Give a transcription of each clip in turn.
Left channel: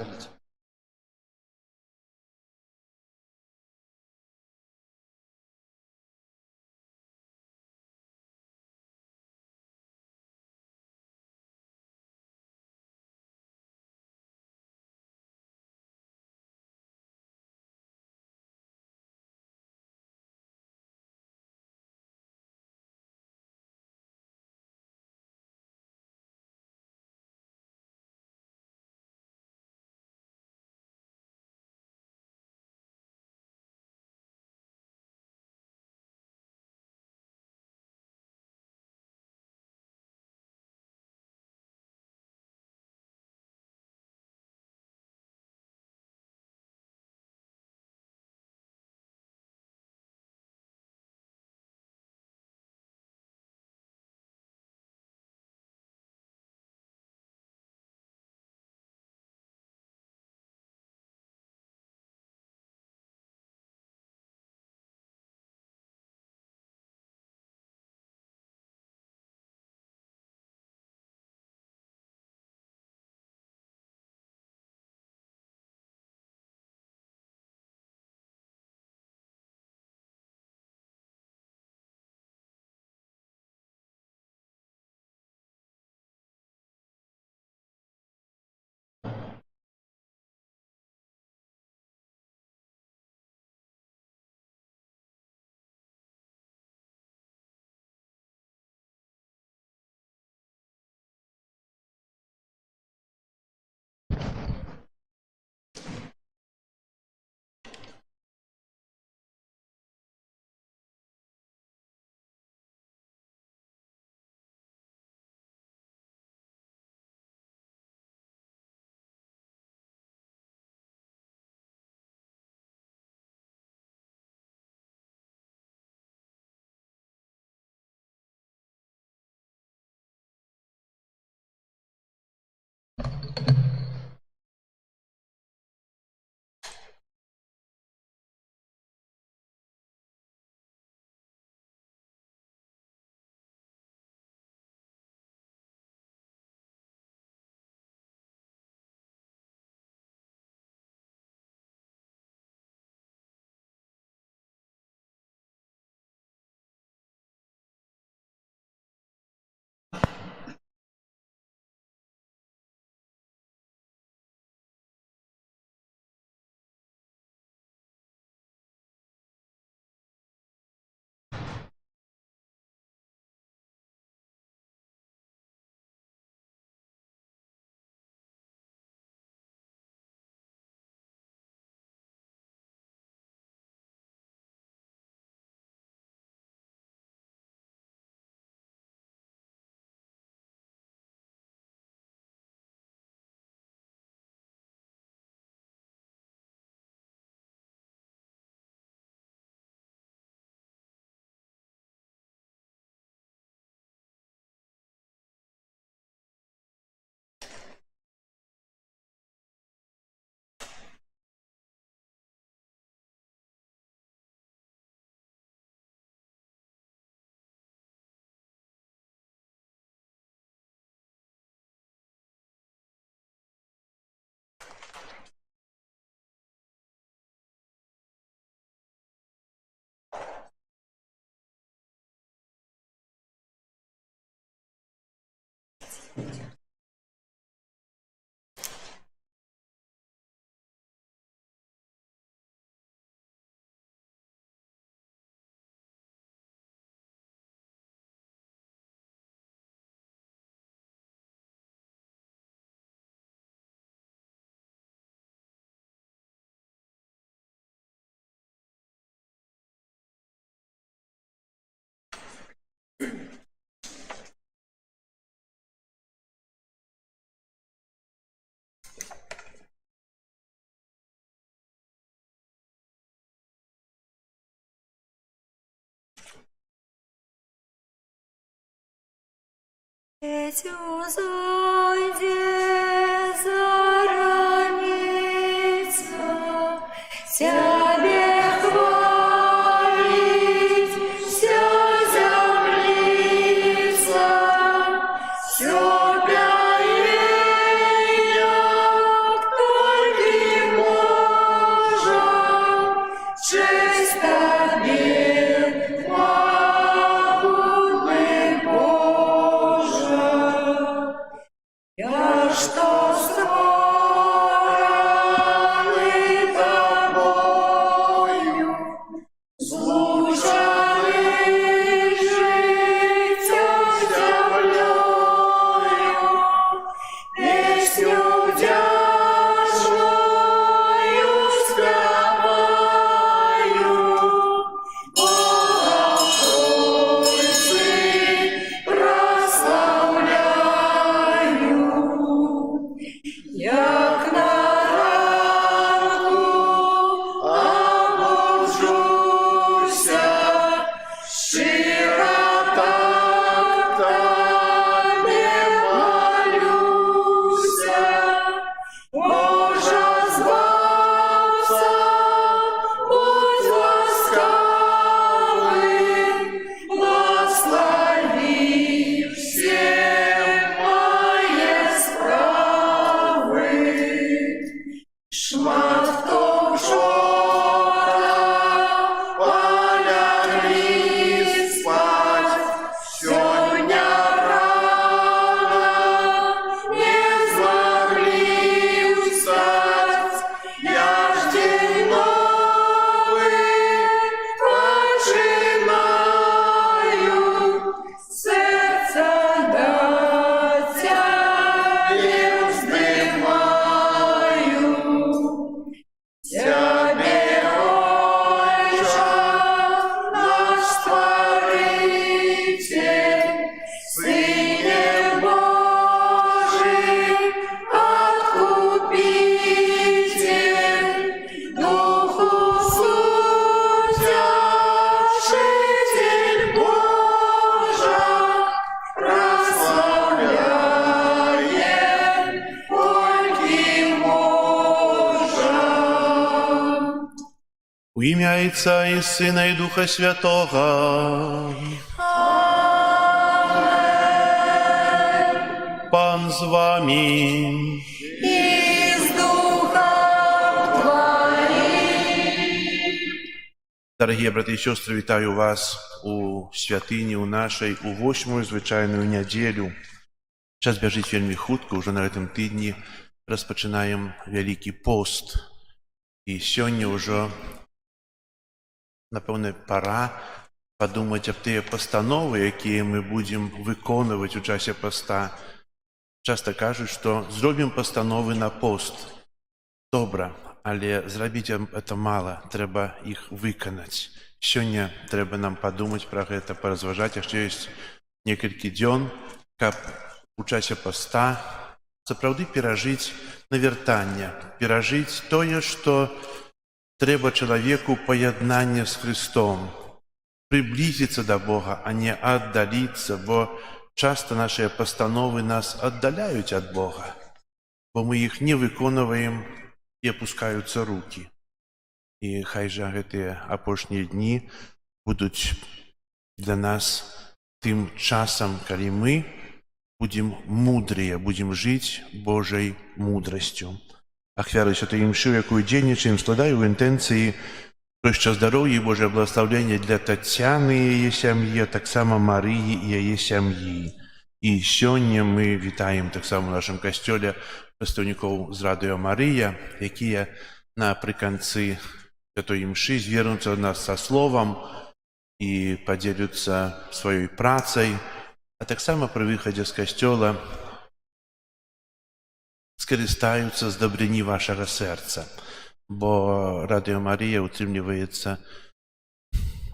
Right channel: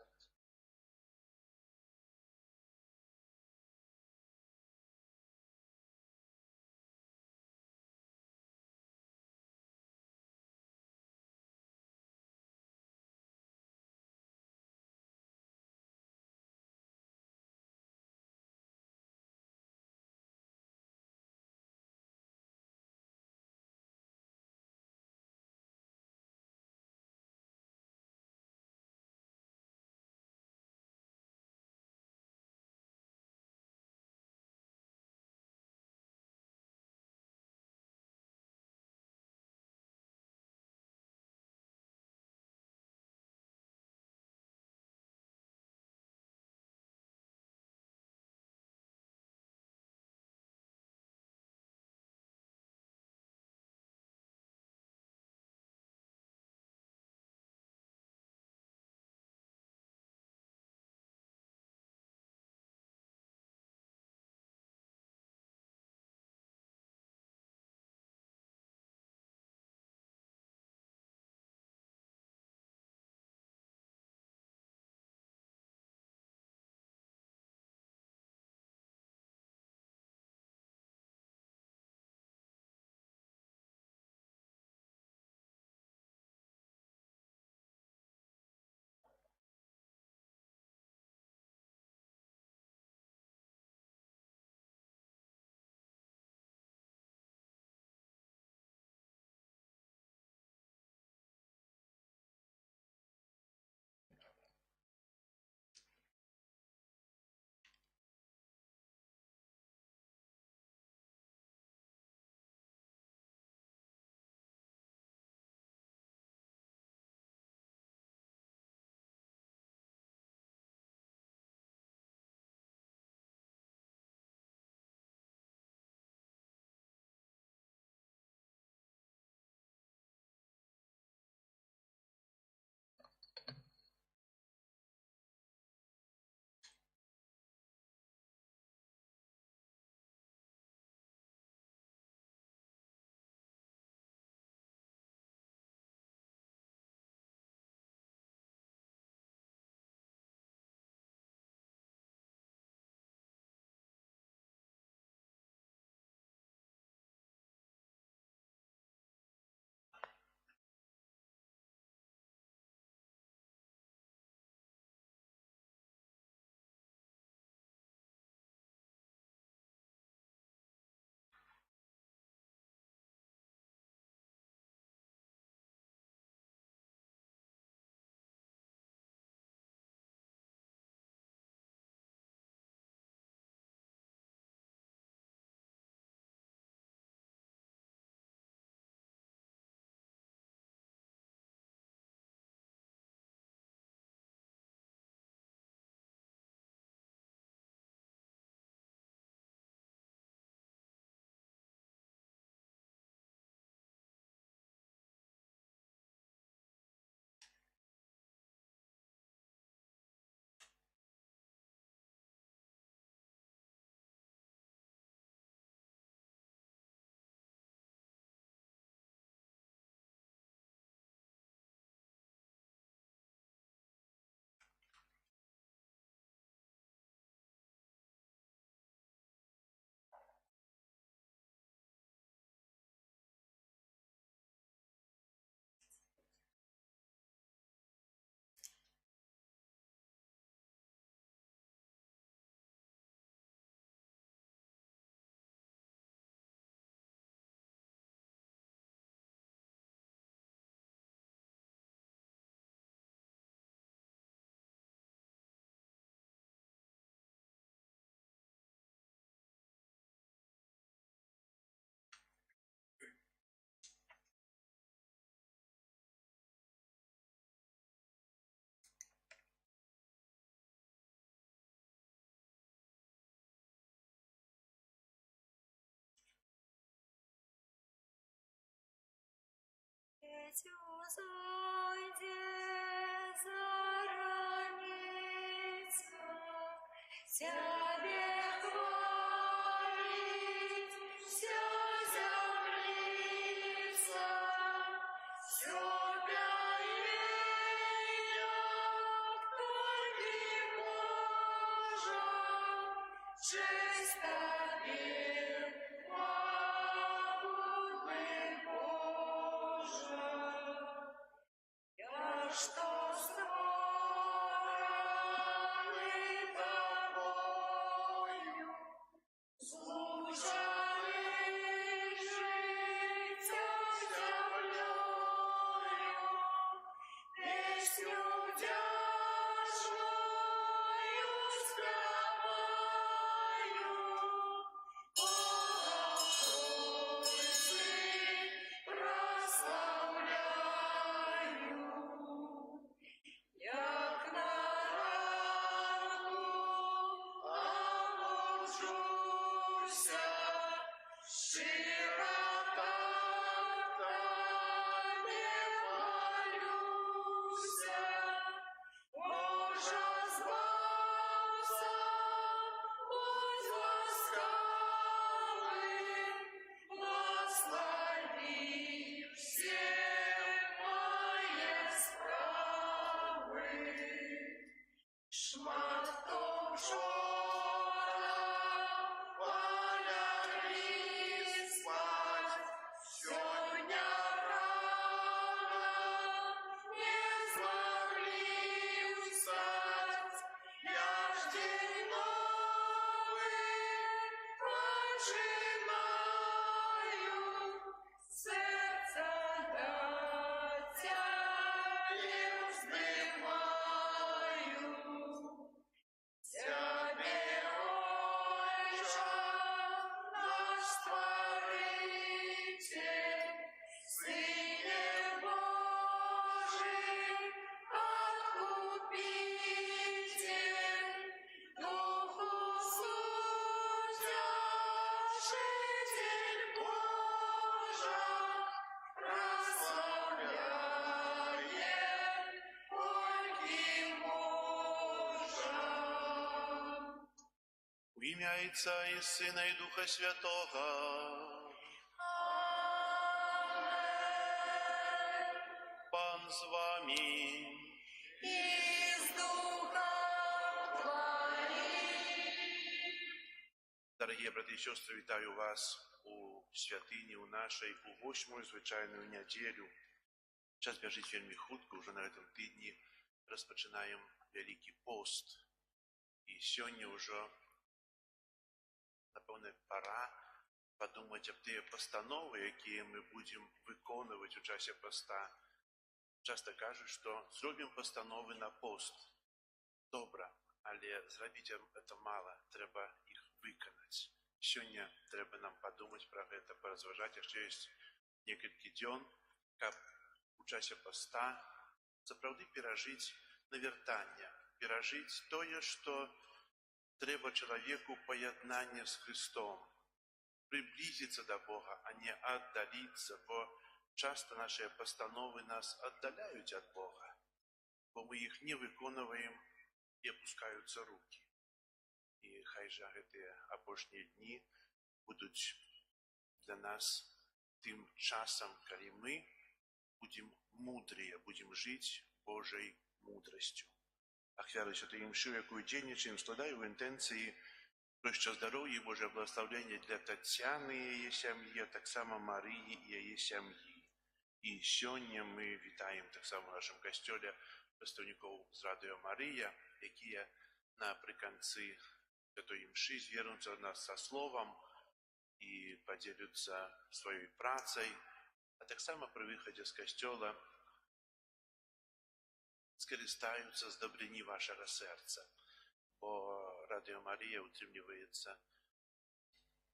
Скажите. Тебе хвалить вся землица, все пяет, кто У ім'я Отця і Сина і Духа Святого. Пан з вами. И с Духом Твоим. Дорогі брати і сестри, вітаю вас у святині у нашій, у 8-му звичайну неділю. Час біжить вельми хутко, уже на гэтым тыдні розпочинаємо Великий пост. І сьогодні вже, напевне, пора подумати об тих постанови, які ми будемо виконувати у часі поста. Часто кажуть, що зробимо постанови на пост. Добре, але зробити це мало, треба їх виконати. Сьогодні треба нам подумати про це, порозважати, якщо є кілька днів, щоб у часі поста справді пережити навертання, пережити те, що треба чоловіку поєднання з Христом, приблизитися до Бога, а не віддалитися, бо часто наші постанови нас віддаляють від Бога, бо ми їх не виконуємо і опускаються руки. І хай же ці опошні дні будуть для нас тим часом, коли ми будем мудрые, будем жить Божьей мудростью. Ахвяры Святой Мши, якую денничаем, складаю в интенции проща здоровья и Божье благословление для Тетяны и ее семьи, так само Марии и ее семьи. И сегодня мы витаем так само в нашем костеле представников з Радіо Марія, які наприкінці Святої Мши звернуться до нас со словом і поділяться своєю працею, а так само при виході з костьола скористаються з добрини вашого серця. Бо Радіо Марія утримлюється,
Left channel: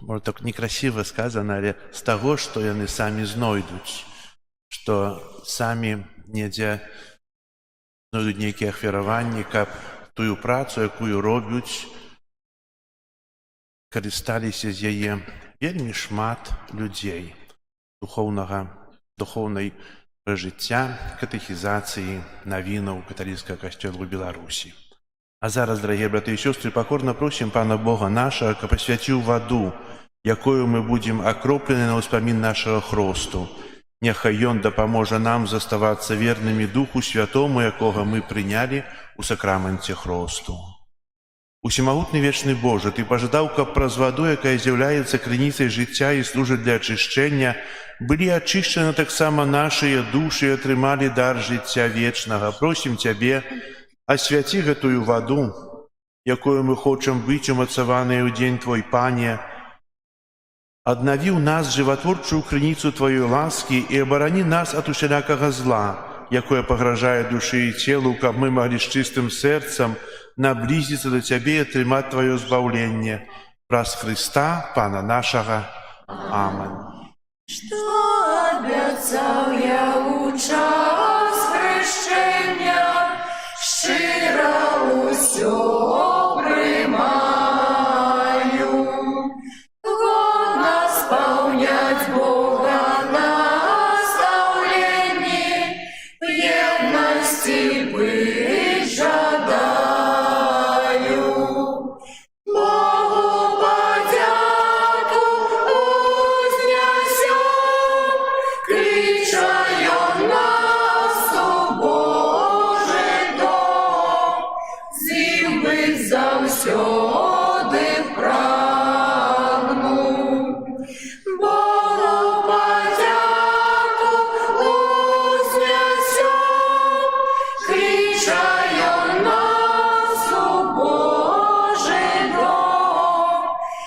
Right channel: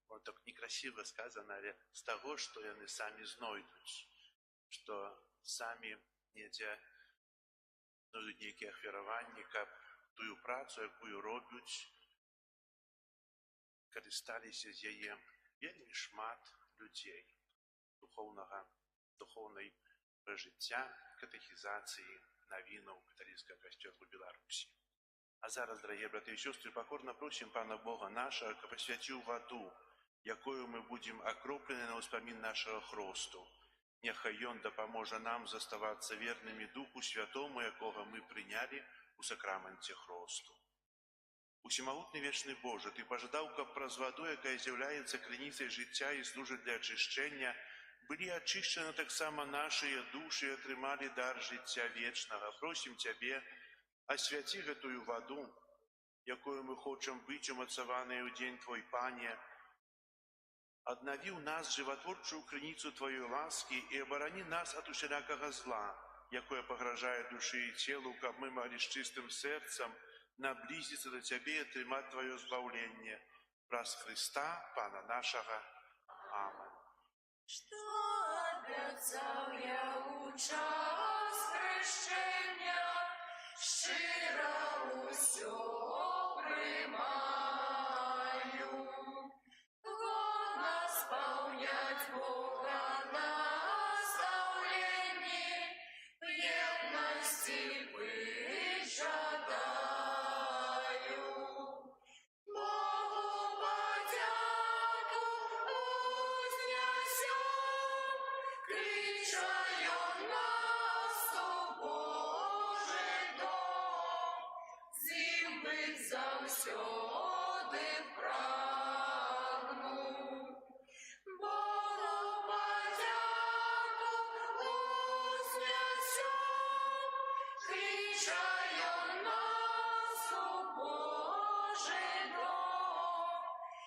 може так некрасиво сказано, але з того, що вони самі знайдуть, що самі ніде знайдуть ніякі ахвярування, як тую працю, яку роблять, користалися з її вельми шмат людей духовної життя, катехізації, новинок католицького костьолу в Білорусі. А зараз, дорогі брати і сестри, покорно просимо Пана Бога нашого, щоб посвятив воду, якою ми будемо окроплені на успомин нашого хресту. Нехай Він допоможе нам заставатися вірними Духу Святому, якого ми прийняли у сакраменті хресту. Усемогутний вічний Боже, Ти пожадав, щоб праз воду, яка з'являється криницею життя і служить для очищення, были очищены так само наши души и отримали дар життя вечного. Просим Тебе, освяти гэтую воду, якою мы хочем быть умацаваныя ў день Твой, Пане, однови у нас животворчую криницу Твоей ласки и оборони нас от усялякого зла, якое погрожає душі і тілу, каб мы могли с чистым сердцем наблизиться до Тебе и отримать Твое збавление. Праз Христа, Пана нашего. Аминь. Что обіцяв я у час хрещення, щиро усьо приймаю. Годно сповнять Бога наставлені, в єдності бить жадаю. Богу подяку узнесем, кричаю нас у Божий дом, зим быть завсёды прагну. Богу подяку узнесем, кричаю нас у Божий дом,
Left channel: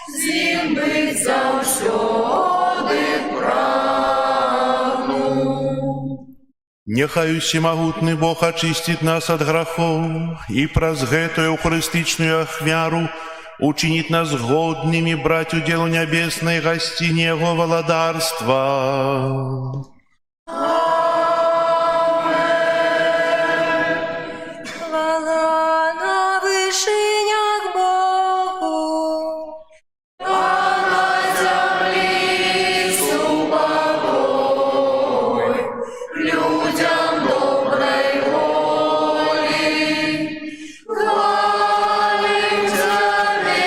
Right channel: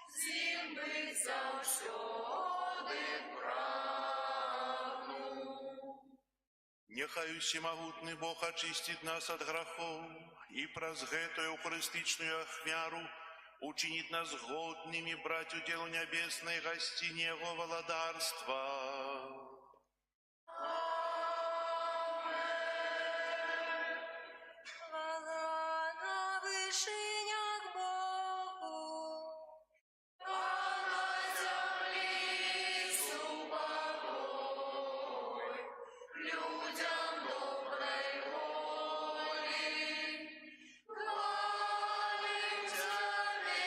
зим быть завсёды прагну. Нехай усемогутный Бог очистит нас от грехов и праз гэтую euchaристичную ахвяру учинит нас годными брать уделу небесной гостине Его владарства. Хвала на вышинях Богу, а на землі супокой, людям доброй волі. Хвалим Тебе,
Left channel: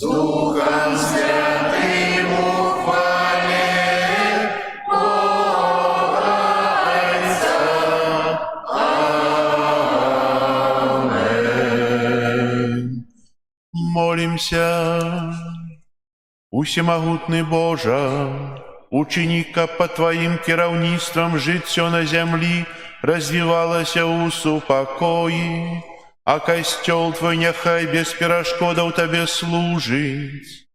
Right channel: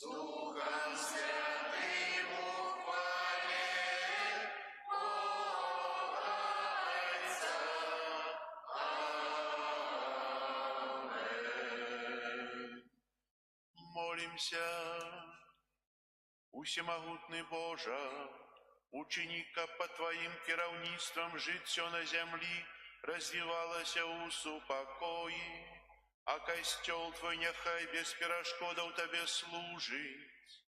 Духом Святым ухвале Бога Отца. Аминь. Молимся. Усемогутный Боже, ученика под Твоим кіраўніцтвам жыццё на зямлі развівалася ў супакоі, а касцёл Твой няхай без перашкодаў Табе служыць.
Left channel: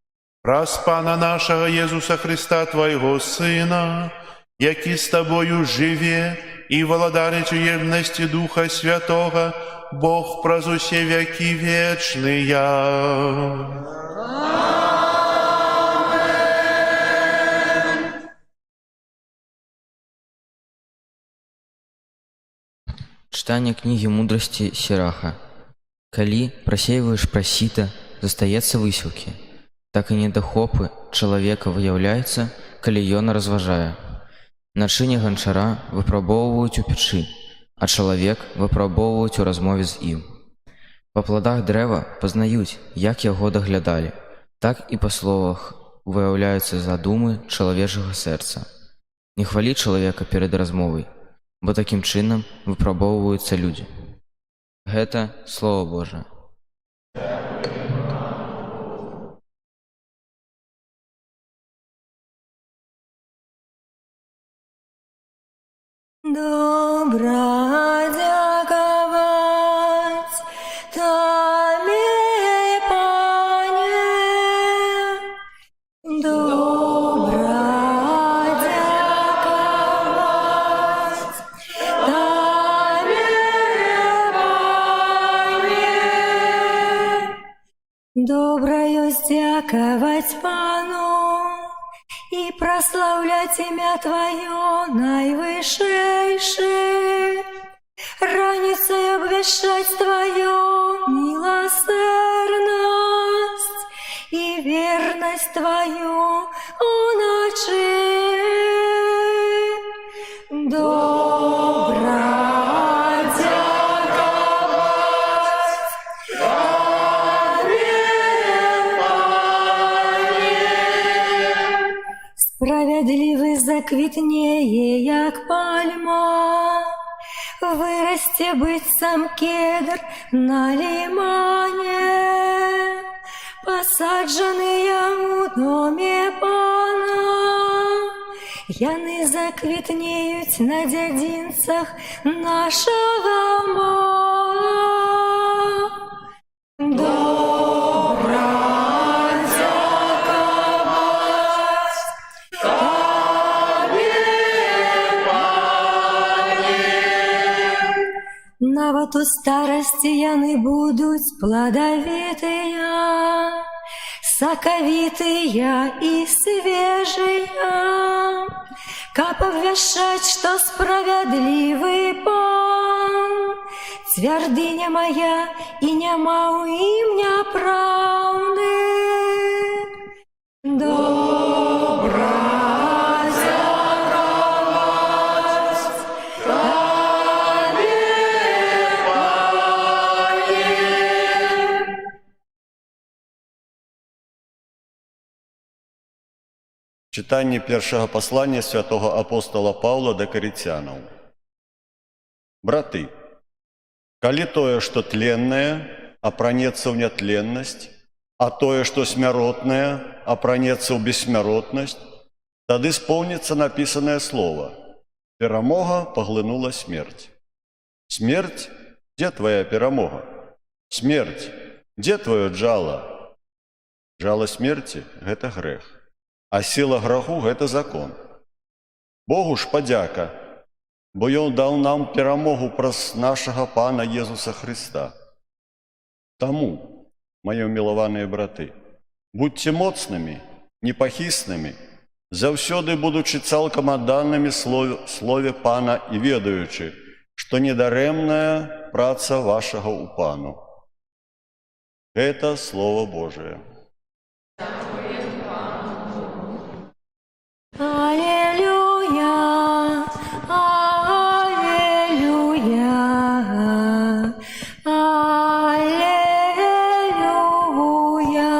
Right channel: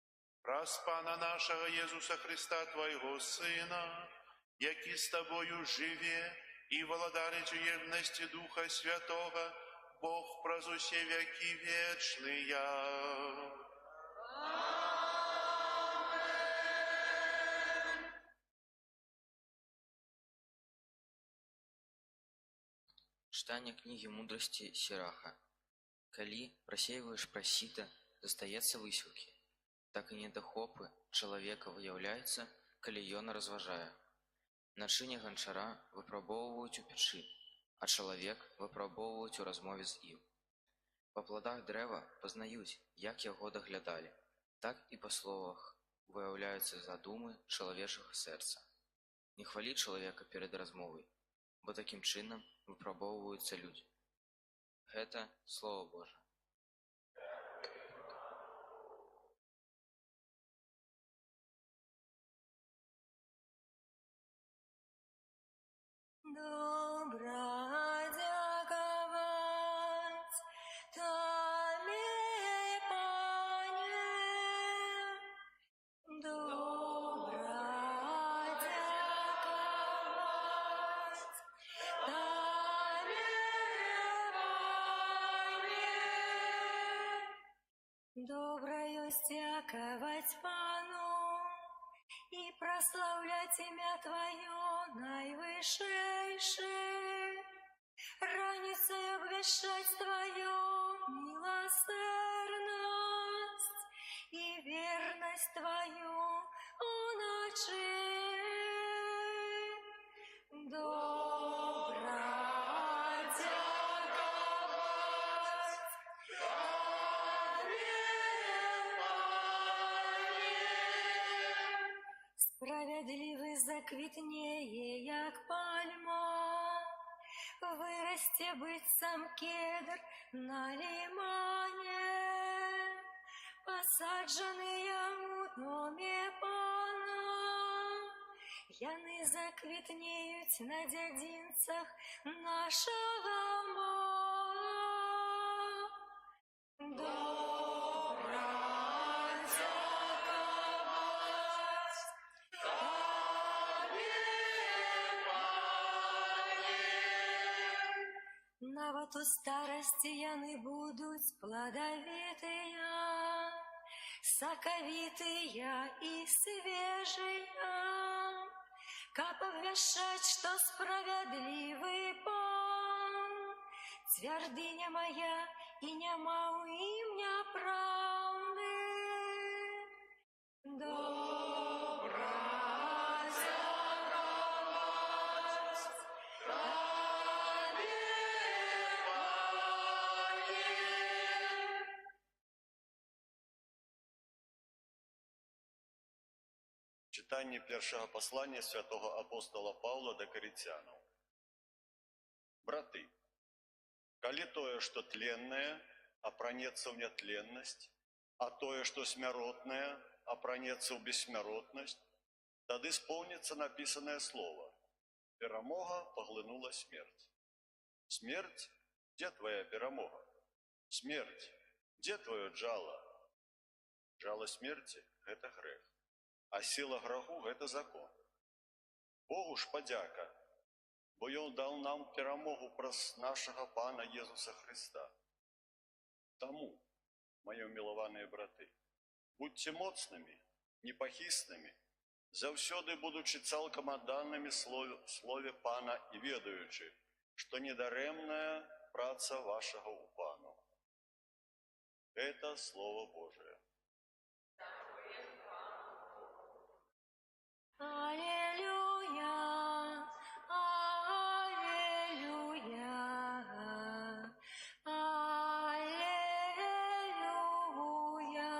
Праз Пана нашага Езуса Христа, Твайго Сына, які з Табою жыве і валадарыць у єднасці Духа Святога, Бог праз усе вякі вечныя. Читание книги мудрости Сираха. Калі просеиваешь просіта, застаецца высілкі, так і недахопы чалавека выяўляецца, калі ён разважае. Начыне ганчара выпрабоўваюць у печы, а чалавек выпрабоўваюць у размове з ім. Па пладах дрэва пазнаюць, як яго даглядалі, так і па словах выяўляюцца задумы чалавечага сэрца. Не хвалі чалавека перад размовай, бо такім чынам выпрабоўваюцца людзі. Гэта Слово Божие. Добра дзякаваць Табе, Пане. Добра дзякаваць Табе, Пане. Добра ёсць дзякаваць Пану и прославлять имя Твое наивысшейшее, раницей обвещать Твою милосердность и верность Твою у ночи. Добра дзякаваць Табе, Пане. Справедливый заквітнее, як пальма, вырасте быццам кедр на лимане, посаджаныя у доме Пана. Яны заквітнеюць на дзядзінцах нашага Бога. Добра дзякаваць Табе, Пане. Нават у старасці яны будуць пладавітыя, сакавітыя і свежыя, каб абвяшчаць, што справядлівы Пан, цвярдыня моя, і няма ў ім няпраўды. Добра дзякаваць Табе, Пане. Читание первого послания святого апостола Павла до Коринтянам. Браты, коли тое, что тленное, опранется в нетленность, а тое, что смяротное, опранется в бессмяротность, тады исполнится написанное слово: «Перамога поглынула смерть». Смерть, где твоя перамога? Смерть, где твое джало? Жало смерти – это грех. А сила граху – гэта закон. Богу ж падзяка, бо Ён даў нам перамогу праз нашага Пана Езуса Христа. Таму, мои мілаваныя браты, будьце моцнымі, непахіснымі, заўсёды будучы цалкам адданымі слове Пана і ведаючы, што недарэмная праца вашага ў Пану. Гэта Слово Божие. Аллилуйя, аллилуйя, аллилуйя.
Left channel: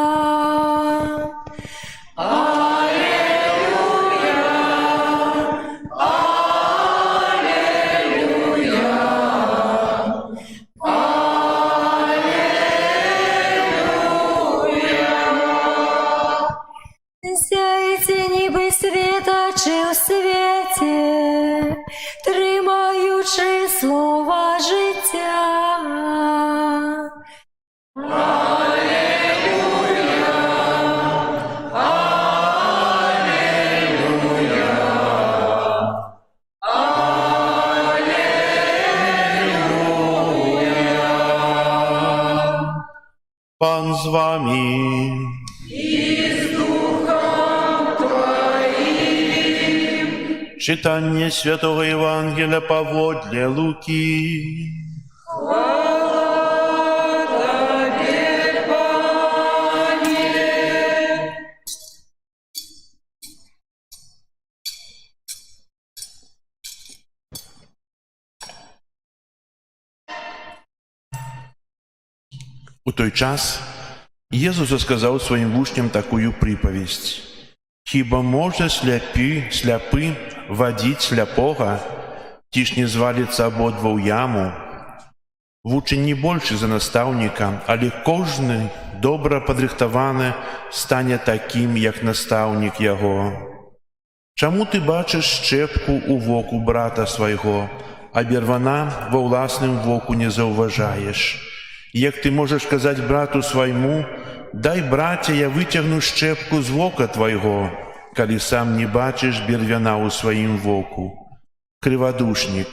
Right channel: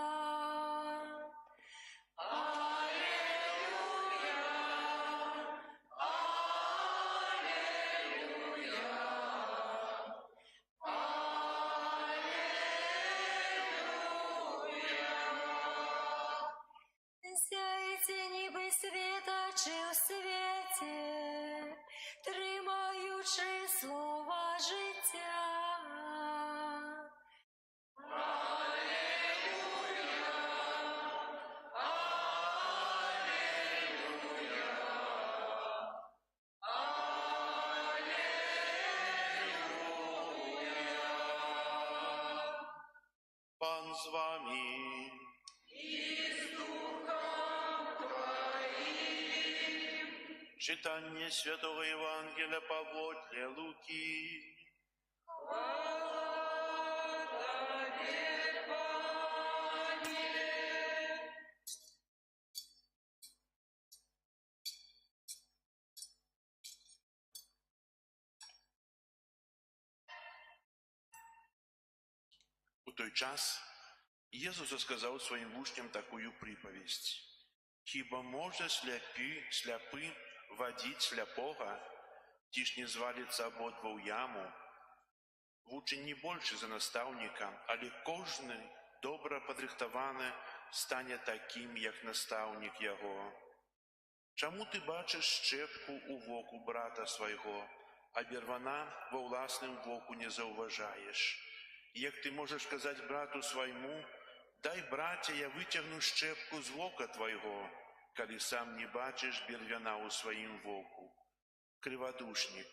з вами. Читание Святого Евангелия поводле Луки. У той час Єсус сказав своїм учням такую приповість. «Хіба може сляпи водить сляпого, ті ж не звалиться ободва ў яму? Вучень не больше за наставника, але кожны добра падрыхтаваны стане таким, як наставник яго. Чаму ты бачыш шчэпку ў воку брата свайго, а бервана ва ўласным воку не заўважаеш? Як ты можаш казаць брату свайму: дай, браце, я выцягну шчэпку з вока твайго, калі сам не бачыш бервяна ў сваім воку? Крывадушнік,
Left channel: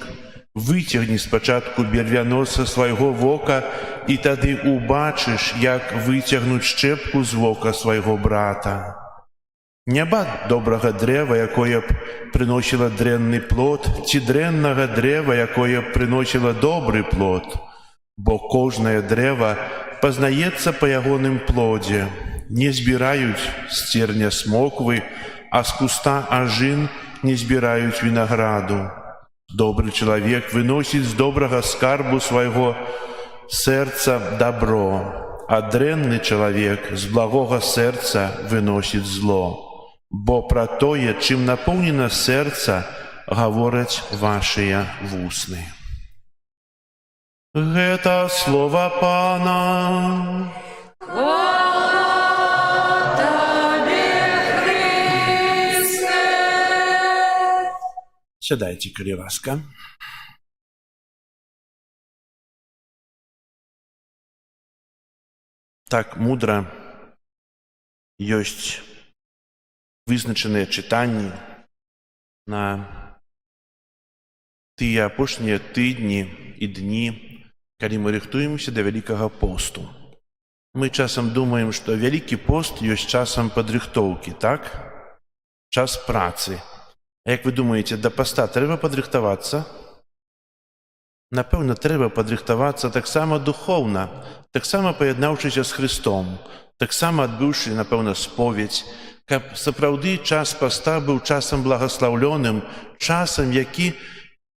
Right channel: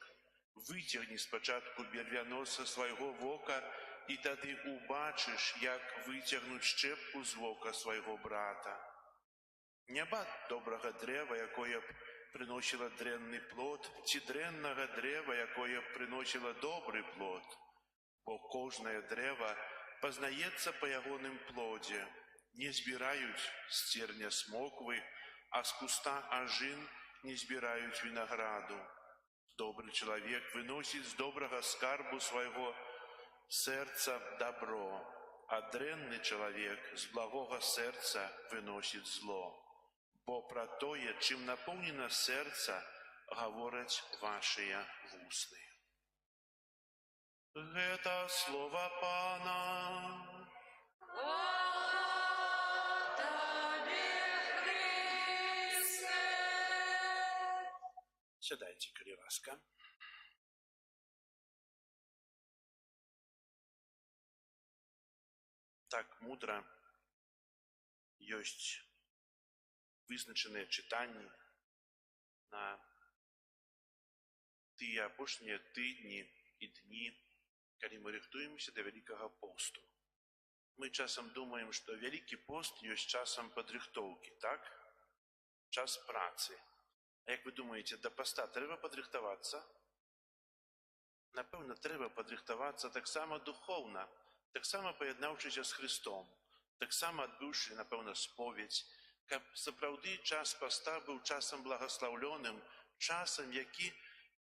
выцягні спачатку бервяно са свайго вока, і тады убачыш, як выцягнуць шчэпку з вока свайго брата. Няма добрага дрэва, якое б прыносіла дрэнны плод, ці дрэннага дрэва, якое б прыносіла добры плод. Бо кожнае дрэва пазнаецца па ягоным плодзе. Не збіраюць з церня смоквы, а з куста ажын не збіраюць вінаграду. Добры чалавек выносіць з добрага скарбу свайго сэрца дабро, а дрэнны чалавек з благога сэрца выносіць зло. Бо пра тое, чым напоўнена сэрца, гавораць вашыя вусны». Гэта слова Пана. Хвала Табе, Христе! Сядайце, калі ласка. Так мудра ёсць вызначаныя чытанні на тыя апошнія тыдні і дні, калі мы рыхтуемся да Вялікага посту. Мы часам думаем, што Вялікі пост ёсць часам падрыхтоўкі, так? Час працы. А як вы думаеце, да паста трэба падрыхтавацца? Напэўна, трэба падрыхтавацца таксама духоўна, таксама паяднаўшыся з Христом, таксама адбыўшы, напэўна, споведь, каб сапраўды час паста быў часам благаслаўлёным, часам, які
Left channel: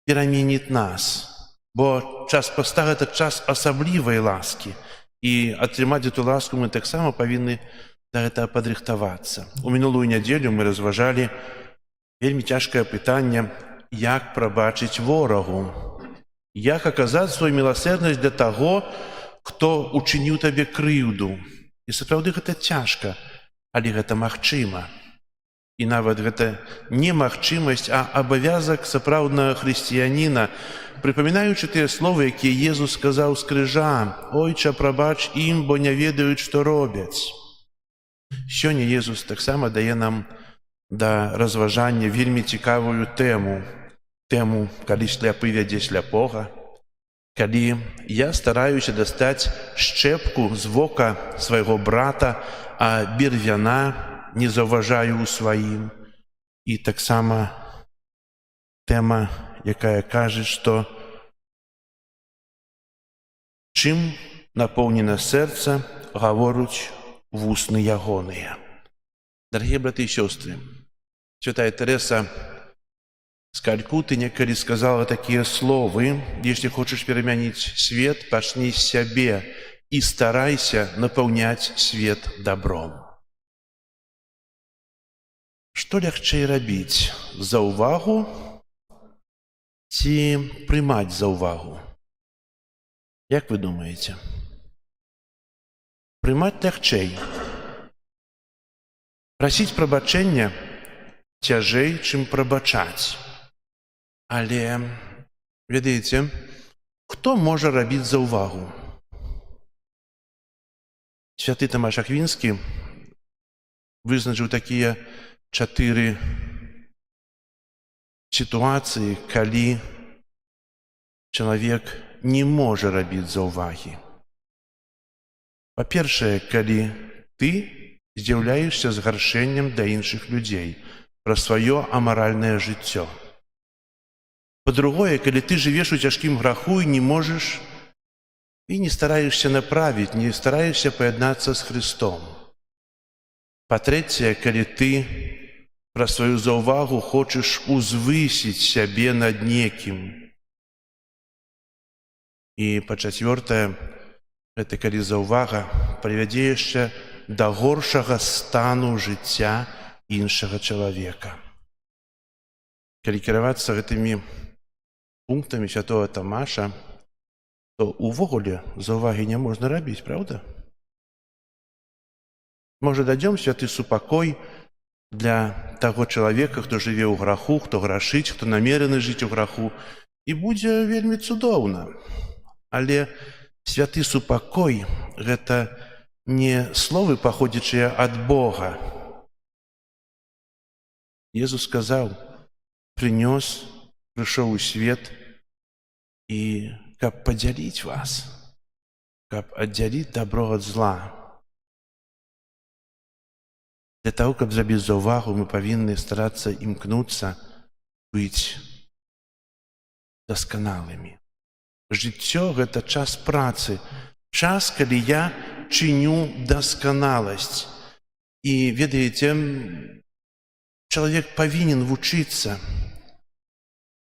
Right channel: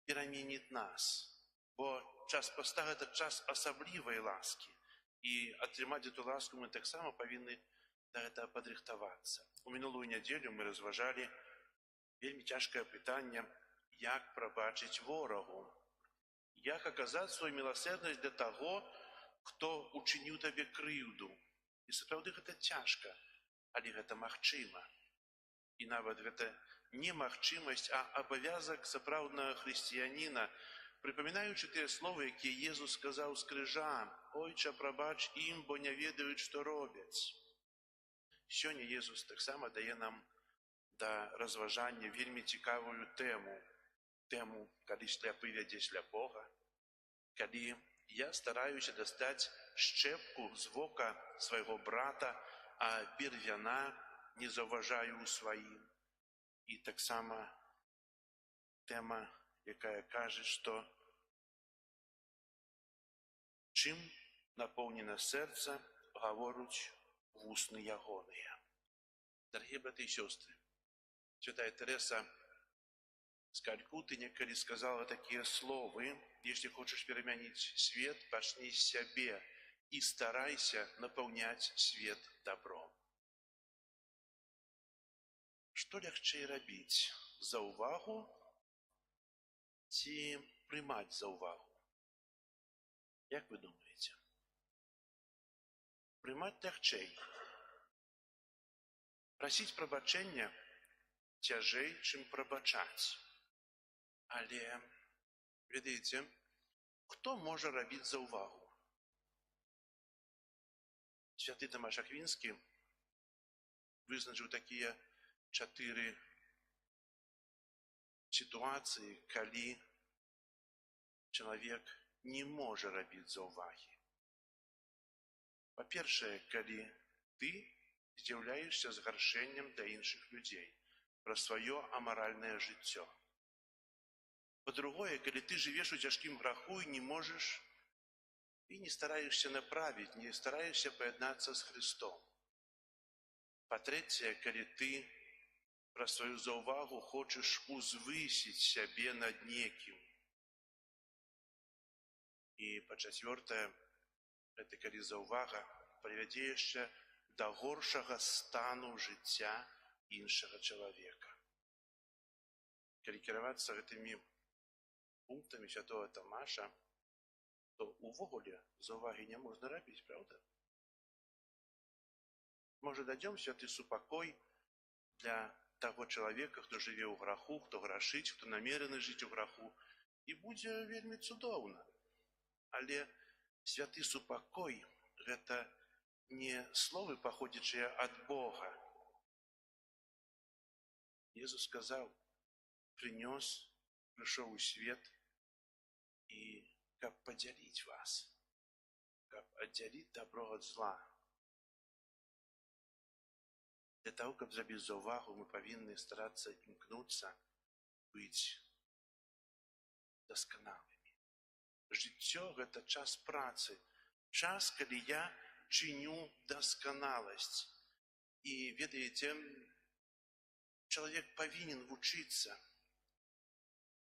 пераменіць нас. Бо час паста – гэта час асаблівай ласкі. І атрымаць эту ласку мы таксама павінны да гэтага падрыхтавацца. У мінулую нядзелю мы разважалі вельмі цяжкае пытанне, як прабачыць ворагу. Як аказаць сваю міласэрнасць для таго, хто учыніў табе крыўду. І сапраўды гэта цяжка, але гэта магчыма. І нават гэта не магчымасць, а абавязак сапраўднага хрысціяніна, прыпамінаючы тыя словы, якія Езус сказаў з крыжа: «Ойча, прабач ім, бо не ведаюць, што робяць». Сёння Езус таксама дае нам да разважання вельмі цікавую тэму. Тэму, калі сляпы вядзе сляпога, калі я стараюся дастаць шчэпку з вока свайго брата, а бервяна не заўважаю ў сваім. І таксама тэма, якая кажа, што чым напоўнена сэрца, гавораць вусны ягоныя. Дарагія браты і сёстры, святая Тэрэса з Калькуты некалі сказала такія словы: «Если хочаш перамяніць свет, пачні з сябе і старайся напаўняць свет добром». Што лягчэй рабіць? За ўвагу ці прымаць за ўвагу? Як вы думаеце? Прымаць лягчэй. Прасіць прабачэння цяжэй, чым прабачаць. Але, ведаеце, хто можа рабіць за ўвагу? Святы Тамаш Аквінскі вызначыў такія 4 сітуацыі, калі чалавек не можа рабіць заўвагі. Па-першае, калі ты з'яўляешся згаршэннем да іншых людзей пра сваё амаральнае жыццё. Па-другое, калі ты жывеш у цяжкім граху і не можаш і не стараешся направіць, не стараешся паяднацца з Христом. Па-трэцяе, калі ты пра сваю заўвагу хочаш узвысіць сябе над некім. І па-чацвёртае, гэта калі заўвага прывядзе яшчэ да горшага стану жыцця іншага чалавека. Калі кіравацца гэтымі пунктамі святого Тамаша, то увогуле заўвагі не можна рабіць, правда? Можа, дадзём святы супакой для таго чалавека, хто жыве ў граху, хто грашыць, хто намерены жыць у граху, і будзе вельмі цудоўна. Але святы супакой – гэта не словы, паходзячыя ад Бога. Езус сказаў, прыйшоў у свет, і каб падзяліць вас, каб аддзяліць дабро ад зла. Для таго, каб зрабіць заўвагу, мы павінны старацца імкнуцца быць дасканалымі. Жыццё – гэта час працы, час, калі я чыню дасканаласць. І, ведаеце, чалавек павінен вучыцца.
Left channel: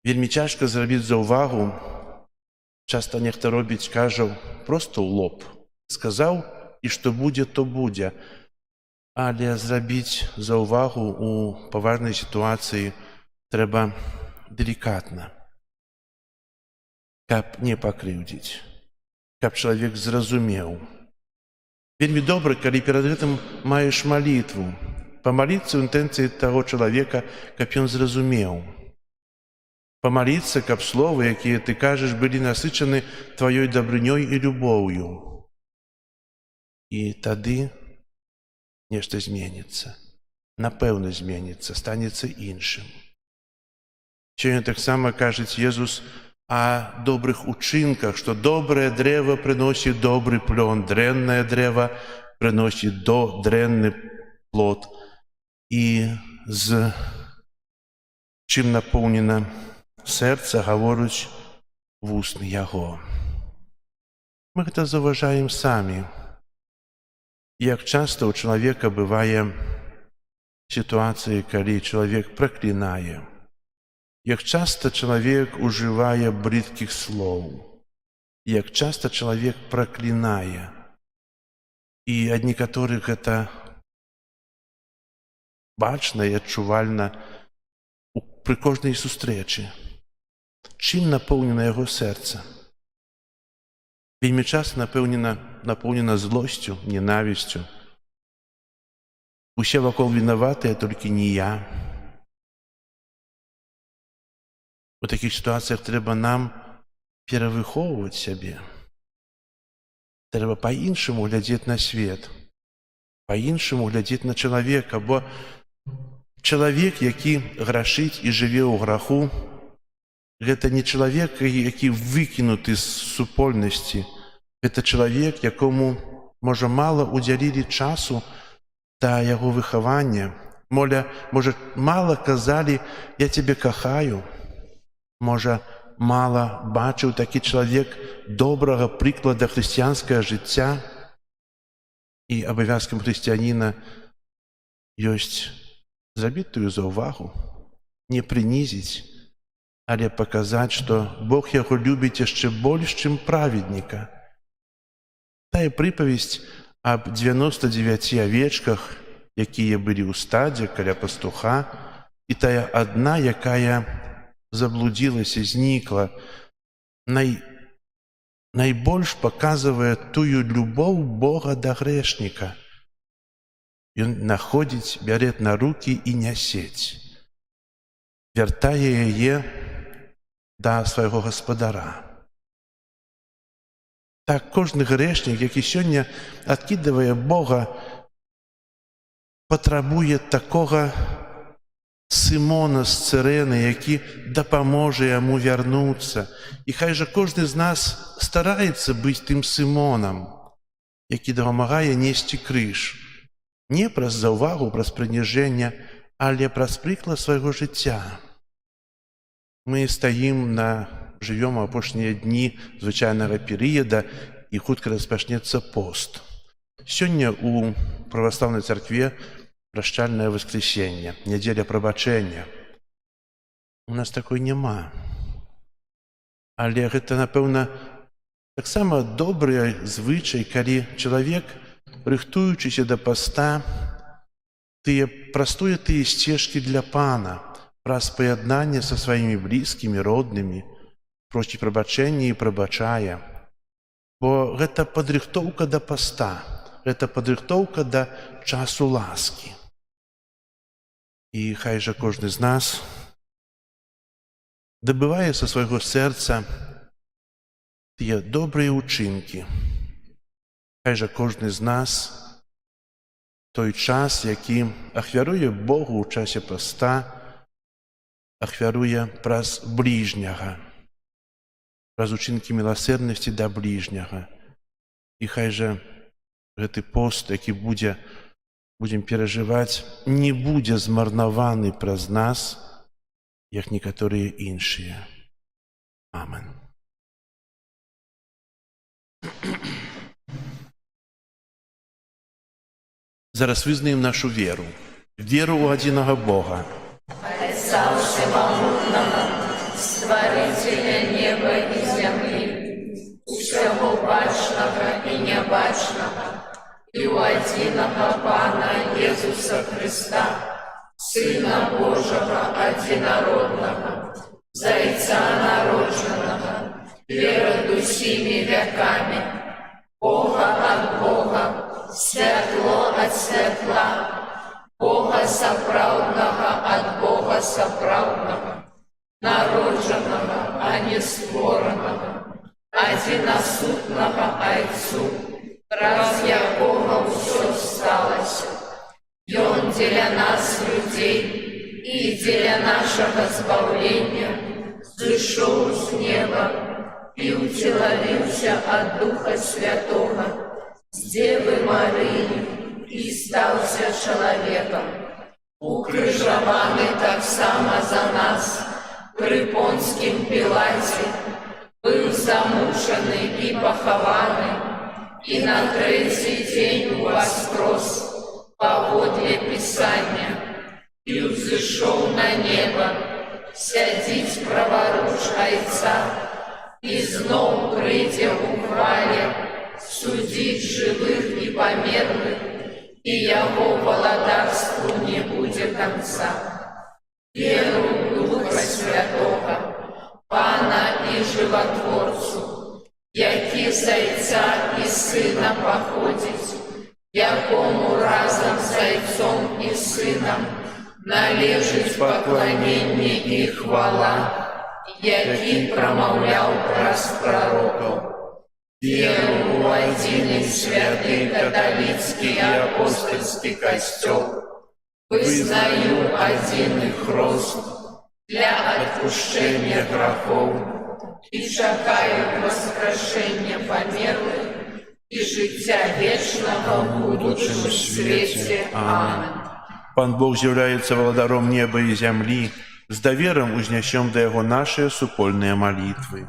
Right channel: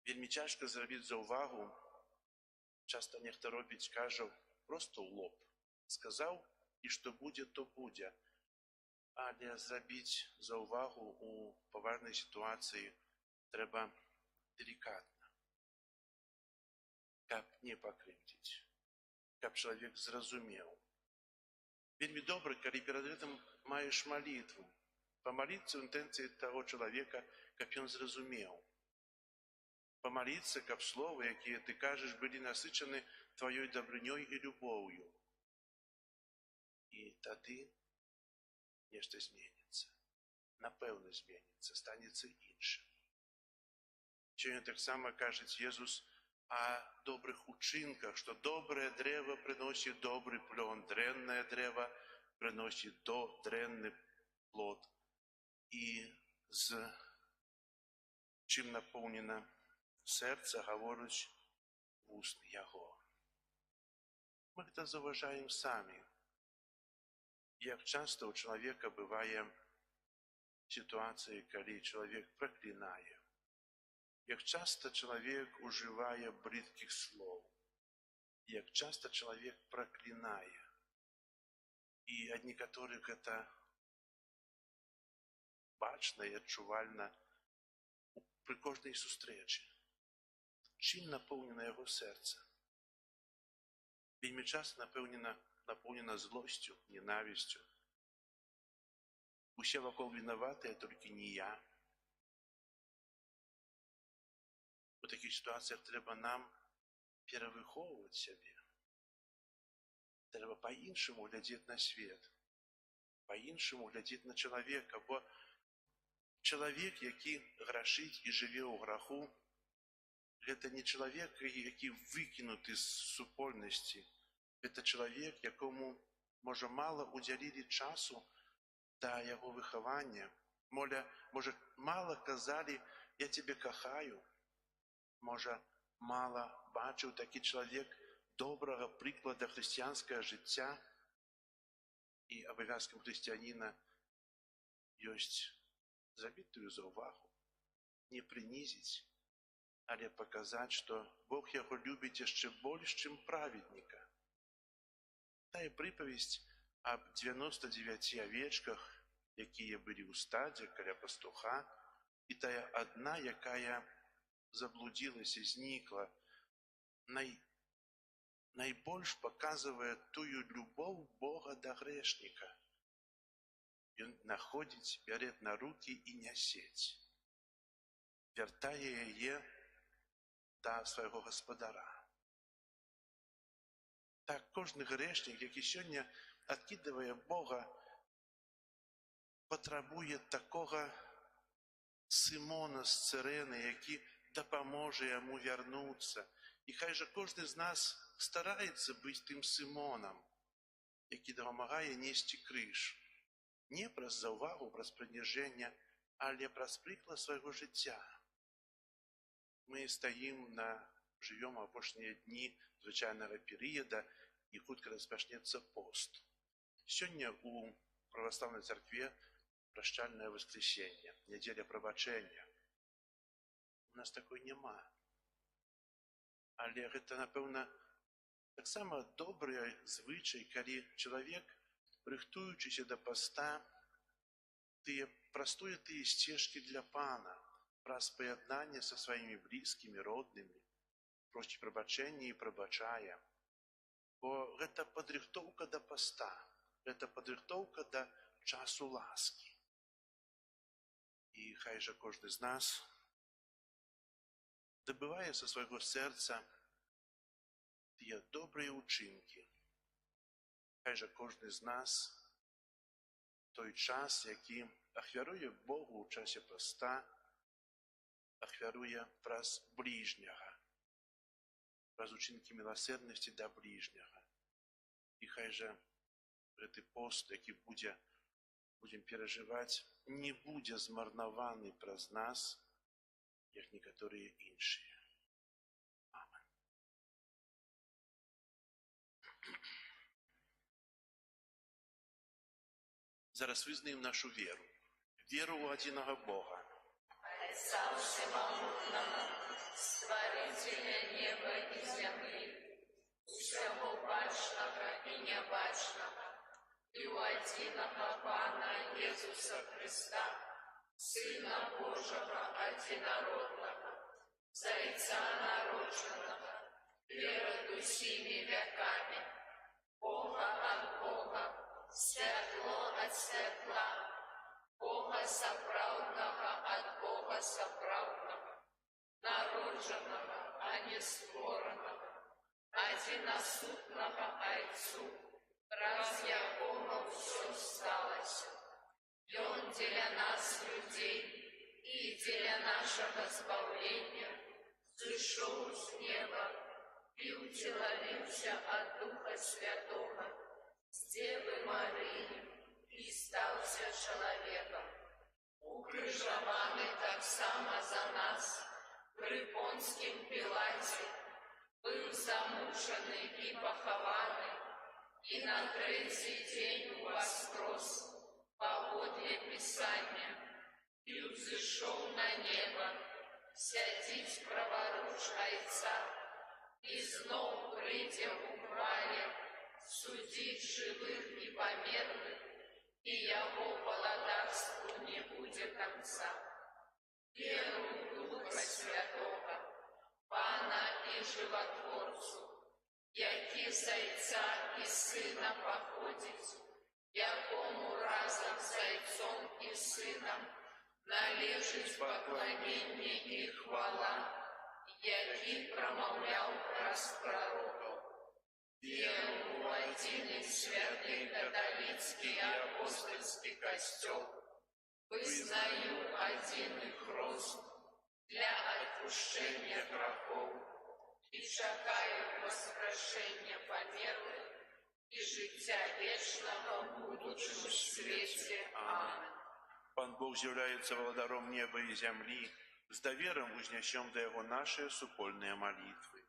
Вельмі цяжка зрабіць заўвагу. Часта нехта робіць, кажа, проста ў лоб. Сказаў, і што будзе, то будзе. Але зрабіць заўвагу ў паважнай сітуацыі трэба делікатна, каб не пакрыўдзіць, каб чалавек зразумеў. Вельмі добра, калі перад гэтым маеш малітву, памаліцца ў інтэнцыі таго чалавека, каб ён зразумеў. Памаліцца, каб словы, якія ты кажаш, былі насычаны тваёй дабрынёй і любоўю. І тады нешта зменіцца. Напэўна, зменіцца, станецца іншым. Сёння таксама кажуць Езус о добрых учынках, што добрае дрэва прыносіць добры плён, дрэннае дрэва прыносіць дрэнны плод. І з чым напоўнена сэрца, гаворыць вусны яго. Мы гэта заўважаем самі. Як часта ў чалавека бывае сітуацыі, калі чалавек праклінае. Як часта чалавек ужывае брыдкіх слоў. Як часта чалавек праклінае. І ад некаторых гэта бачна і адчувальна пры кожнай сустрэчы. Чым напоўнена яго сэрца? Вельмі часта напоўнена злосцю, ненавісцю. Усе вакол вінаватыя, толькі не я. У такіх сітуацыях трэба нам перавыхоўваць сябе. Трэба па-іншаму глядзець на свет, па-іншаму глядзець на чалавека, бо чалавек, які грашыць і жыве ў граху, гэта не чалавек, які выкінуты з супольнасці. Гэта чалавек, якому, можа, мала удзялілі часу да яго выхавання. Можа, мала казалі «я цябе кахаю». Можа, мала бачыў такі чалавек добрага прыклада хрысціянскага жыцця. І абавязкам хрысціяніна ёсць зрабіць тую заўвагу, не прынізіць, але паказаць, што Бог яго любіць яшчэ больш, чым праведніка. Тая прыпавесць аб 99 авечках, якія былі ў стадзе каля пастуха, і тая адна, якая заблудзілася, знікла, найбольш паказвае тую любоў Бога да грэшніка. Ён находзіць, бярэ на рукі і нясець. Вяртае яе да свайго гаспадара. Так кожны грэшнік, які сёння адкідвае Бога, патрабуе такога Сымона з Цырэны, які дапаможа яму вярнуцца. І хай жа кожны з нас стараецца быць тым Сымонам, які дапамагае несці крыж. Не праз заўвагу, праз прыніжэнне, але праз прыклад свайго жыцця. Мы жывём апошнія дні звычайнага перыяда, і хутка распачнецца пост. Сёння ў праваслаўнай царкве прашчальнае воскресенне, нядзеля прабачэння. У нас такой няма. Але гэта, напэўна, таксама добры звычай, калі чалавек, рыхтуючыся да паста, прастуе тыя сцежкі для Пана праз паяднанне са сваімі блізкімі, роднымі, просіць прабачэння і прабачае. Бо гэта падрыхтоўка да паста, гэта падрыхтоўка да часу ласкі. І хай жа кожны з нас дабывае са свайго сэрца тыя добрыя ўчынкі. Хай жа кожны з нас той час, які ахвяруе Богу ў часе паста, ахвяруе праз бліжняга, праз учынкі міласэрнасці да бліжняга. І хай жа гэты пост, які будзем перажываць, не будзе змарнаваны праз нас, як некаторыя іншыя. Амен. Зараз вызнаем нашу веру. Веру ў адзінага Бога. Отца Всемогутного, Створителя неба и земли, всего бачного и небачного, и у единого Пана Иисуса Христа, Сына Божьего Одинородного, Зайца народженного, перед усими веками, Бога от Бога, святло от святла, Бога соправдного от Бога соправдного, народженного, а не створенного, одиносутного Отцу, раз якого все сталось. И Он для нас, людей, и для нашего избавления, зашел с неба и утеловился от Духа Святого, с Девы Марии, и стался человеком, укрыжованный так само за нас, при Понским Пилате, был замученный и похованный, и на третий день воскрес, поводле Писания, и взошел на небо, сядить праворуч Отца, и знов придя у хвале, судить живых и померлых, и Его владарству не будет конца. Веру в Духа Святого, Пана и Животворцу, які з Отця і Сина походить, якому разом з Отцом і Сином належить поклонение і хвала, який промовляв праз пророков. Веру в один святый католицкий и апостольский костел, вызнаю один хрост для отпущения грехов и чекаю воскрешения померлых и життя вечного в будущем свете. Амин. Пан Бог з'яўляецца владаром неба і зямлі, з даверам узнясём да Яго нашыя супольныя малітвы.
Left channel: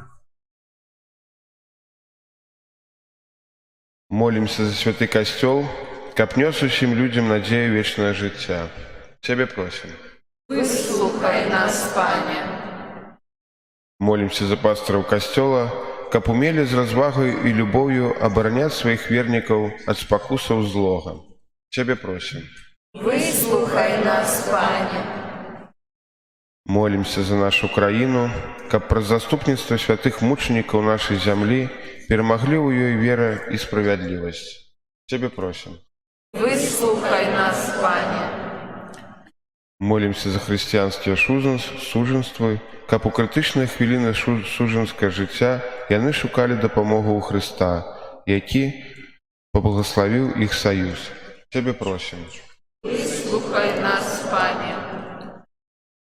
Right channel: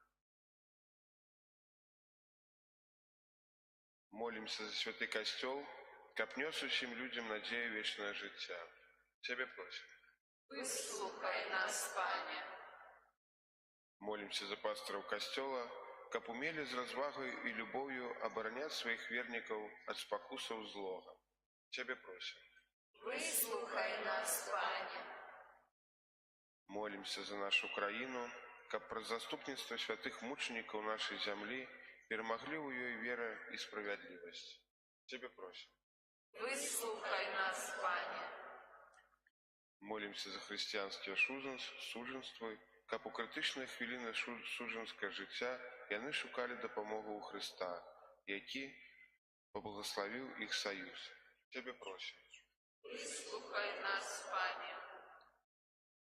Молимся за святый костел, каб нёс усім людям надею вечное життя. Тебе просим. Выслухай нас, Пане. Молимся за пасторов костела, каб умели з развагой и любовью оборонять своих верников от спокусов злого. Тебе просим. Выслухай нас, Пане. Молимся за нашу Украину, каб праз заступництво святых мучеников нашей земли перемогли у ее вера и справедливость. Тебе просим. Выслухай нас, Пане. Молимся за християнське суженство, каб у критичні хвилини суженського життя яны шукали допомогу у Христа, який поблагословив їх союз. Тебе просим. Выслухай нас, Пане.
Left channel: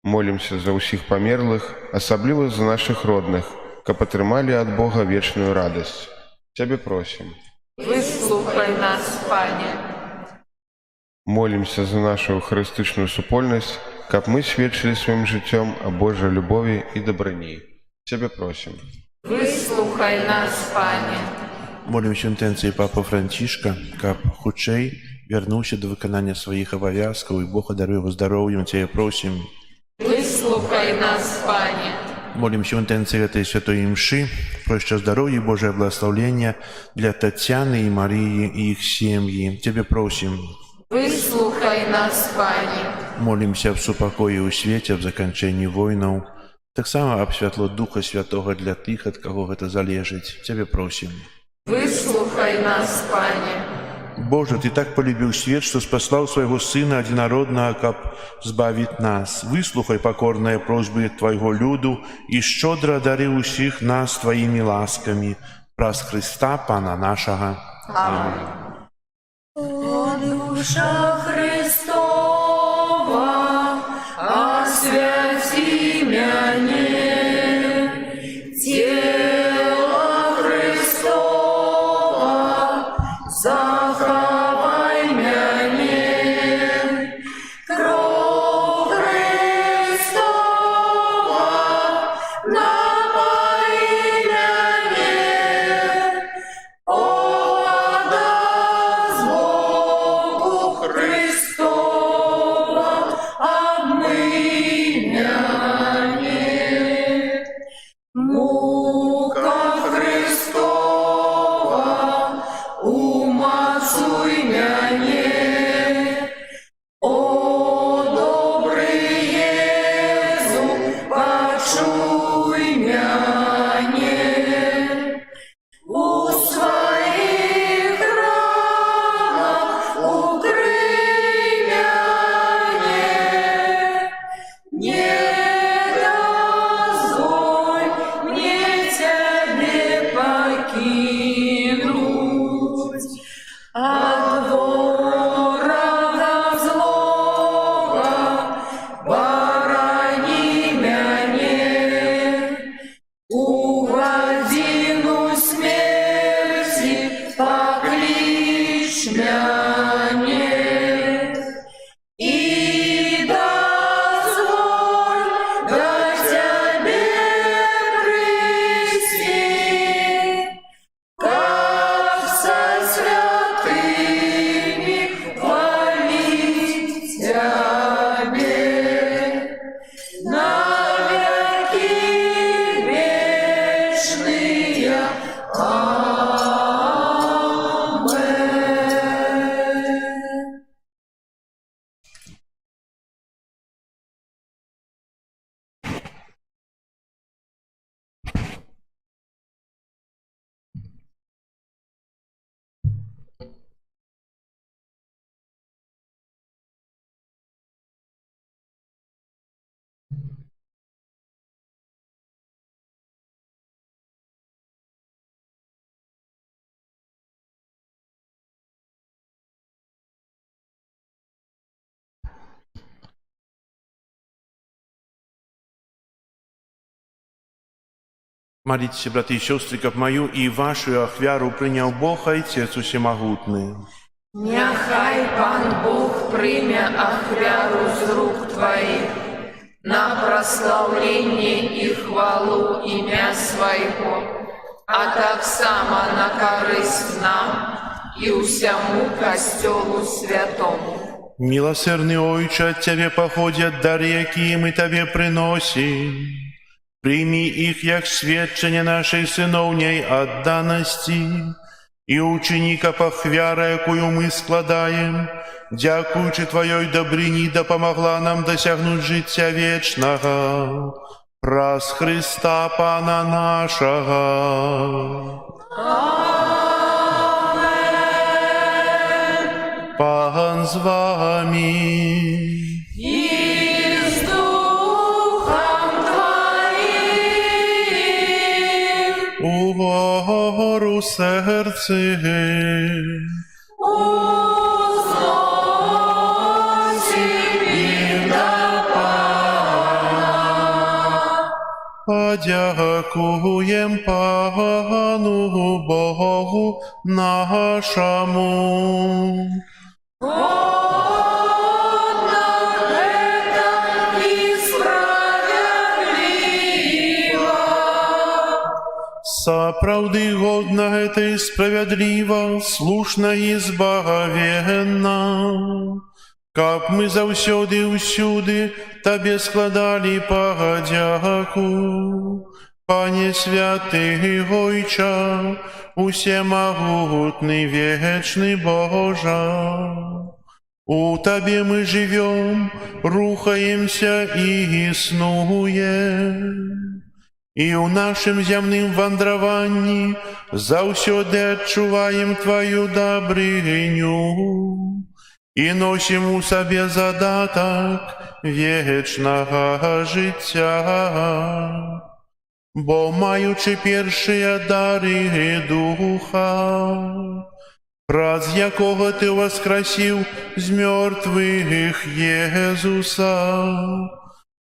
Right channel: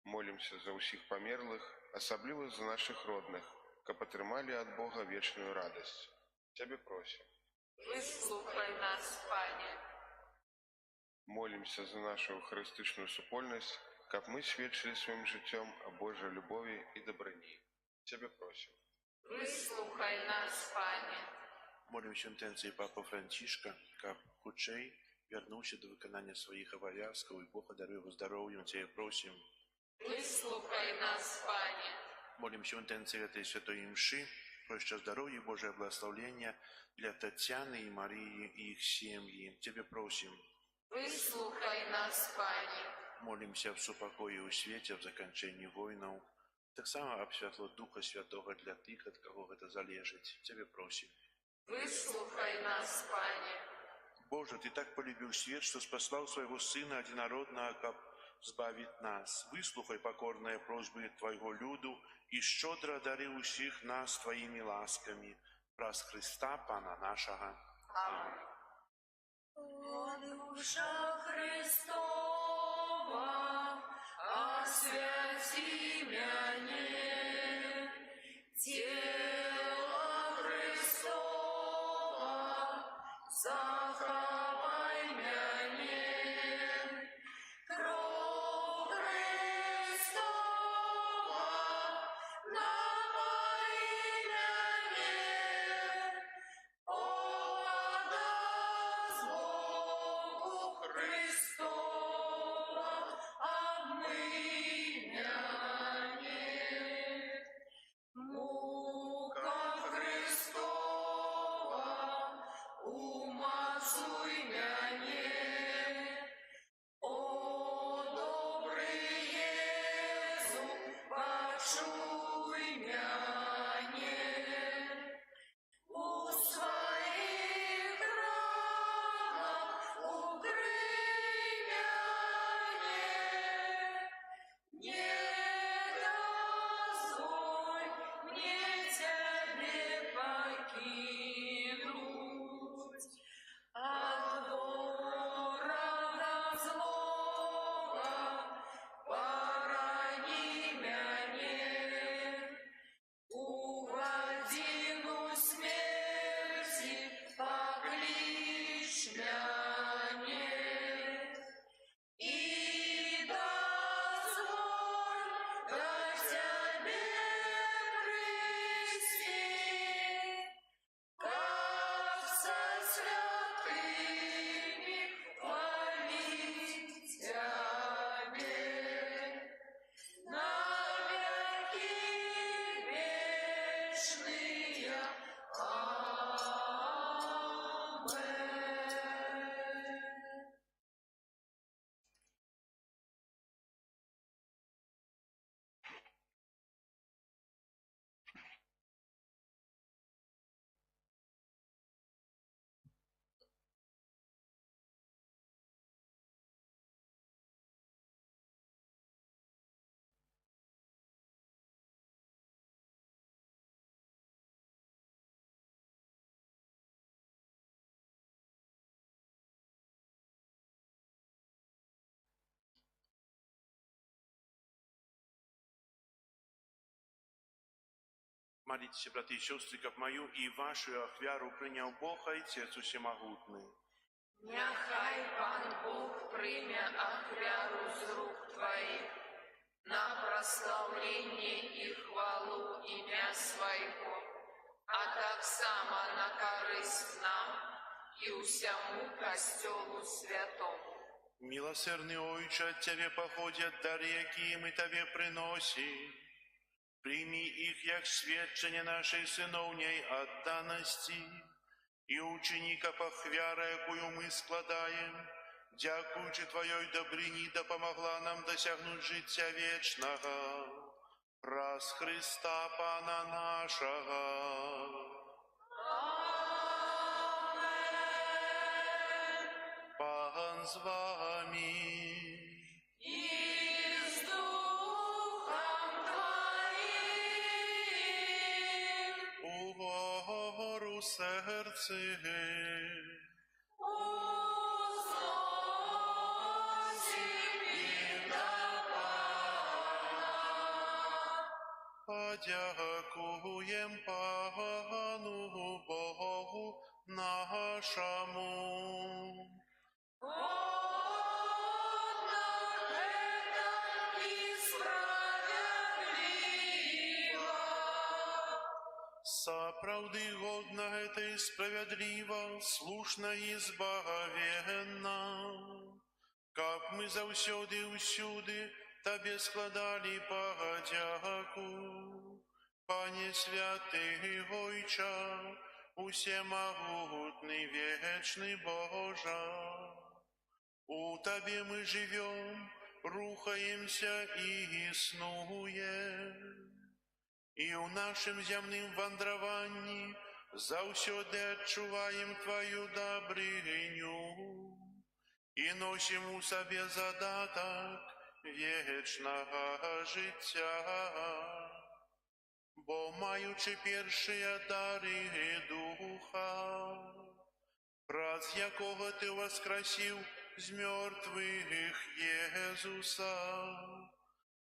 Молимся за усіх померлих, особливо за наших родних, каб отримали от Бога вечную радость. Тебе просим. Выслухай Выслухай нас, Пане. Молімся за нашу евхаристичну супольність, каб ми свідчили своїм життям о Божій любові і добрині. Тебе просимо. Выслухай нас, Пане. Молімся інтенції Папи Францішка, каб хутчэй вярнуўся до выканання сваіх абавязкаў і Бог адарыў его здароўем, Цябе просім. Выслухай нас, Пане. Молимся в интенции этой святой имши, проща здоровья и Божие благословения для Татьяны и Марии и их семьи. Тебе просим. Выслухай нас, Пане. Молимся в супокое у свете, в закончении войнов. Так само об святло Духа Святого для тых, от кого это залежить. Тебе просим. Выслухай нас, Пане. Боже, Ты так полюбил свет, что спаслал Своего Сына Одинородного, каб збавить нас. Выслухай покорные просьбы Твоего люду и щедро одари усіх нас Твоими ласками. Праз Христа, Пана нашего. Аминь. О, душа Христова, освяти меня, тело Христова, заховай меня, кровь Христова, напои меня, отдаст Богу Христова, обмый меня. Мука Христова, умацуй меня. О, добрый Езу, почуй меня. У своих ранах укрый меня. Не дозволь мне Тебе покинуть. От ворога злого борони меня. У годину смерти покличь меня. И дозволь до Тебе прийти, как со святыми хвалить Тебе. Навеки вечные. Амен. Молитесь, братья и сестры, как мою и вашу ахвяру принял Бог, Отец Всемогутный. Няхай Пан Бог прийме ахвяру з рук Твоих на прославление и хвалу имя Своего, а так само на корысть нам и усяму костелу святому. Милосердный Отче, от Тебе походят дары, какие мы Тебе приносим. Прими их, як свідчення нашей синовней отданості, і ученика похвяра, якою ми складаем, дякуючи Твоей добрині, допомогла нам досягнуть життя вечного. Праз Христа Пана нашого. Пан з вами. И с Духом Твоим. Угору серце. Узносим до Пана. Подякуєм Пану Богу нашему. Сапраўды годна гэта і справядліва, слушна і збагавенна, каб мы заўсёды ўсюды Табе складалі падзяку. Пане святы Гойча, усемагутны вечны Божа, у Табе мы живем, рухаемся і існуем. І ў нашым зямным вандраванні заўсёды адчуваем Тваю дабрыню і носім у сабе задатак вечнага жыцця. Бо маючы першыя дары духа, праз якога Ты воскресіў з мёртвых Езуса,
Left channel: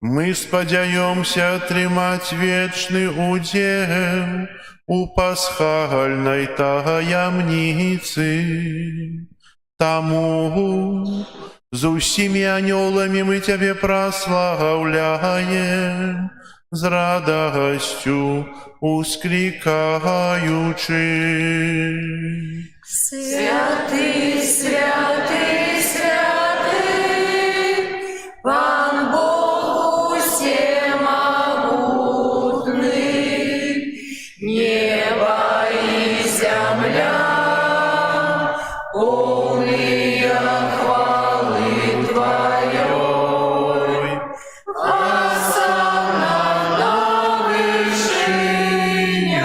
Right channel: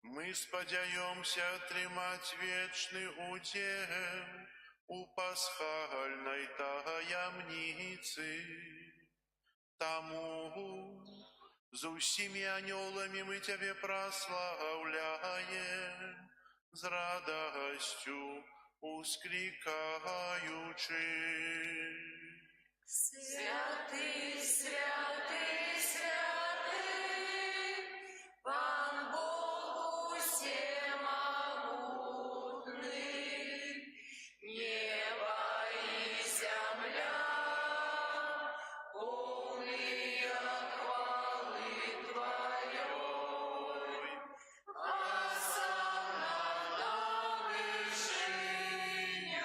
мы спадзяёмся атрымаць вечны удзел у пасхальнай таямніцы. Таму з усімі анёламі мы Цябе праслаўляем, з радасцю усклікаючы. Святый, святый, святый, Пан Бог усемогутный, небо и земля, полные хвалы Твоей. Осанна на вышинях,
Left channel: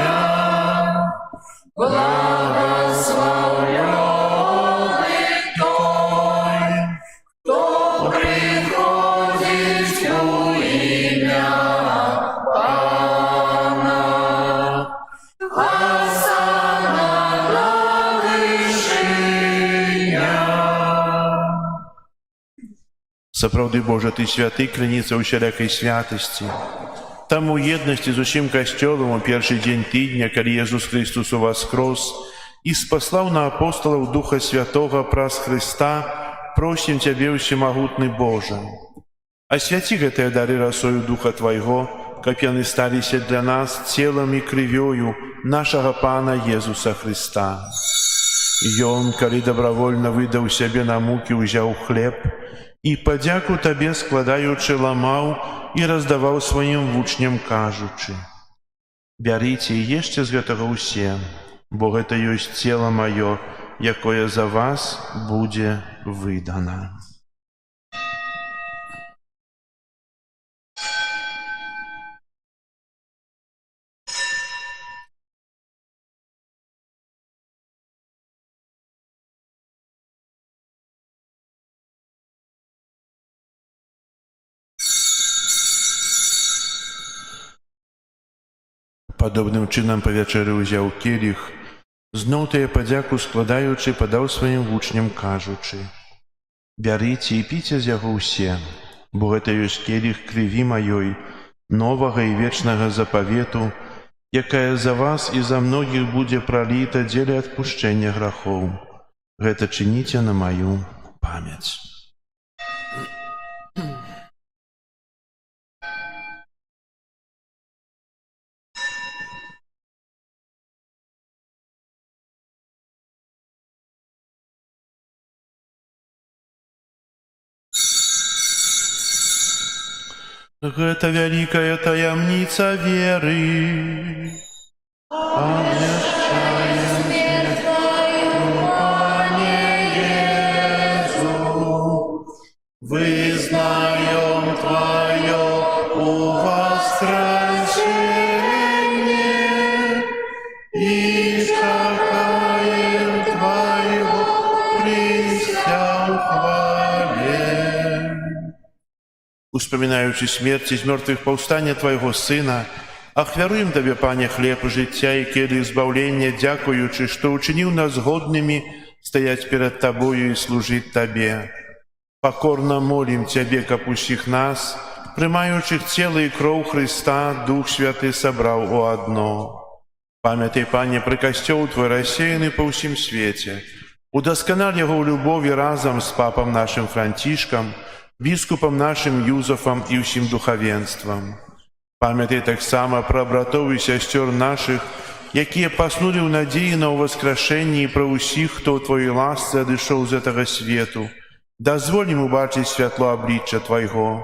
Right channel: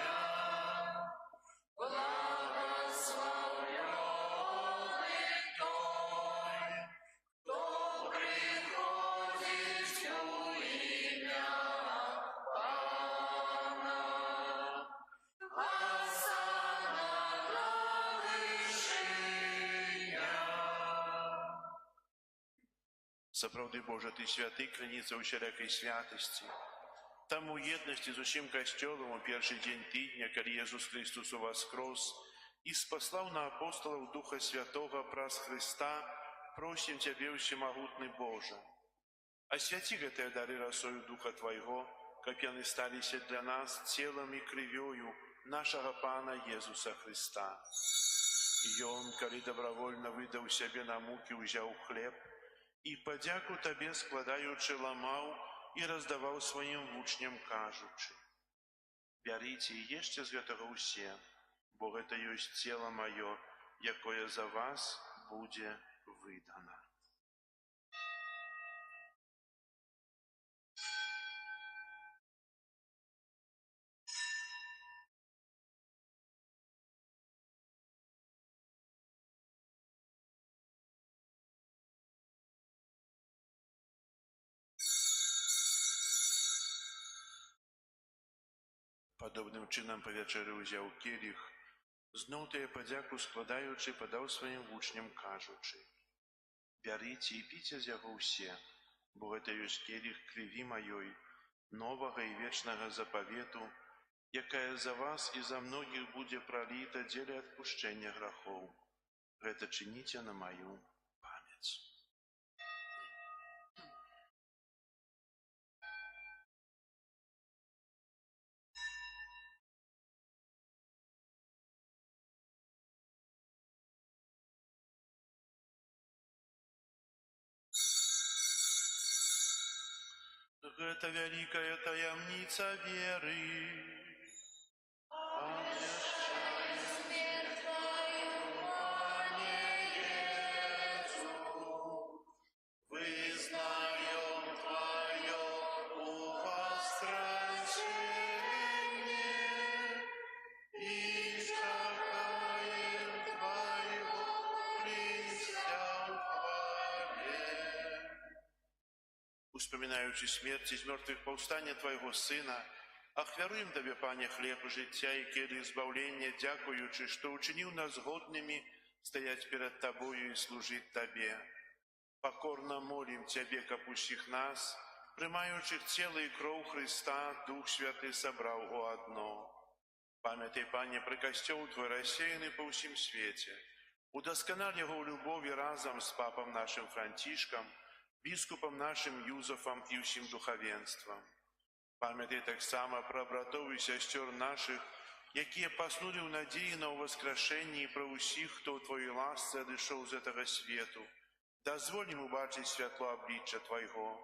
благословленный Той, кто приходит у имя Пана. Осанна на вышинях. Сапраўды, Божа, Ты святы, крыніца ўсялякай святасці. Там у еднасці з усім касцёлам у першы дзень тыдня, калі Езус Христос уваскрос і спаслаў на апосталаў Духа Святога праз Хрыста, просім Цябе, усемагутны Божа. Асвяці гэтыя дары расою Духа Твайго, каб яны сталіся для нас целам і крывёю нашага Пана Езуса Хрыста. Ён, калі добравольна выдаў сябе на мукі, узяў хлеб і падзяку Табе складаючы ламаў і раздаваў сваім вучням, кажучы: «Бярыце і ешце з гэтага ўсе, бо гэта ёсць цела маё, якое за вас будзе выдана». Падобным чынам па вячэры ўзяў келіх, зноў тая падзяку складаючы, падаў сваім вучням, кажучы: «Бярыце і піце з яго ўсе, бо гэта ёсць келіх крыві маёй, новага і вечнага запавету, якая за вас і за многіх будзе праліта дзеля адпушчэння грахоў. Гэта чыніце на маю памяць». Гэта вялікая таямніца веры. Абвяшчаем смерць Твою, Пане Езу, вызнаем Твое воскресение и чакаем Твоего прыся ў хвале. Успамінаючы смерць і з мёртвых паўстання Твайго Сына, ахвяруем Табе, Пане, хлеб жыцця і келіх збаўлення, дзякуючы, што ўчыніў нас годнымі стаяць перад Табою і служыць Табе. Пакорна молім Цябе, каб усіх нас, прымаючых цела і кроў Хрыста, Дух Святы сабраў у адно. Памятай, Пане, про касцёл Твой рассеяны па ўсім свеце. Удасканаль яго ў любові разам з папам нашым Францішкам, біскупам нашым Юзафам і ўсім духавенствам. Памятай таксама пра братоў і сясцёр нашых, якія паснулі ў надзеі на ўваскрашэнне, і пра ўсіх, хто ў Твоёй ласцы адышоў з гэтага свету. Дазволь ім убачыць святло аблічча Твайго.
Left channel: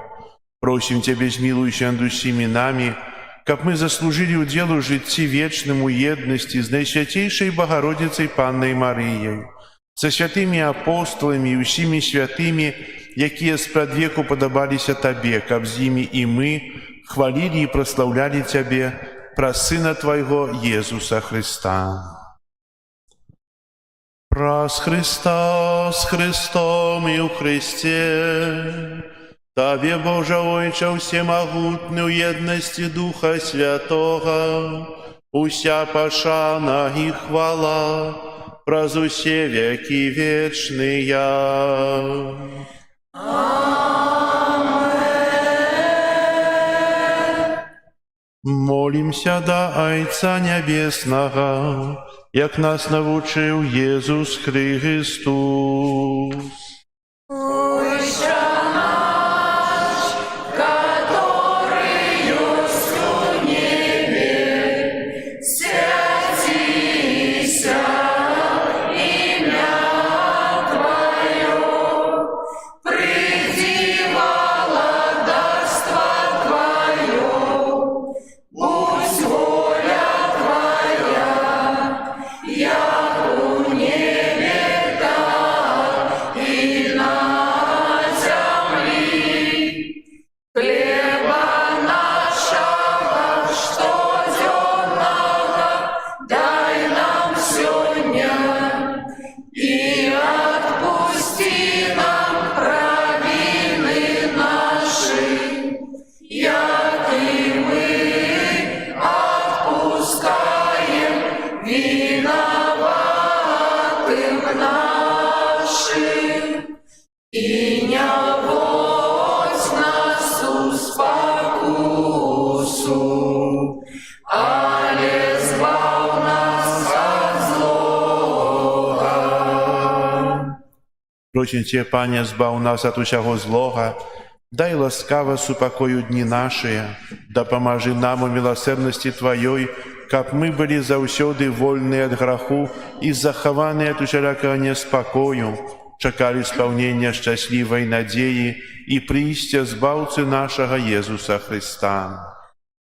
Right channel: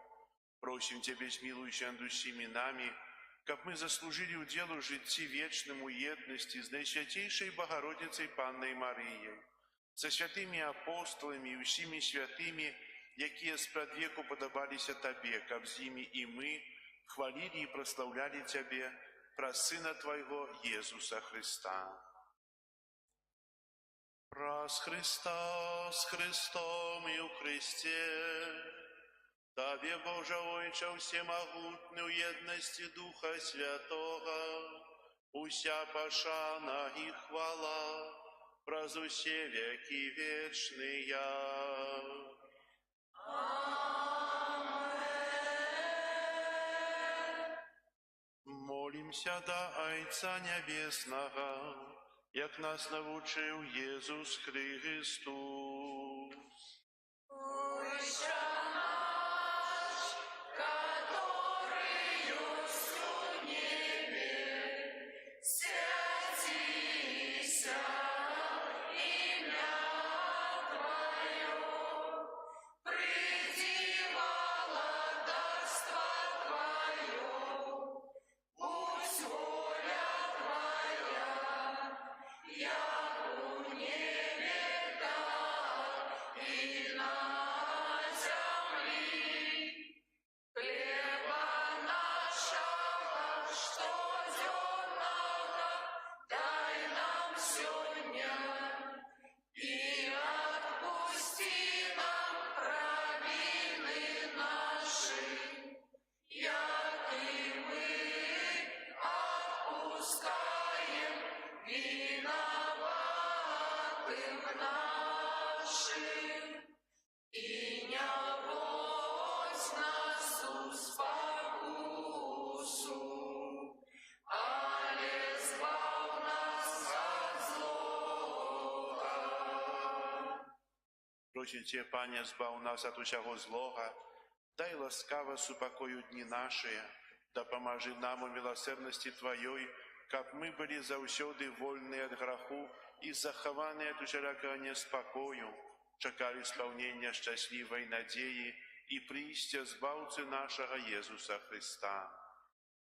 Просім Цябе, змілуйся над усімі намі, каб мы заслужылі ўдзел у жыцці вечным у еднасці з Найсвяцейшай Багародзіцай Паннай Марыяй, са святымі апостоламі і ўсімі святымі, якія спрадвеку падабаліся Табе, каб з імі і мы хвалілі і праслаўлялі Цябе праз Сына Твайго Езуса Христа. Праз Христа, з Христом і ў Христе, Табе, Божа Ойча, всемогутны ў еднасці Духа Святога, уся пашана і хвала праз усе векі вечныя. Молімся да Айца Нябеснага, як нас навучыў Езус Христос. Просім Цябе, Пане, збаў нас ад усяго злога, дай ласкава супакою дні нашыя, дапамажы нам у міласэрнасці Тваёй, каб мы былі заўсёды вольныя ад граху і захаваныя ад усялякага неспакою, чакалі спаўнення шчаслівай надзеі і прыйсця збаўцы нашага Езуса Христа.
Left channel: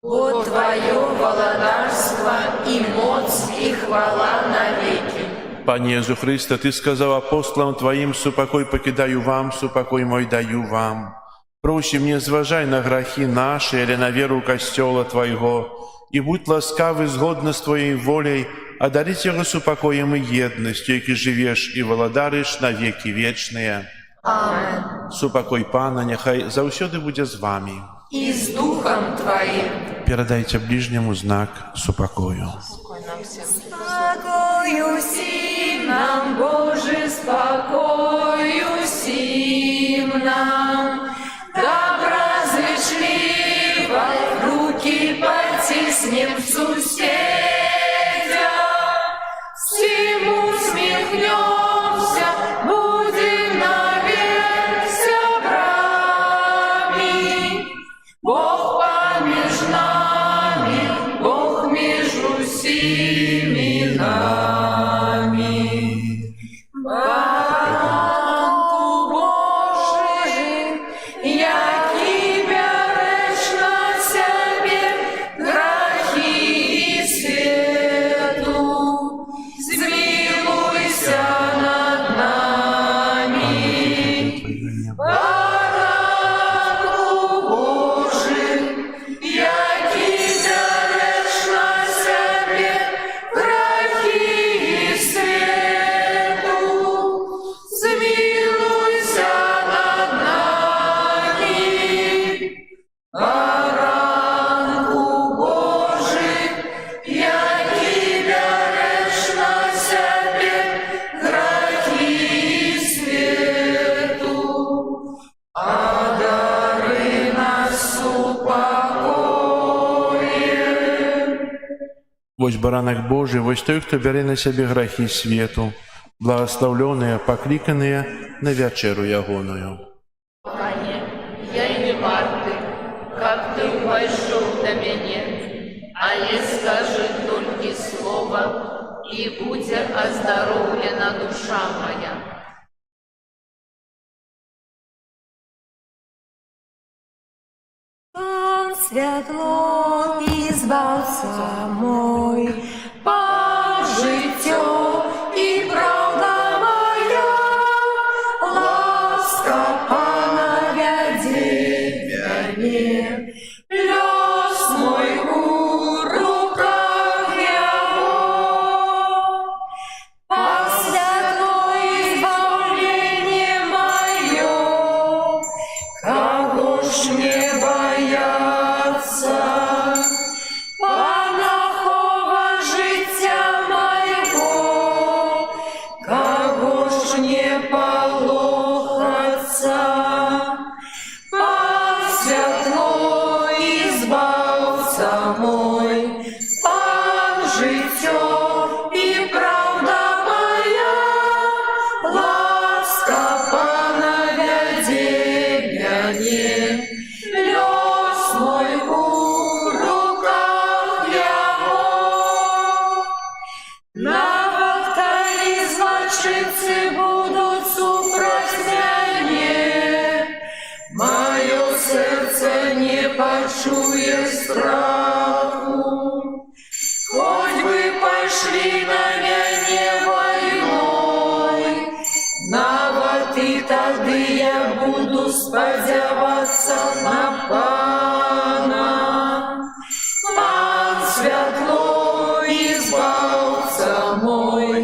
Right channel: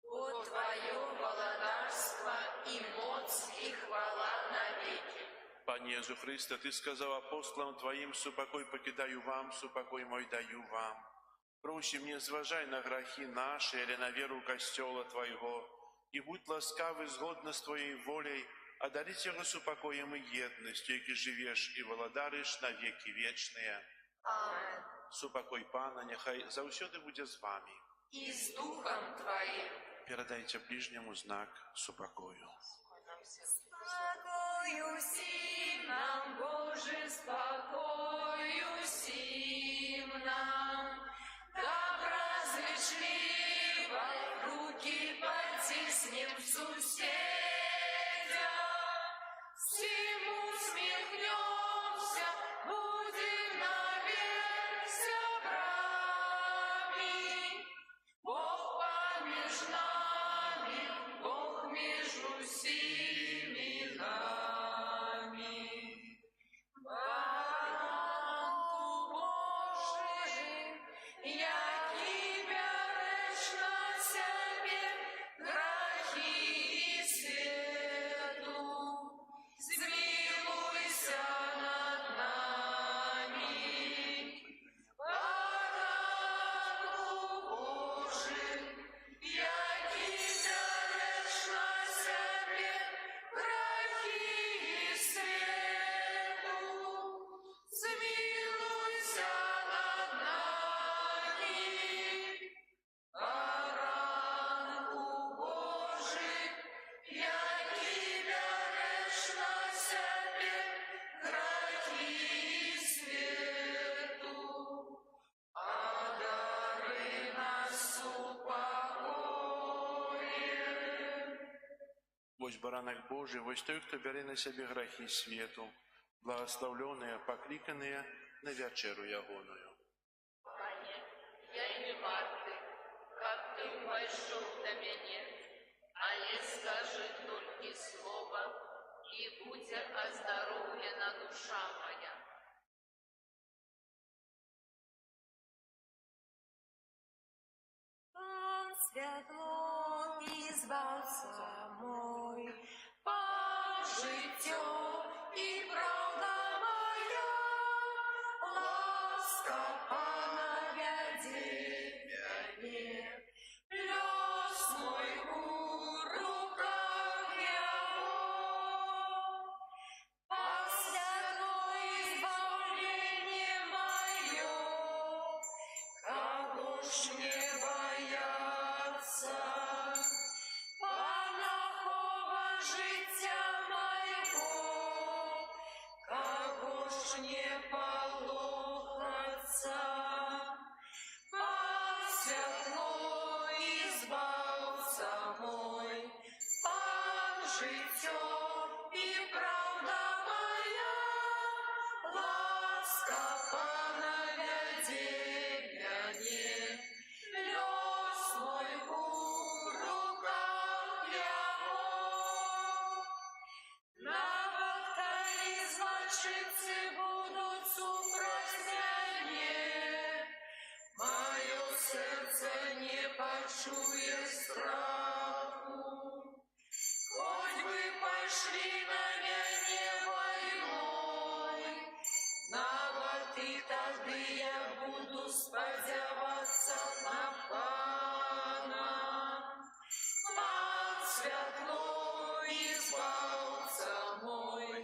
Бо Твое владарство и моц и хвала навеки. Пане Езу Христе, Ты сказаў апостолам Тваім: супакой пакідаю вам, супакой мой даю вам. Просім, не зважай на грахі нашы, але на веру касцёла Твайго, і будь ласкавы згодна з Твоей воляй адарыць яго супакоем і еднасцю, які жывеш і валадарыш на векі вечныя. Амен. Супакой Пана няхай заўсёды будзе з вамі. И с Духом Твоим. Перадайце ближняму знак супакою. Спокою сим нам, Боже, спокою сим нам. Доброзычливо руки потиснем суседя. Всем усмехнемся, будем навек сябрами. Бог помеж нами, Бог между всеми нами. Батьку Божий, який береш на себе грехи и свету, змилуйся над нами. Батьку Божий, який береш на себе грехи и свету, змилуйся над нами. Баранку Божий, який береш на себе грехи и свету, Вось баранак Божий, вось той, хто бярэ на сябе грахі свету, благословленыя, пакліканыя на вячэру ягоную. Я и не варты, как ты войшел до меня, але скажи только слово, и будет оздоровлена душа моя. Пан святло і збавця мой, Пан життя і правда моя, ласка Пана вяде мяне, лёс мой у руках Его. Пан святло і збавление мое, кого ж не бояться, Панахова життя моего, кого ж не полохаться. Пан святло і збавця мой, Пан життя і правда моя, ласка Пана вяде мяне, лёс мой у руках Его. Нават калі злачинцы будут супроть мяне, мое сердце не почує страху. Хоть бы пошли на мяне войной, нават и тады я буду спадзявацца на Пана. Пан святло і збавца мой,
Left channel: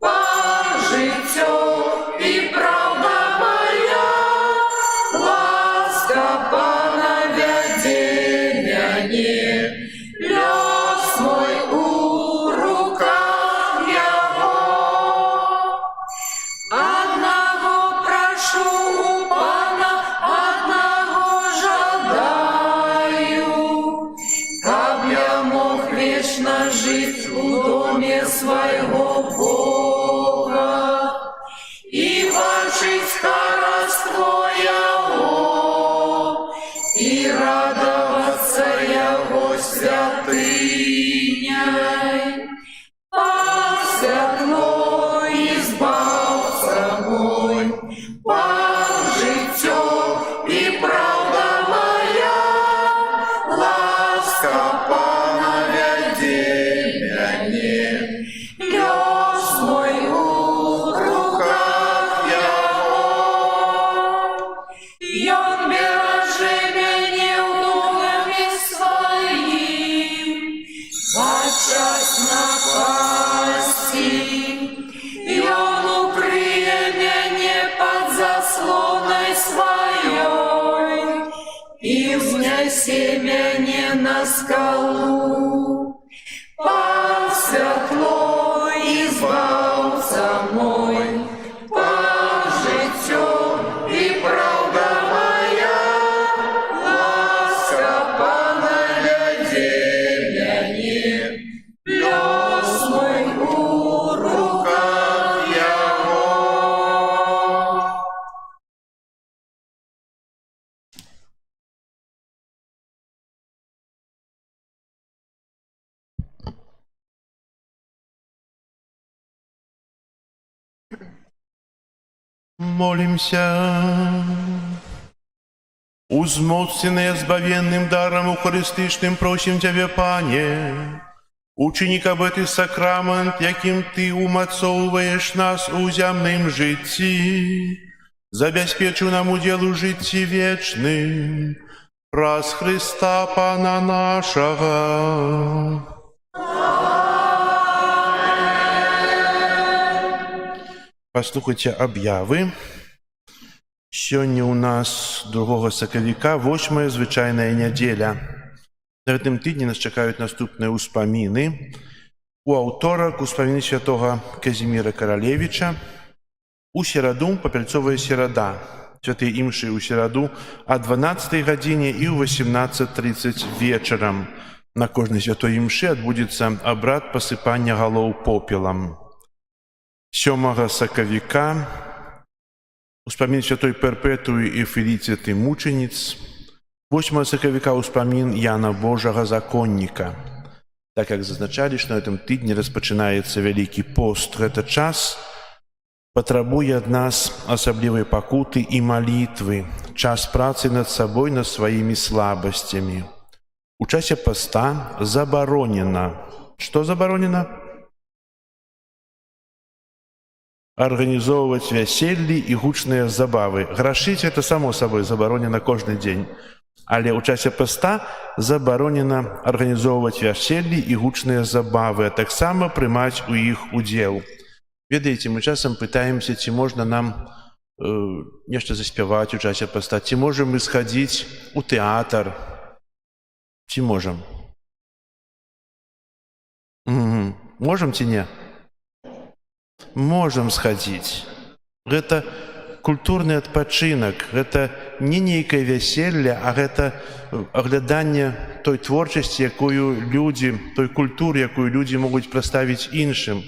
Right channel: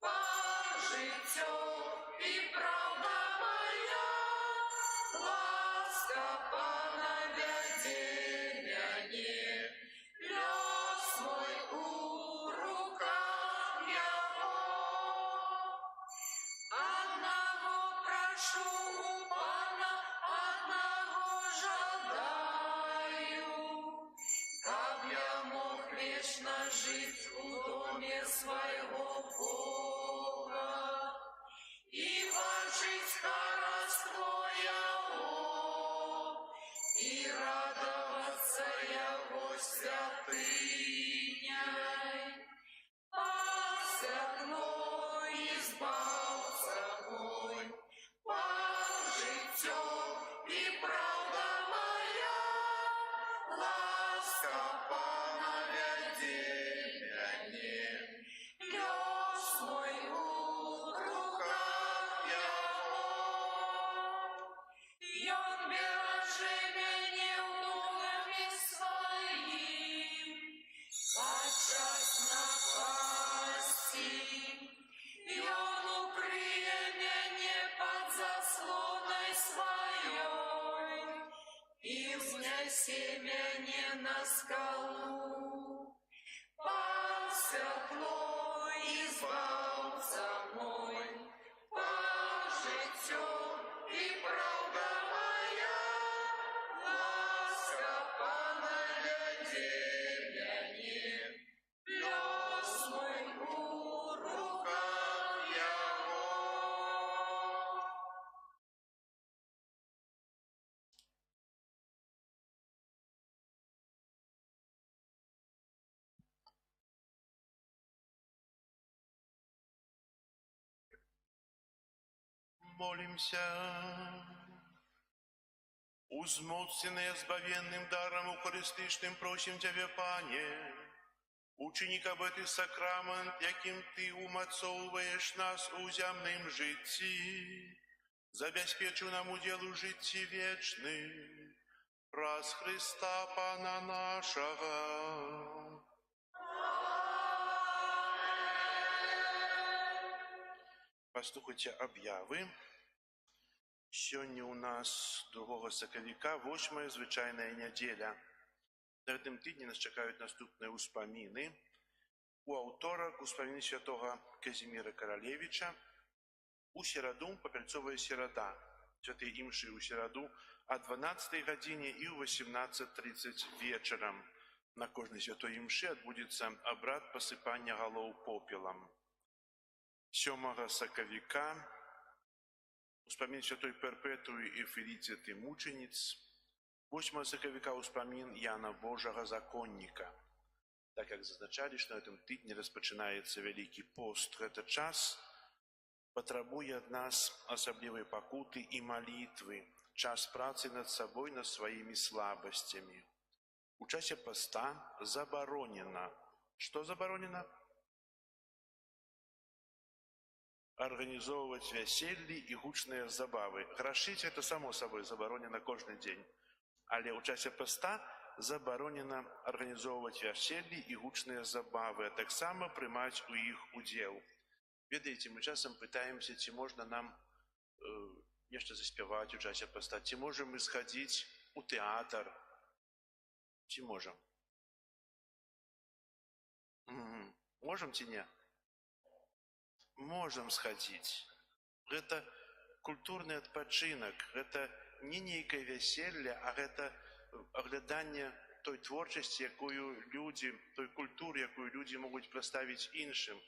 Пан життя і правда моя, ласка Пана вяде мяне, лёс мой у руках Его. Одного прошу у Пана, одного жадаю, каб я мог вечно жить у доме своего Бога и бачить хараство Его, и радоваться Его святыняй. Пан святло і збавца мой, Пан життя і правда моя, ласка Пана вяде мяне, лёс мой у руках Его. Ён бераже мяне ў доме своим, подчас напасти. Ён укрые мяне под заслоной своей и взнесе мяне на скалу. Пан святло і збавца мой, Пан життя і правда моя, ласка Пана вяде мяне, лёс мой у руках Его. Молимся. Узмоцненные збавенным даром укористичным просим Тебе, Пане, учини, каб эти сакрамент, яким Ты умацовываешь нас у земным житті, забезпечив нам удел у житті вечным, праз Христа Пана нашего. Послухайте об'яви. Сёння у нас 2 сакавіка, 8-я звычайная нядзеля. На гэтым тыдні нас чакаюць наступныя ўспаміны. У аўторак успаміны святога Казіміра Каралевіча. У сераду папяльцовая серада. Святыя імшы ў сераду о 12 гадзіне і ў 18:30 вечарам. на кожнай святой імшы адбудзецца абрад пасыпання галоў попелам. 7 сакавіка успамін святой Перпетуі і Феліціты мученіц. 8 сакавіка успамін Яна Божага законніка. Так як зазначалі, што на гэтым тыдні распачынаецца Вялікі пост, гэта час патрабуе ад нас асаблівай пакуты і малітвы, час працы над сабой, над сваімі слабасцямі. У часе поста забаронена. Што забаронена? Арганізоўваць вяселлі і гучныя забавы. Грашыць — это само сабой забаронена кожны дзень. Але ў часе поста забаронена арганізоўваць вяселлі і гучныя забавы, а таксама прымаць у іх удзел. Ведаеце, мы часам пытаемся, ці можна нам нешта заспяваць у часе поста, ці можам мы схадзіць у тэатр, ці можам? Можам ці не? Можам схадзіць. Гэта культурны адпачынак, гэта не нейкае вяселле, а гэта агляданне той творчасці, якую людзі, той культуры, якую людзі могуць прадставіць іншым.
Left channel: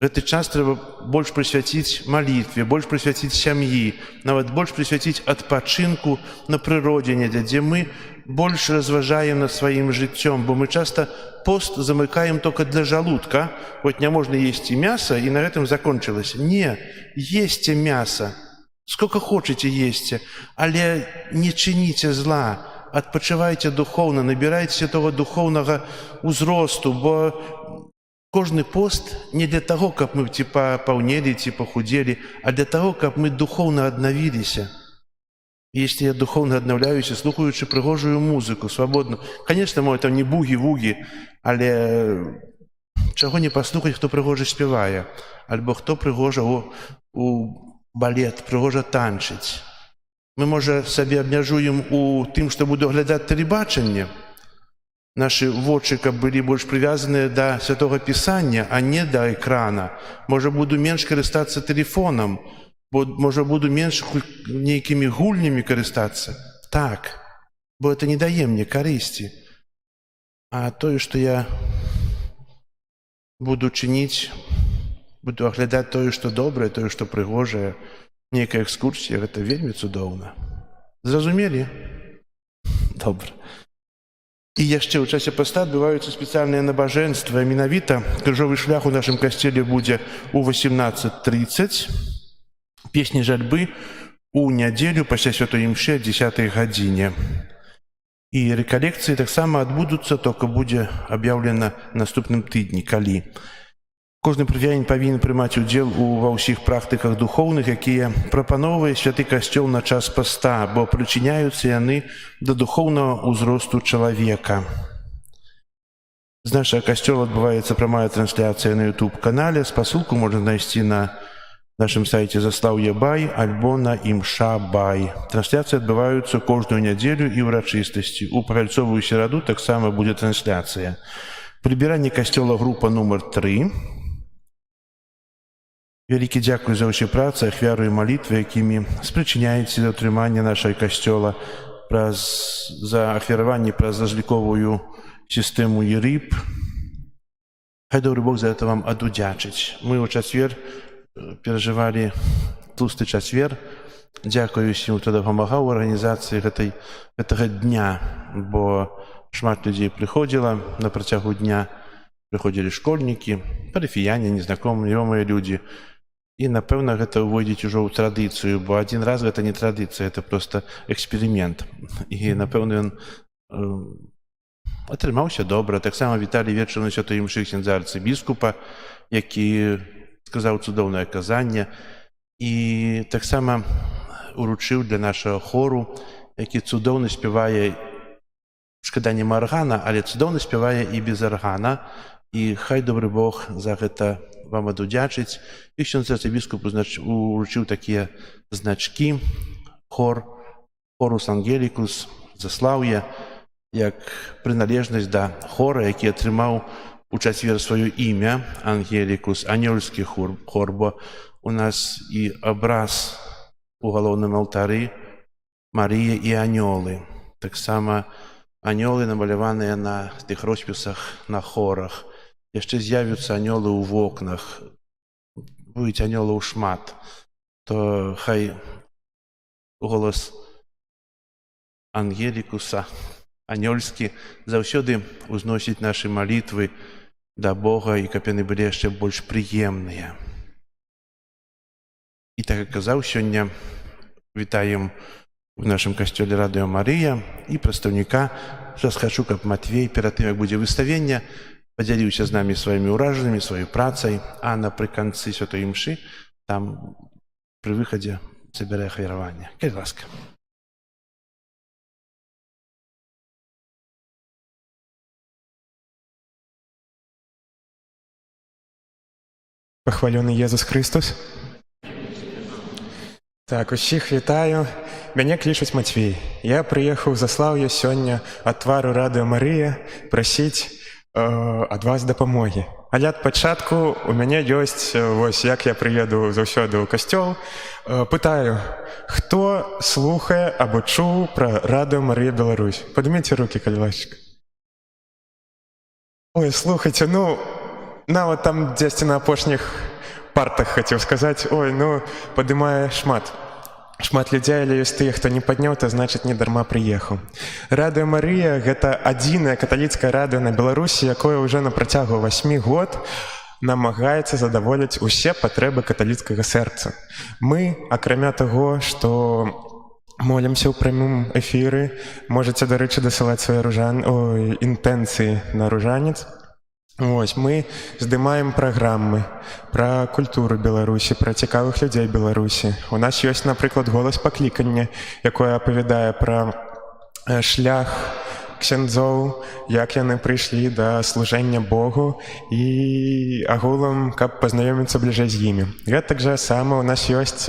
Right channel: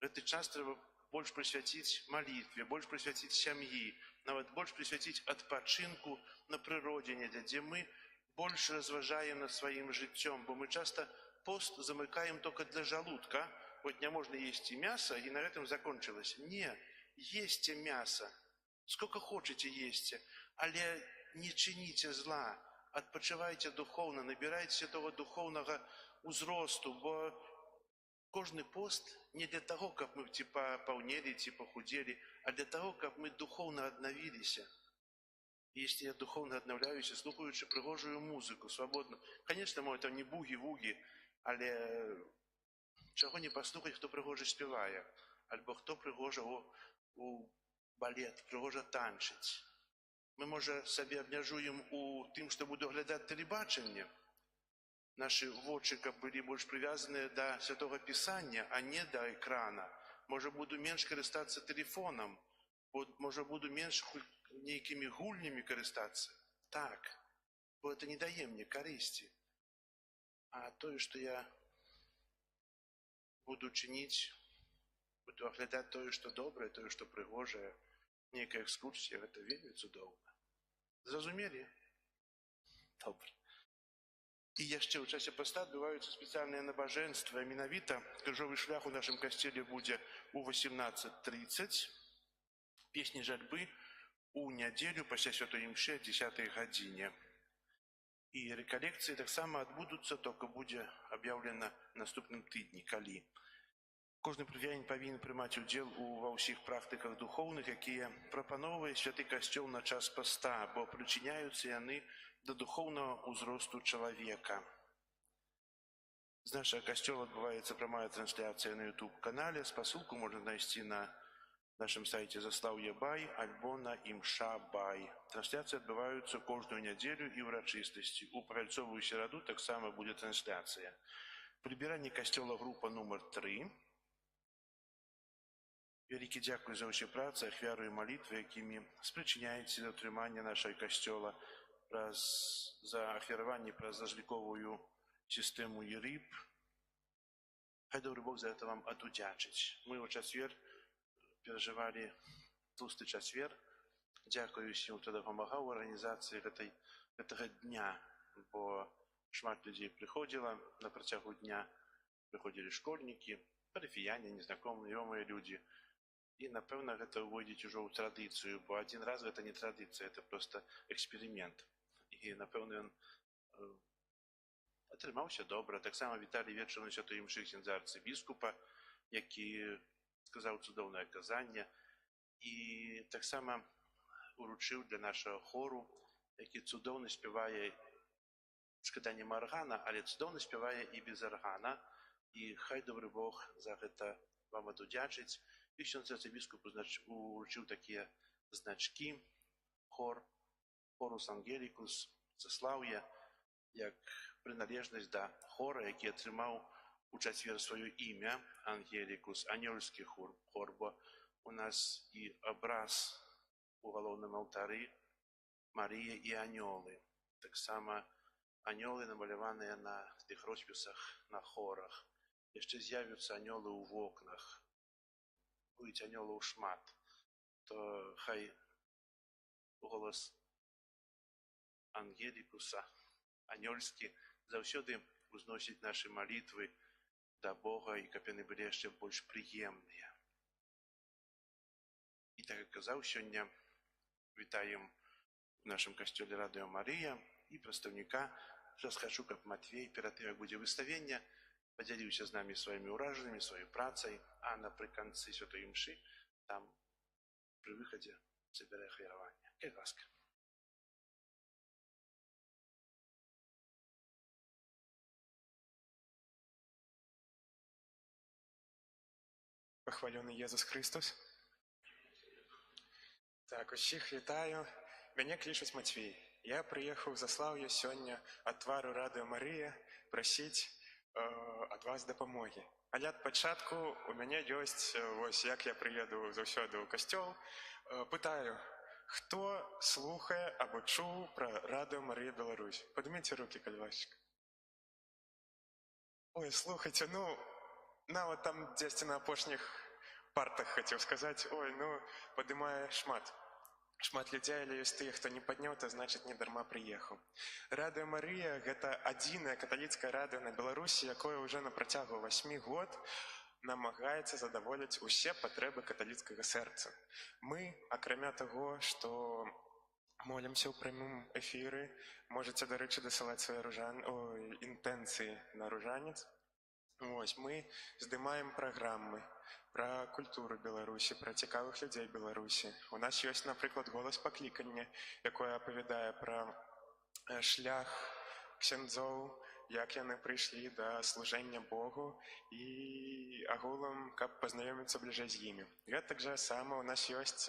Гэты час трэба больш прысвяціць малітве, больш прысвяціць сям'і, нават больш прысвяціць адпачынку на прыродзе недзе, дзе мы больш разважаем над сваім жыццём, бо мы часта пост замыкаем только для жалудка. Вот не можна есці мяса, і на гэтым закончылася. Не, есце мяса, сколько хочаце есце, але не чыніце зла, адпачывайце духоўна, набірайце того духоўнага ўзросту, бо кожны пост не для таго, каб мы ці папаўнелі, ці пахудзелі, а для таго, каб мы духоўна аднавіліся. Если я духоўна аднаўляюся, слухаючы прыгожую музыку, свабодна. Конечно, мо там не бугі-вугі, але чаго не паслухаць, хто прыгожа спявае, альбо хто прыгожа у балет, прыгожа танчыць. Мы, можа, сабе абмяжуем у тым, што буду глядаць тэлебачанне. Нашы вочы, каб былі больш прывязаныя да Святога Пісання, а не да экрана. Можа, буду менш карыстацца тэлефонам, бо, можа, буду менш нейкімі гульнямі карыстацца. Так, бо это не дае мне карысці. А тое, што я буду чыніць, буду аглядаць тое, што добрае, тое, што прыгожае, нейкая экскурсія, гэта вельмі цудоўна. Зразумелі? Добра. І яшчэ ў часе поста адбываюцца спецыяльныя набажэнствы. Менавіта крыжовы шлях у нашым касцеле будзе ў 18:30. Песні жальбы у нядзелю пасля святой імшы о 10 гадзіне. І рэкалекцыі таксама адбудуцца, толькі будзе аб'яўлена наступным тыдні, калі. Кожны прыхадзін павінен прымаць удзел ва ўсіх практыках духоўных, якія прапаноўвае святы касцёл на час поста, бо прычыняюцца яны да духоўнага ўзросту чалавека. З нашага касцёла адбываецца прамая трансляцыя на YouTube-канале. Спасылку можна знайсці на нашым сайце Заслаўе Бай альбо на Імша Бай. Трансляцыі адбываюцца кожную нядзелю і ўрачыстасці. У пагальцовую сераду таксама будзе трансляцыя. Прыбіранне касцёла група нумар 3. Вялікі дзякуй за ўсе працы, ахвяру і малітвы, якімі спрычыняеце да ўтрымання нашай касцёла, за ахвяраванне праз разліковую сістэму ЕРИП. Хай добры Бог за это вам адудзячыць. Мы ў чацвер перажывалі тлусты чацвер. Дзякую усім, хто дапамагаў у арганізацыі гэтага дня, бо шмат людзей прыходзіла на працягу дня. Прыходзілі школьнікі, парафіяне, незнакомыя людзі. І, напэўна, гэта ўвойдзець ужо ў традыцыю, бо адзін раз гэта не традыцыя, это проста эксперымент. І, напэўна, ён атрымаўся добра. Таксама віталі вечарам на святой імшы ксяндза арцыбіскупа, які сказаў цудоўнае казанне. І таксама уручыў для нашага хору, які цудоўна спявае, шкада нема аргана, але цудоўна спявае і без аргана. І хай добры Бог за гэта вам адудзячыць. І ксяндз арцыбіскуп уручыў такія значкі, хорус ангелікус, заслаўе, як прыналежнасць да хора, які атрымаў у чацвер сваё імя, ангелікус, анёльскі хор, бо у нас і абраз у галоўным алтары Марыя і анёлы. Таксама анёлы, намаляваныя на тых роспісах на хорах. Яшчэ з'явяцца анёлы ў вокнах. Будзе анёлаў шмат. То хай голас ангелікуса, анёльскі, заўсёды ўзносіць нашы малітвы да Бога, і каб яны былі яшчэ больш прыемныя. І так як казаў, сёння вітаем у нашым касцёле Радыё Марыя і прадстаўніка. Зараз хачу, каб Матвей перад тым, як будзе выставенне, падзяліўся з намі сваімі ўражаннямі, сваёй працай, а напрыканцы святой імшы там пры выхадзе забярэ ахвяраванне. Калі ласка. Пахвалёны Езус Христос. Так, усіх вітаю. Мяне клічуць Матвей. Я прыехаў з Заслаўя сёння ад твару Радыё Марыя прасіць ад вас дапамогі. Але ад пачатку у мяне ёсць, вось як я прыеду заўсёды ў касцёл, пытаю, хто слухае або чуў пра Радыё Марыя Беларусь? Падыміце рукі, калі ласка. Ой, слухайце, ну, нават там дзесьці на апошніх партах хацеў сказаць, ой, ну, падымае шмат людзей, але ёсць тыя, хто не падняў, то значыць не дарма прыехаў. Радыё Марыя — гэта адзінае каталіцкае радыё на Беларусі, якое ўжо на працягу 8 год намагаецца задаволіць усе патрэбы каталіцкага сэрца. Мы, акрамя таго, што молімся ў прамым эфіры, можаце, дарэчы, дасылаць свае інтэнцыі на ружанец. Вось, мы здымаем праграмы пра культуру Беларусі, пра цікавых людзей Беларусі. У нас ёсць, напрыклад, голас паклікання, якое апавядае пра шлях ксяндзоў, як яны прыйшлі да служэння Богу і агулам, каб пазнаёміцца бліжэй з імі. Гэтак жа сама у нас ёсць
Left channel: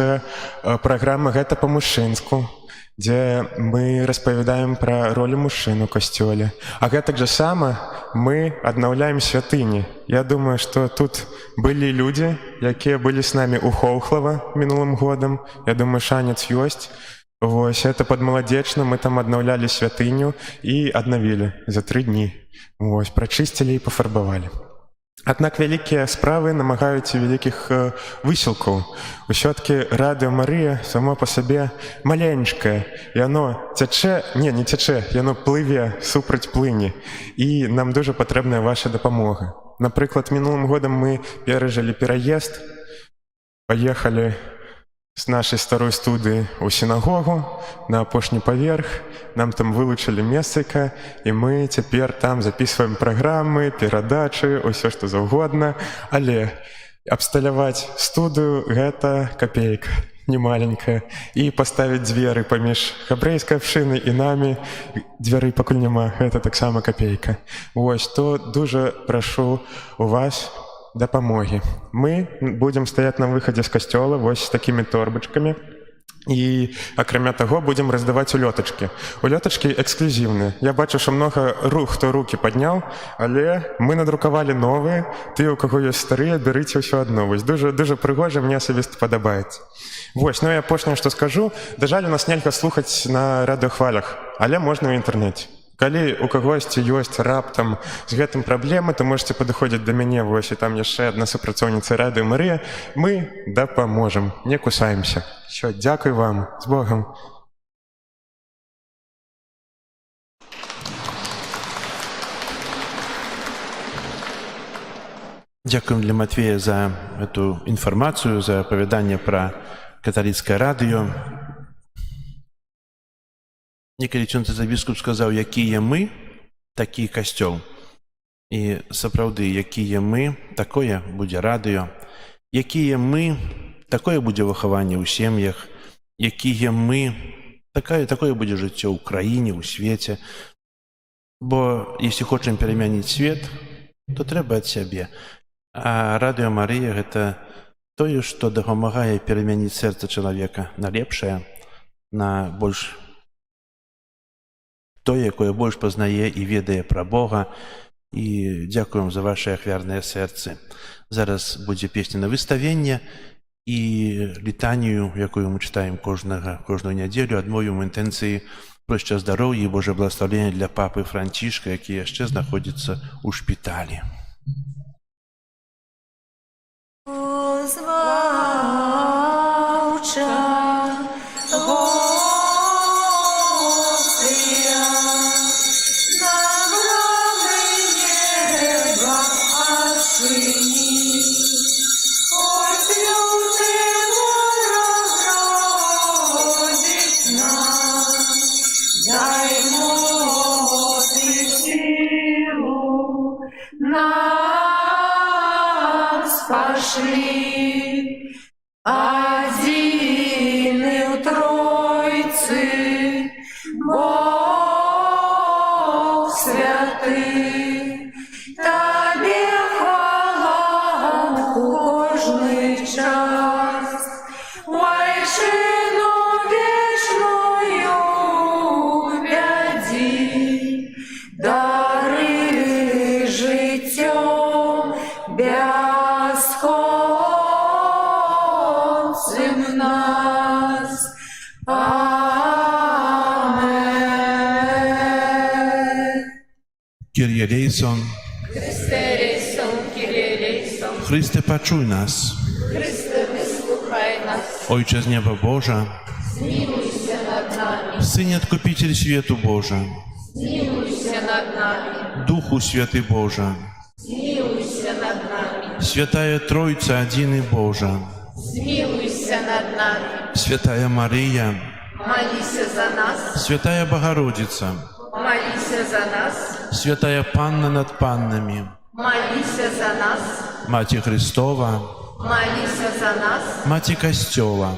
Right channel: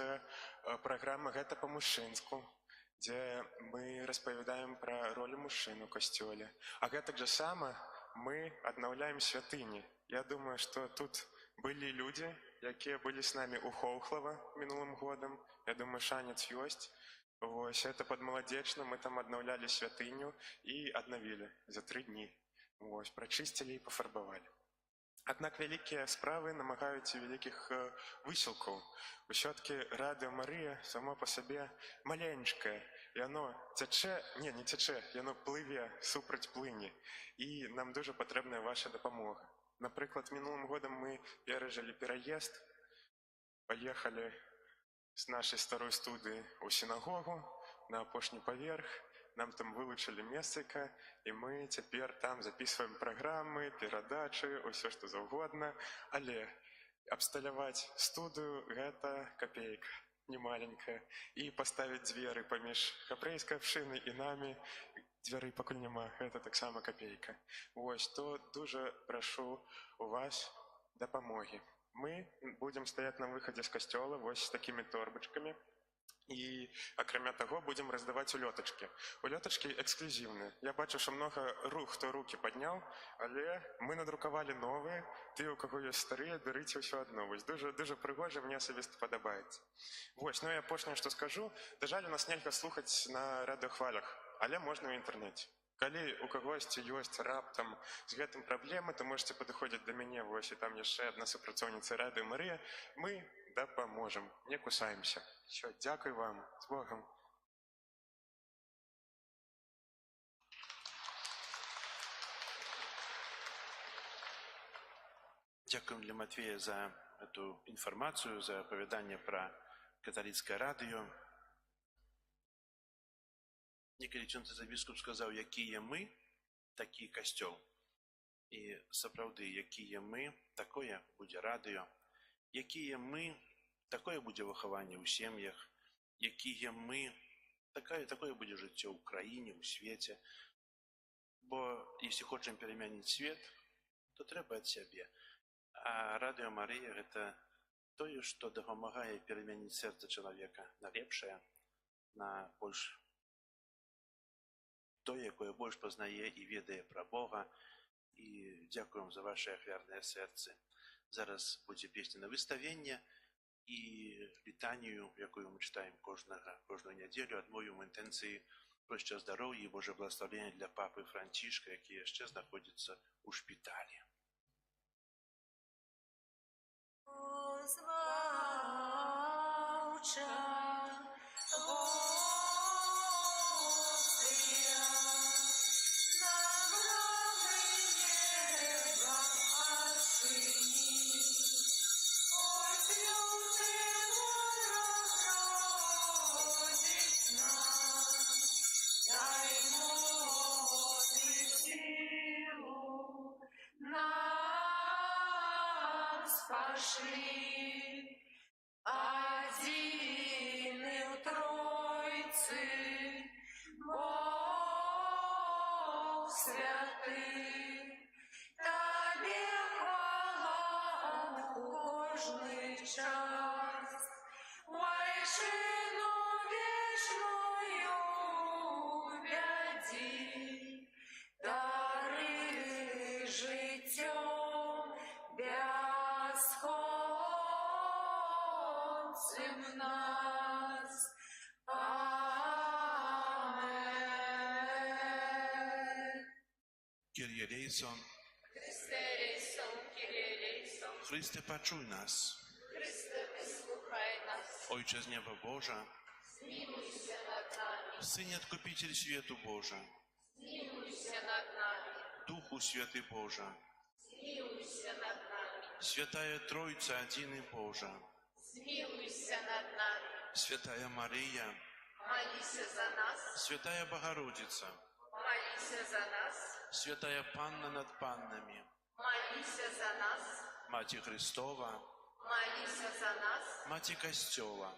праграма «Гэта па-мужчынску», дзе мы распавядаем пра ролю мужчын у касцёле. А гэтак жа сама мы аднаўляем святыні. Я думаю, што тут былі людзі, якія былі з намі ў Хоўхлава мінулым годам. Я думаю, шанец ёсць. Вось, это падмаладзечна, мы там аднаўлялі святыню і аднавілі за 3 дні. Вось, прачысцілі і пафарбавалі. Аднак вялікія справы намагаюць вялікіх высілкаў. Усё-ткі Радыё Марыя само па сабе маленькае. Яно цячэ, не цячэ, яно плыве супраць плыні. І нам дужа патрэбная ваша дапамога. Напрыклад, мінулым годам мы перажылі пераезд, паехалі з нашай старой студыі ў сінагогу на апошні паверх. Нам там вылучылі месцайка, і мы цяпер там запісваем праграмы, перадачы, усё што заўгодна. Але абсталяваць студыю — гэта капейка, немаленькая. І паставіць дзверы паміж габрэйскай абшынай і намі, дзвярэй пакуль няма, гэта таксама капейка. Вось, то дужа прашу у вас дапамогі. Мы будзем стаяць на выхадзе з касцёла вось з такімі торбачкамі. І, акрамя таго, будзем раздаваць улётачкі. Улётачкі эксклюзіўныя. Я бачу, што многа хто рукі падняў, але мы надрукавалі новыя. Тыя, у каго ёсць старыя, бярыце ўсё адно. Вось, дужа прыгожа, мне асабіста падабаецца. Вось, ну і апошняе, што скажу, да жаль, у нас нельга слухаць на радыёхвалях, але можна ў інтэрнэце. Калі у кагосьці ёсць раптам з гэтым праблемы, то можете падыходзіць да мяне, вось, і там яшчэ адна супрацоўніца Радыё Марыя. Мы дапаможам, не кусаемся. Всё, дзякуй вам, з Богам. Дзякуем для Матвея за эту інфармацыю, за апавяданне пра каталіцкае радыё. Некалі ксёндз-арцыбіскуп сказаў, якія мы, такі касцёл. І сапраўды, якія мы, такое будзе радыё. Якія мы, такое будзе выхаванне ў сем'ях. Якія мы, такое будзе жыццё ў краіне, ў свеце. Бо, если хочам перамяніць свет, то трэба ад сябе. А Радыё Марыя — гэта тое, што дапамагае перамяніць сэрца чалавека на лепшае, на больш тое, якое больш пазнае і ведае пра Бога. І дзякуем за вашы ахвярныя сэрцы. Зараз будзе песня на выставенне і літанію, якую мы чытаем кожную нядзелю, адмовім інтэнцыі Проще здоров'я і Боже благословення для папи Францішка, який яшчэ знаходзіцца ў шпіталі. Пошли одины в Тройцы, Бог святый, Тебе хвала у кожний час, Вайшину вічною вяді, дари життя безсходцем нас. Амен. Kyrie eleison, Христе рейсон, Кирие рейсон, Христе, почуй нас. Христе, вислухай нас, Ojcze z nieba Boża, змилуйся над нами, Synie Odkupiciel światu Boża, змилуйся над нами, Duchu Święty Boża, змилуйся над нами, Świętaja Trójca Adiny Boża, змилуйся над нами, Świętaja Maryja, молися за нас, Świętaja Bogorodica, молися за нас, Świętaja Panna nad Pannami, молися за нас, Macie Chrystowa, молися за нас, Macie Kościoła,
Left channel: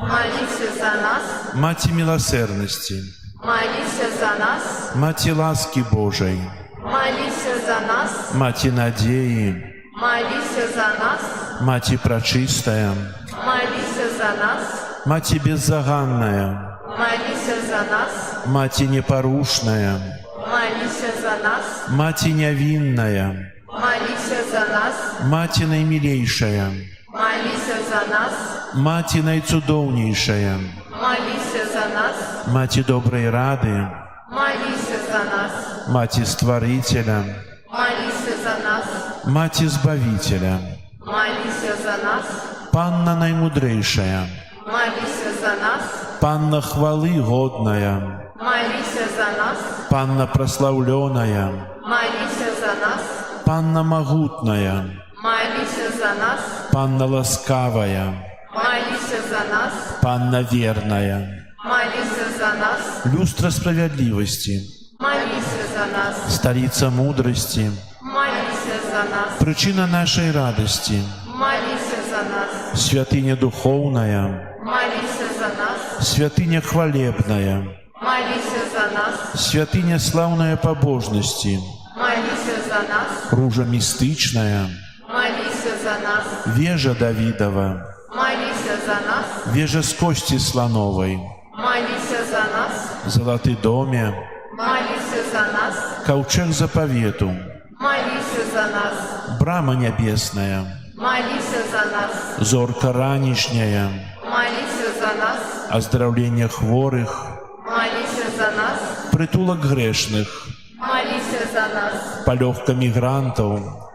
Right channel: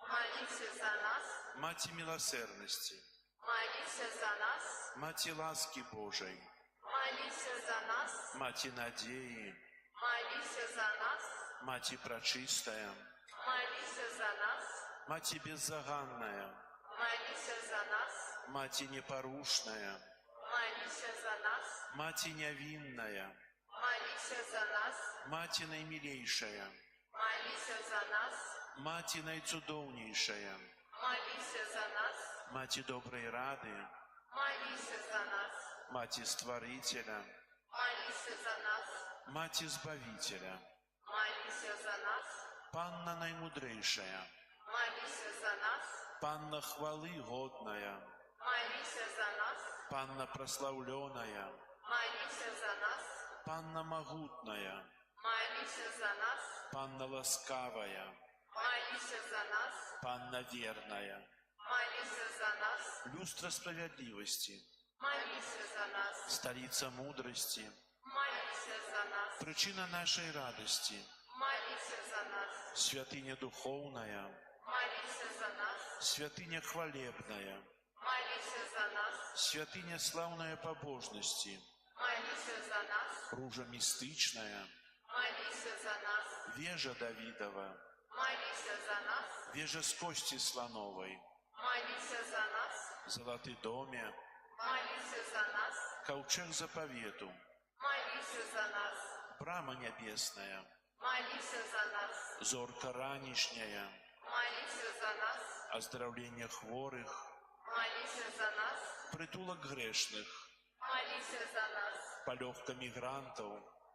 молися за нас, Macie Miłosierności, молися за нас, Macie łaski Bożej, молися за нас, Macie nadziei, молися за нас, Macie Praczystая, молися за нас, Macie Bezzaganная, молися за нас, Macie Nieporuszная, молися за нас, Macie Niewinная, молися за нас, Macie Najmilejsza, молися за нас, Macie Najcudowniejsza, молися за нас, Macie Dobrej Rady, молися за нас, Macie Stworzyciela, молися за нас, Macie Zbawiciela, молися за нас, Panna Najmudrzejsza, молися за нас, Panna Chwały Godная, молися за нас, Panna Прославленная, молися за нас, Panna Могутная, молися за нас, Panna Łaskawa, молися за нас, Panna Wierna, молися за нас, Lustra Sprawiedliwości, молися за нас, Stolica Mądrości, молися за нас, Przyczyna naszej radości, молися за нас, Świętynia Duchowna, молися за нас, Świętynia Chwalebna, молися за нас, Świętynia Sławnej Pobożności, молися за нас, Róża Mistyczna, молися за нас, Wieża Dawidowa, молися за нас, Wieża z Kości Slanowej, молися за нас, Złoty Domie, молися за нас, Kołczeg Zapowietu, молися за нас, Brama Niebiesna, молися за нас, Зорка Ранішня, молися за нас, Оздравлення хворих, молися за нас, Притулок грешних, молися за нас, Пальовка мігрантів,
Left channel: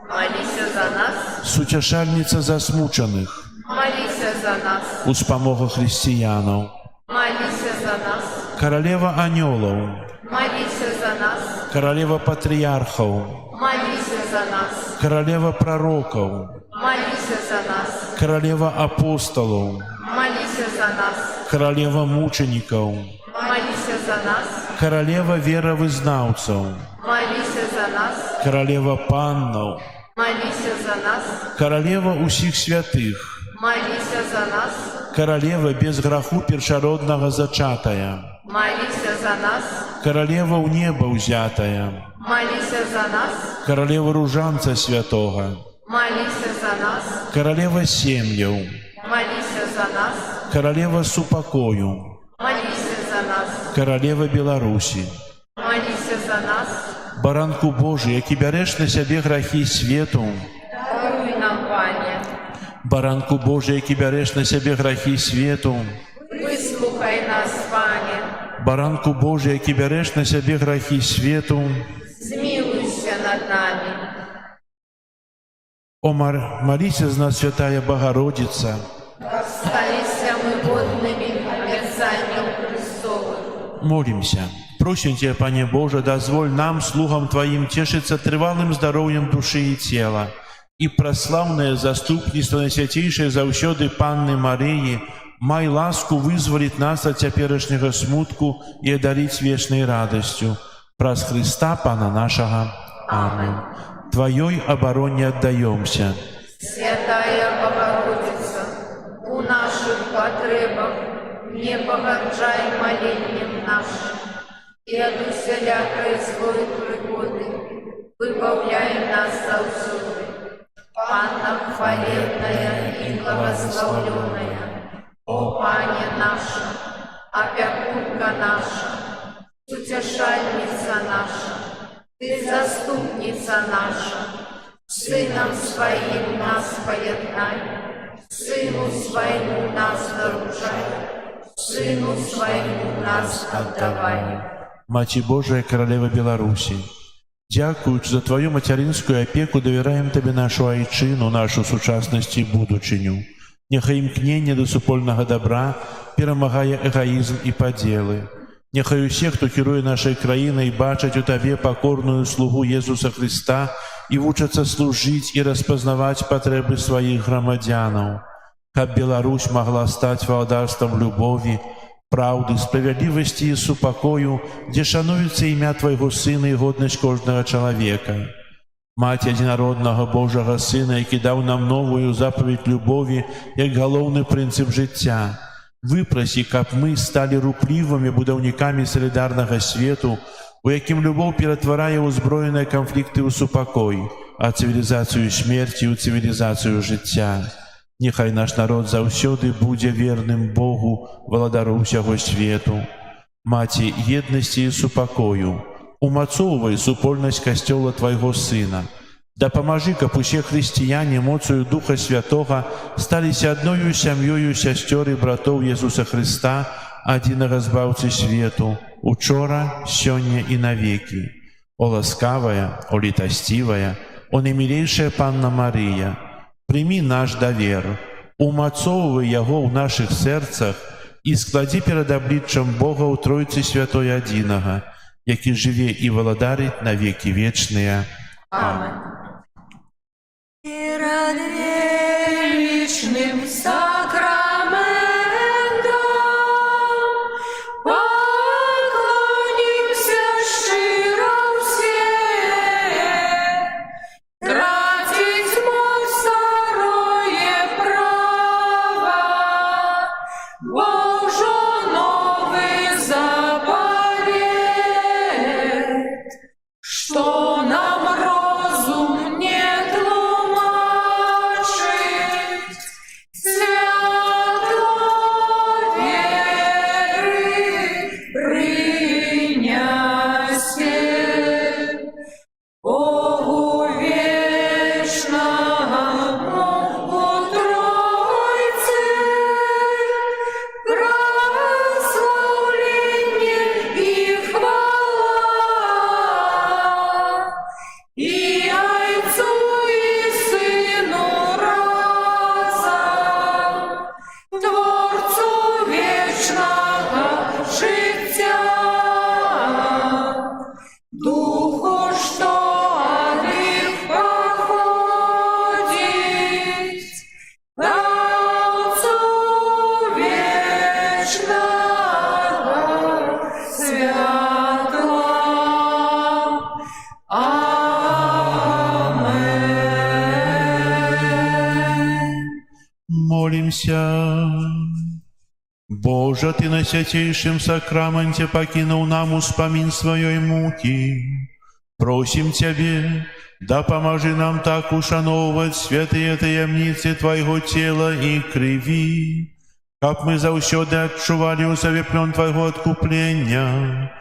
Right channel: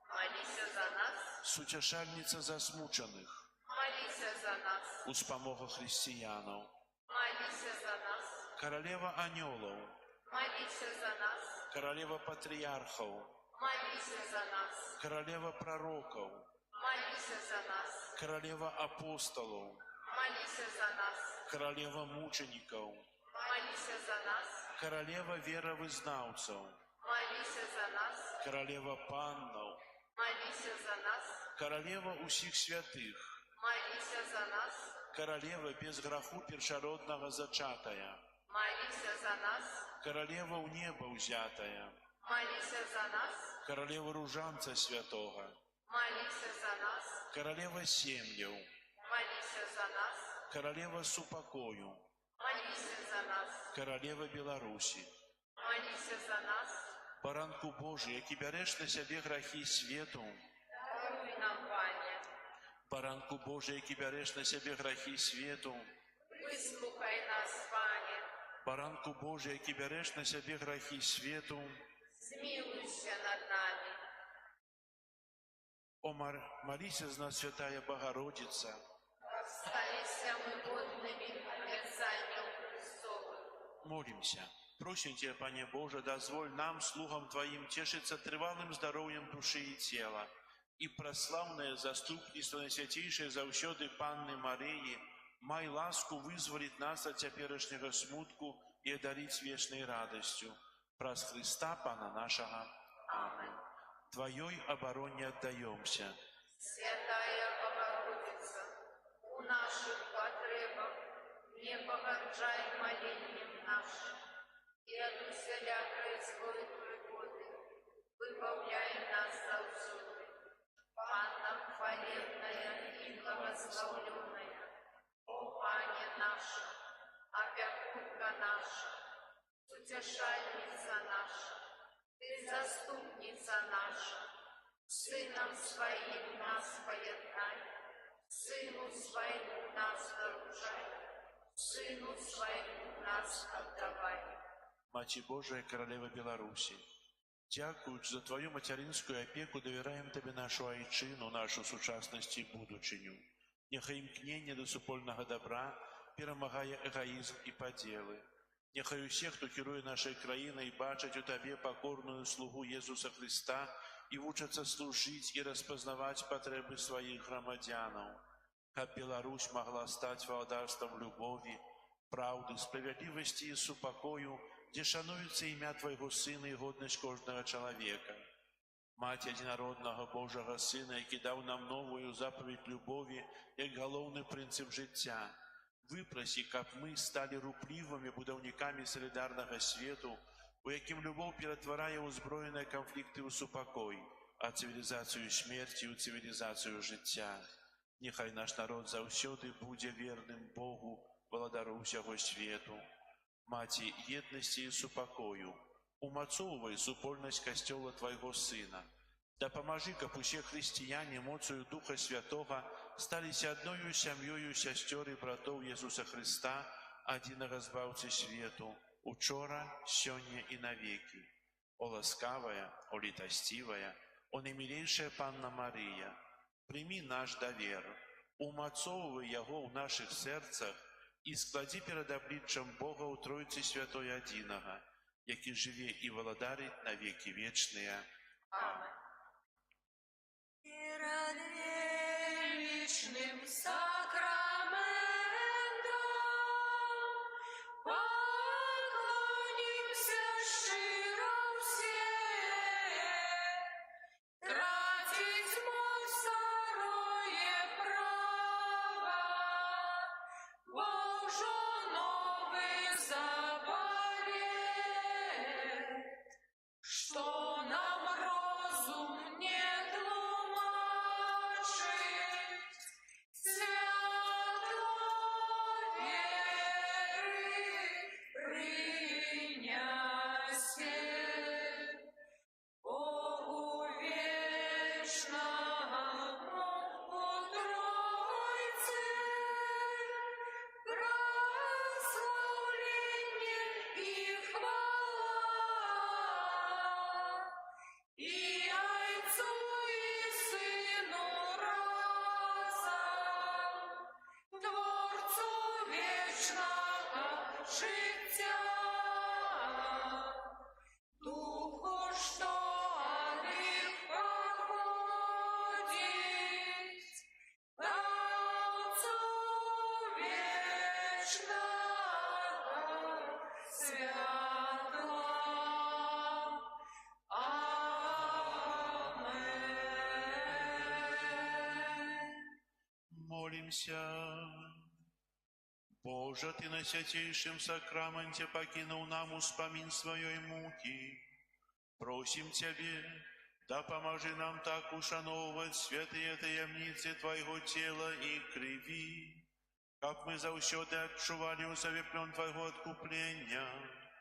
молися за нас, Суцяшальниця засмучених, молися за нас, Успомога християнів, молися за нас, Королева аньолов, молися за нас, Королева патріархів, молися за нас, Королева пророків, молися за нас, Королева апостолів, молися за нас, Королева мучеників, молися за нас, Королева віровизнавців, молися за нас, Королева паннов, молися за нас, Королева усіх святих, молися за нас, Королева без граху першородного зачатая, молися за нас, Королева у неба узятая, молися за нас, Королева ружанца святого, молися за нас, Королева сім'їв, молися за нас, Королева супокою, молися за нас, Королева Білорусі, молися за нас, Баранку Божий, який береш на себе грахи світу, даруй нам, Пане, Баранку Божий, який береш на себе грахи світу, вислухай нас, Пане, Баранку Божий, який береш на себе грехи свету, змилуйся над нами. о молися за нас, Святая Богородица, Остались мы годными обязанием Христовым. молимся. Просим Тебя, Пане Боже, дозволь нам, слугам Твоим, тешиться трывалым здоровьем души и тела, и прославное заступніцтво Найсвятейшей заўсёды Панны Марии, май ласку вызволить нас от теперешнего смутку и одарить вечной радостью. Праз Христа Пана нашего. Аминь. Твоей обороне отдаемся. Святая Богородица, у наших потребах не погарджай молением нашим, и от усялякой злой пригоды выбавляй нас заўсёды. Панна хвалебная и благословленная, о Пане наша, опекунка наша, утешальница наша, Ты заступница наша, Сыном Своим нас поеднай, Сыну Своему нас нарушай, Сыну Своему нас отдавай. Маці Божия, Королева Беларуси, дякуючи за Твою материнскую опеку, доверяем Тебе нашу айчину, нашу сучасность и будучиню. Нехай імкнення до супольного добра перемагає эгоизм и поделы. Нехай усе, хто кіруе нашей краінай, бачаць у Табе покорную слугу Езуса Христа и вучацца служить и распознавать потребы своих громадянаў. Каб Беларусь могла стать владарством любови, правды, справедливости и супокою, где шануется имя Твоего Сына и годность каждого человека. Мать единородного Божьего Сына, який дав нам новую заповедь любови, як головний принцип життя. Выпроси, каб мы стали рупливыми будовниками солидарного свету, у яким любовь перетворяє узброєні конфликты у супокой, а цивилизацию смерти у цивилизацию життя. Нехай наш народ заўсёды будзе верным Богу, владару ўсяго свету. Маці еднасці і супакою, умацоўвай супольнасць касцёла Твайго Сына. Дапамажы, каб усе хрысціяне моцаю Духа Святога сталіся адною сям'ёю сясцёр і братоў Езуса Христа, адзінага збаўцы свету, учора, сёння і навекі. О ласкавая, о літасцівая, о наймілейшая Панна Марыя, прими наш давер, умацоўвай яго ў нашых сэрцах і складзі перад абліччам Бога ў Тройцы Святой адзінага, які жыве і валадарыць на векі вечныя. Аминь. Перед вечным сакраментом поклонимся щиро все, тратить мой второе право, Божо новый заповедь, что нам розум не тлумачить, свято веры принясе. Богу вечному у Тройце прославление и хвала, и Отцу и Сыну разом, Творцу вечного життя, Духу, что от них походит, Отцу вечного святла. Амен. Молимся. Боже, Ты на святейшем сакраменте покинул нам успомин своей муки. Просим Тебе, да поможи нам так ушановывать святые таємниці Твоего тела и крови, каб мы заўсёды адчували у себе плен Твоего откупления,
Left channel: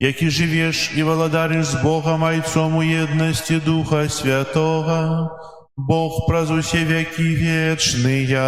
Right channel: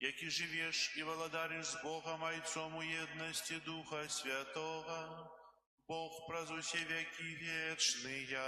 які живеш и владариш с Богом Отцом у едности Духа Святого, Бог праз усе веки вечные.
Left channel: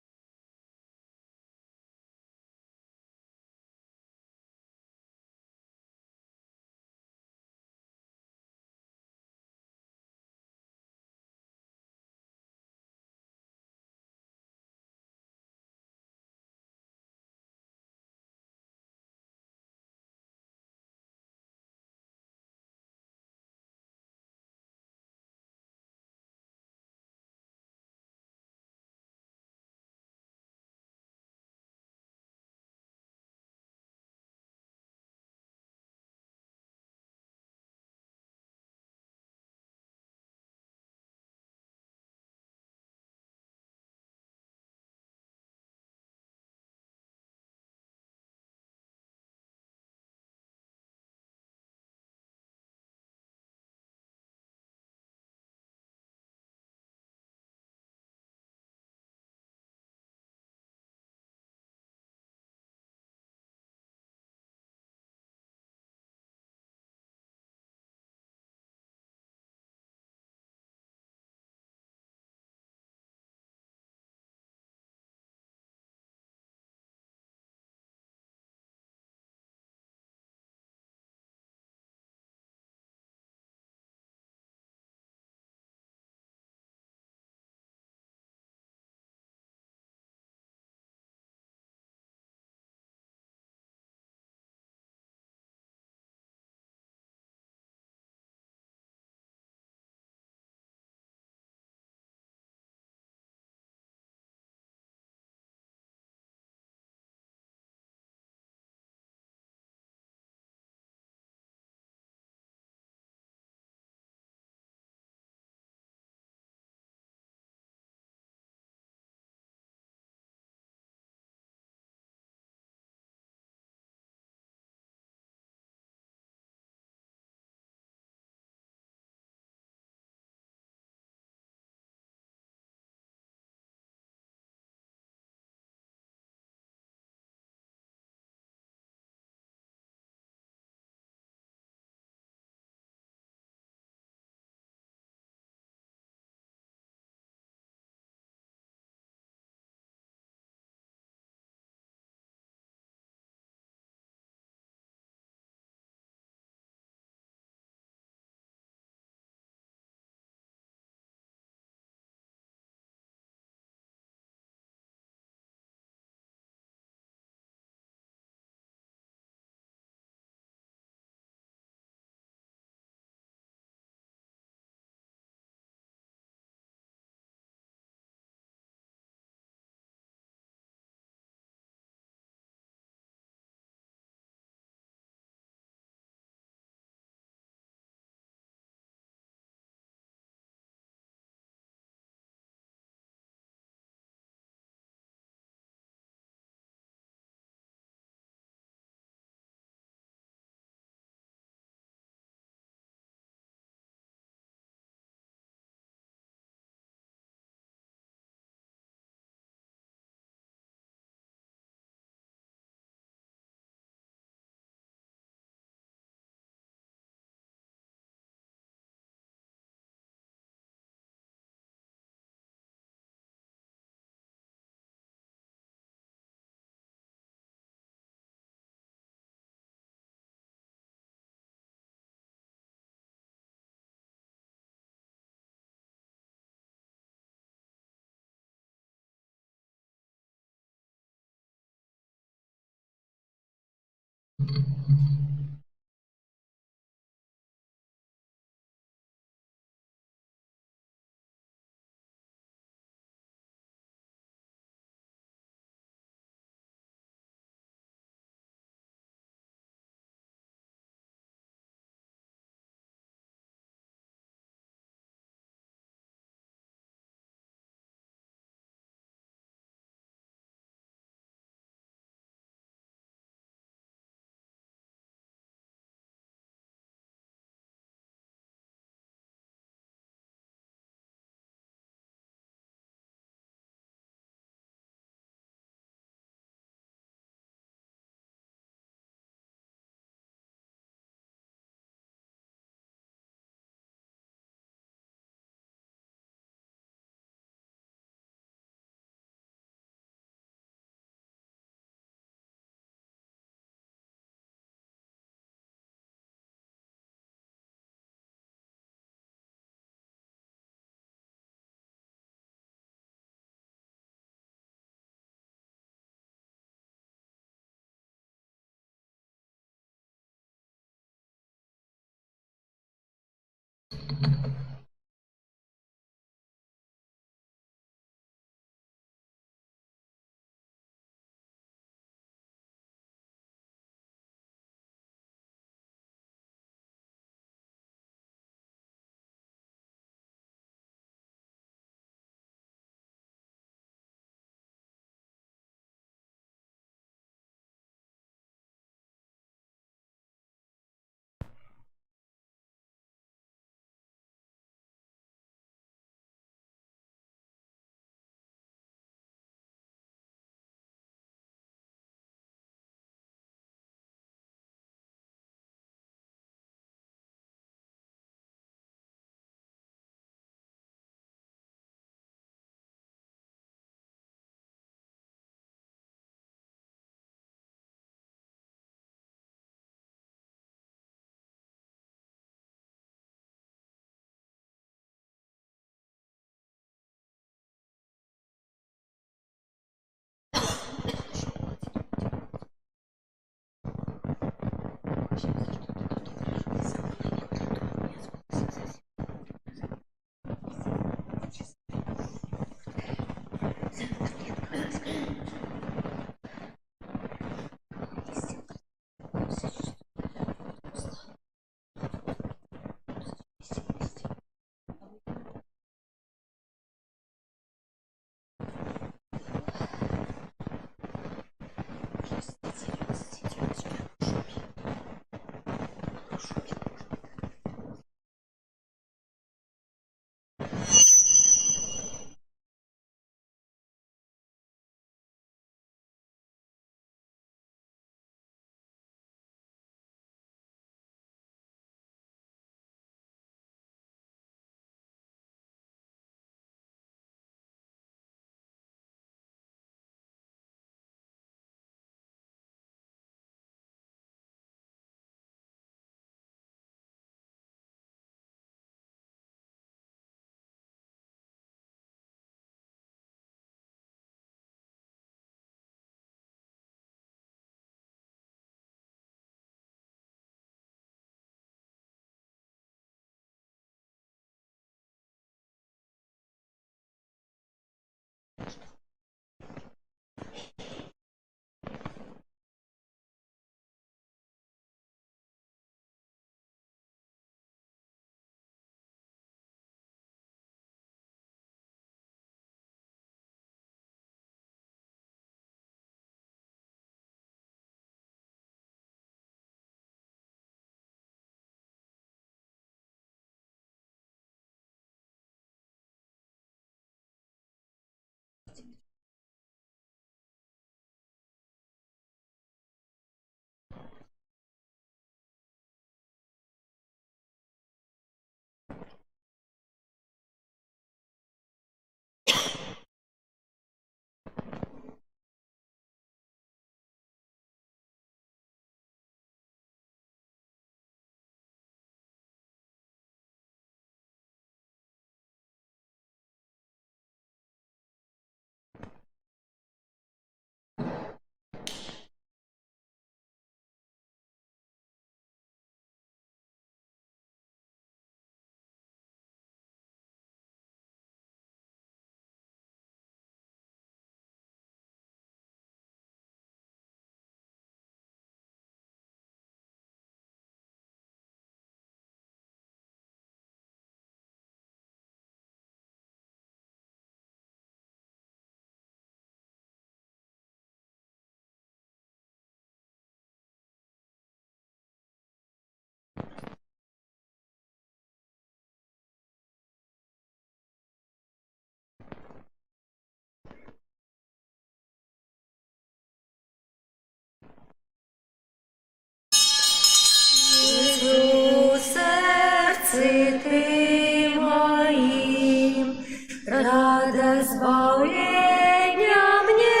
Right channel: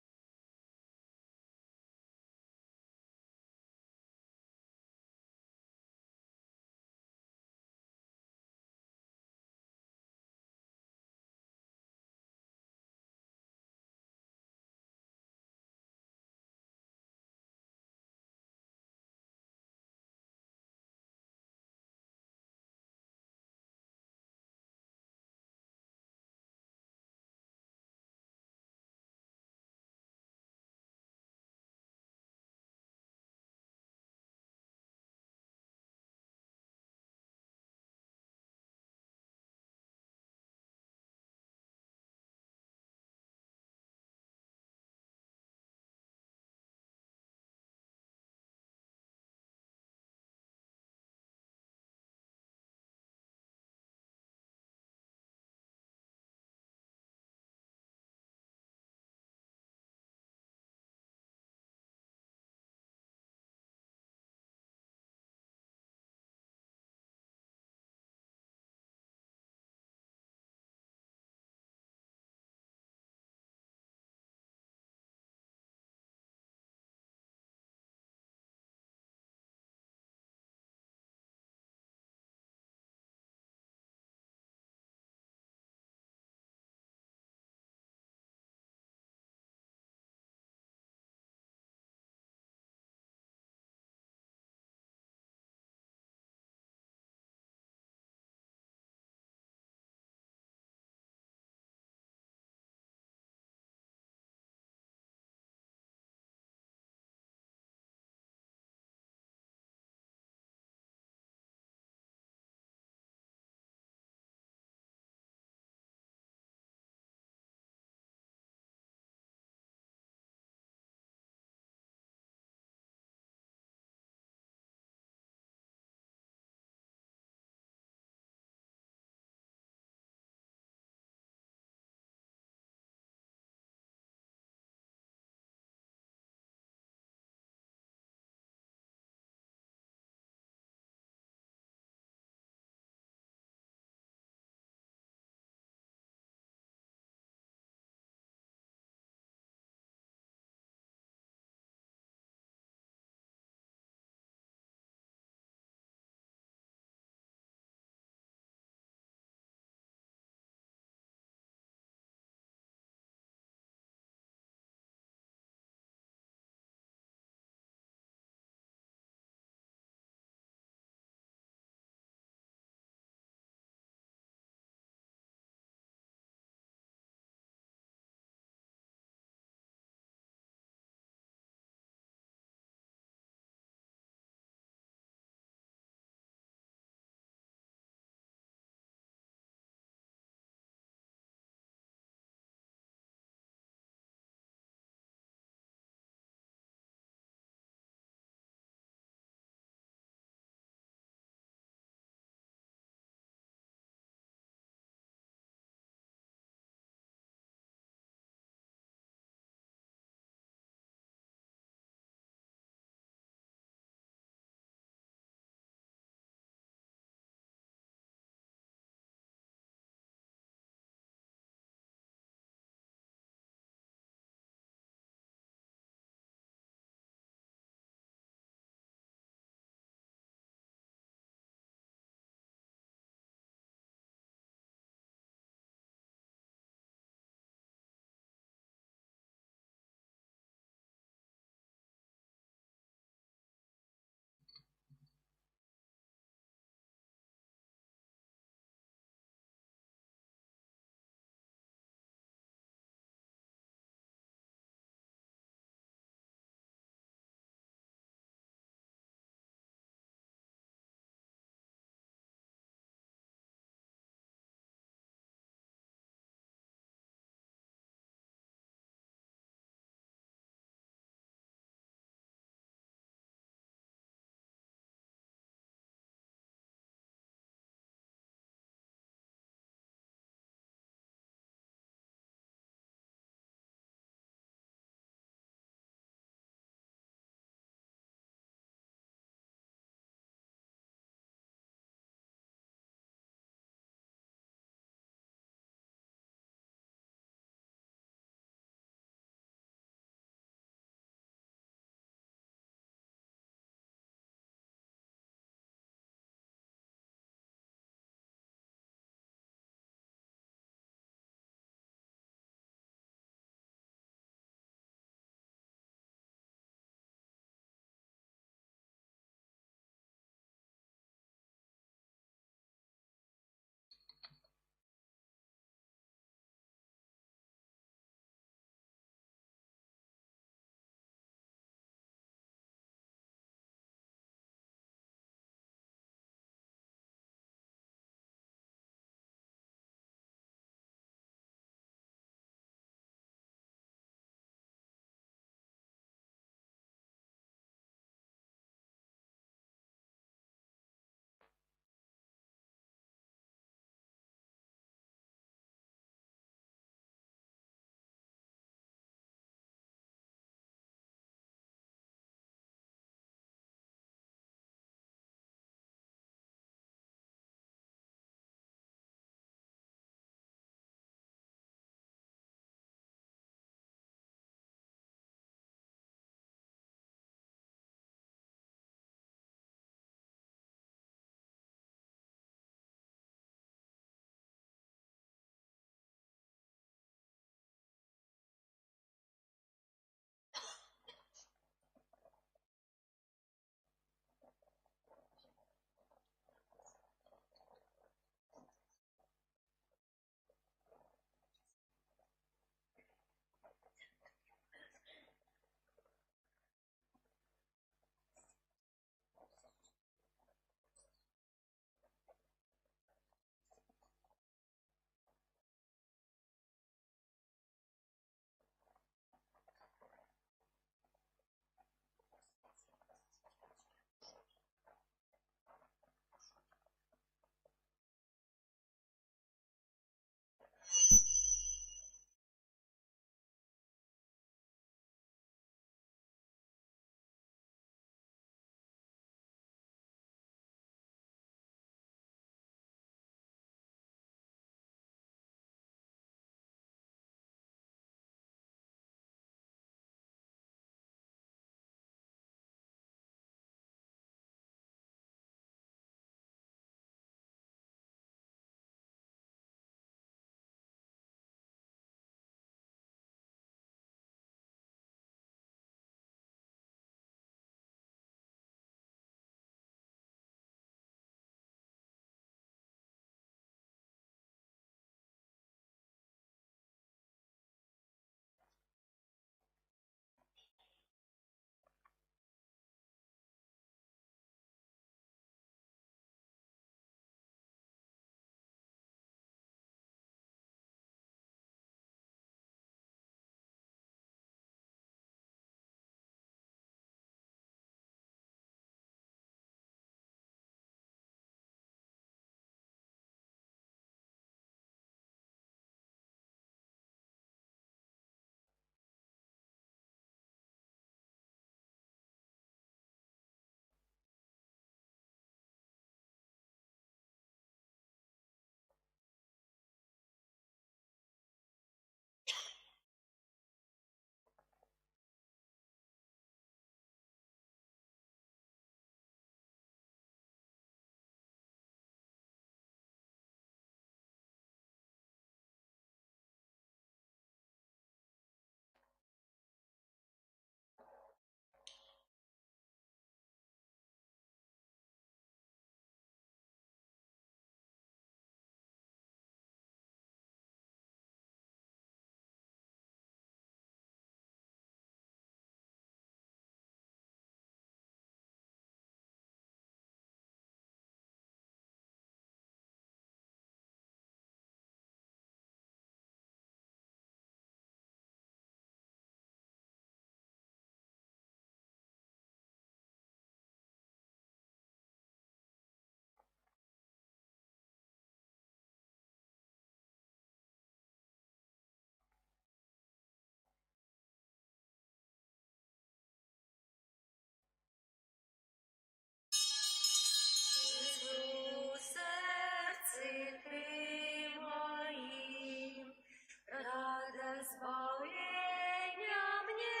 сердце Ты моим, рада избавления мне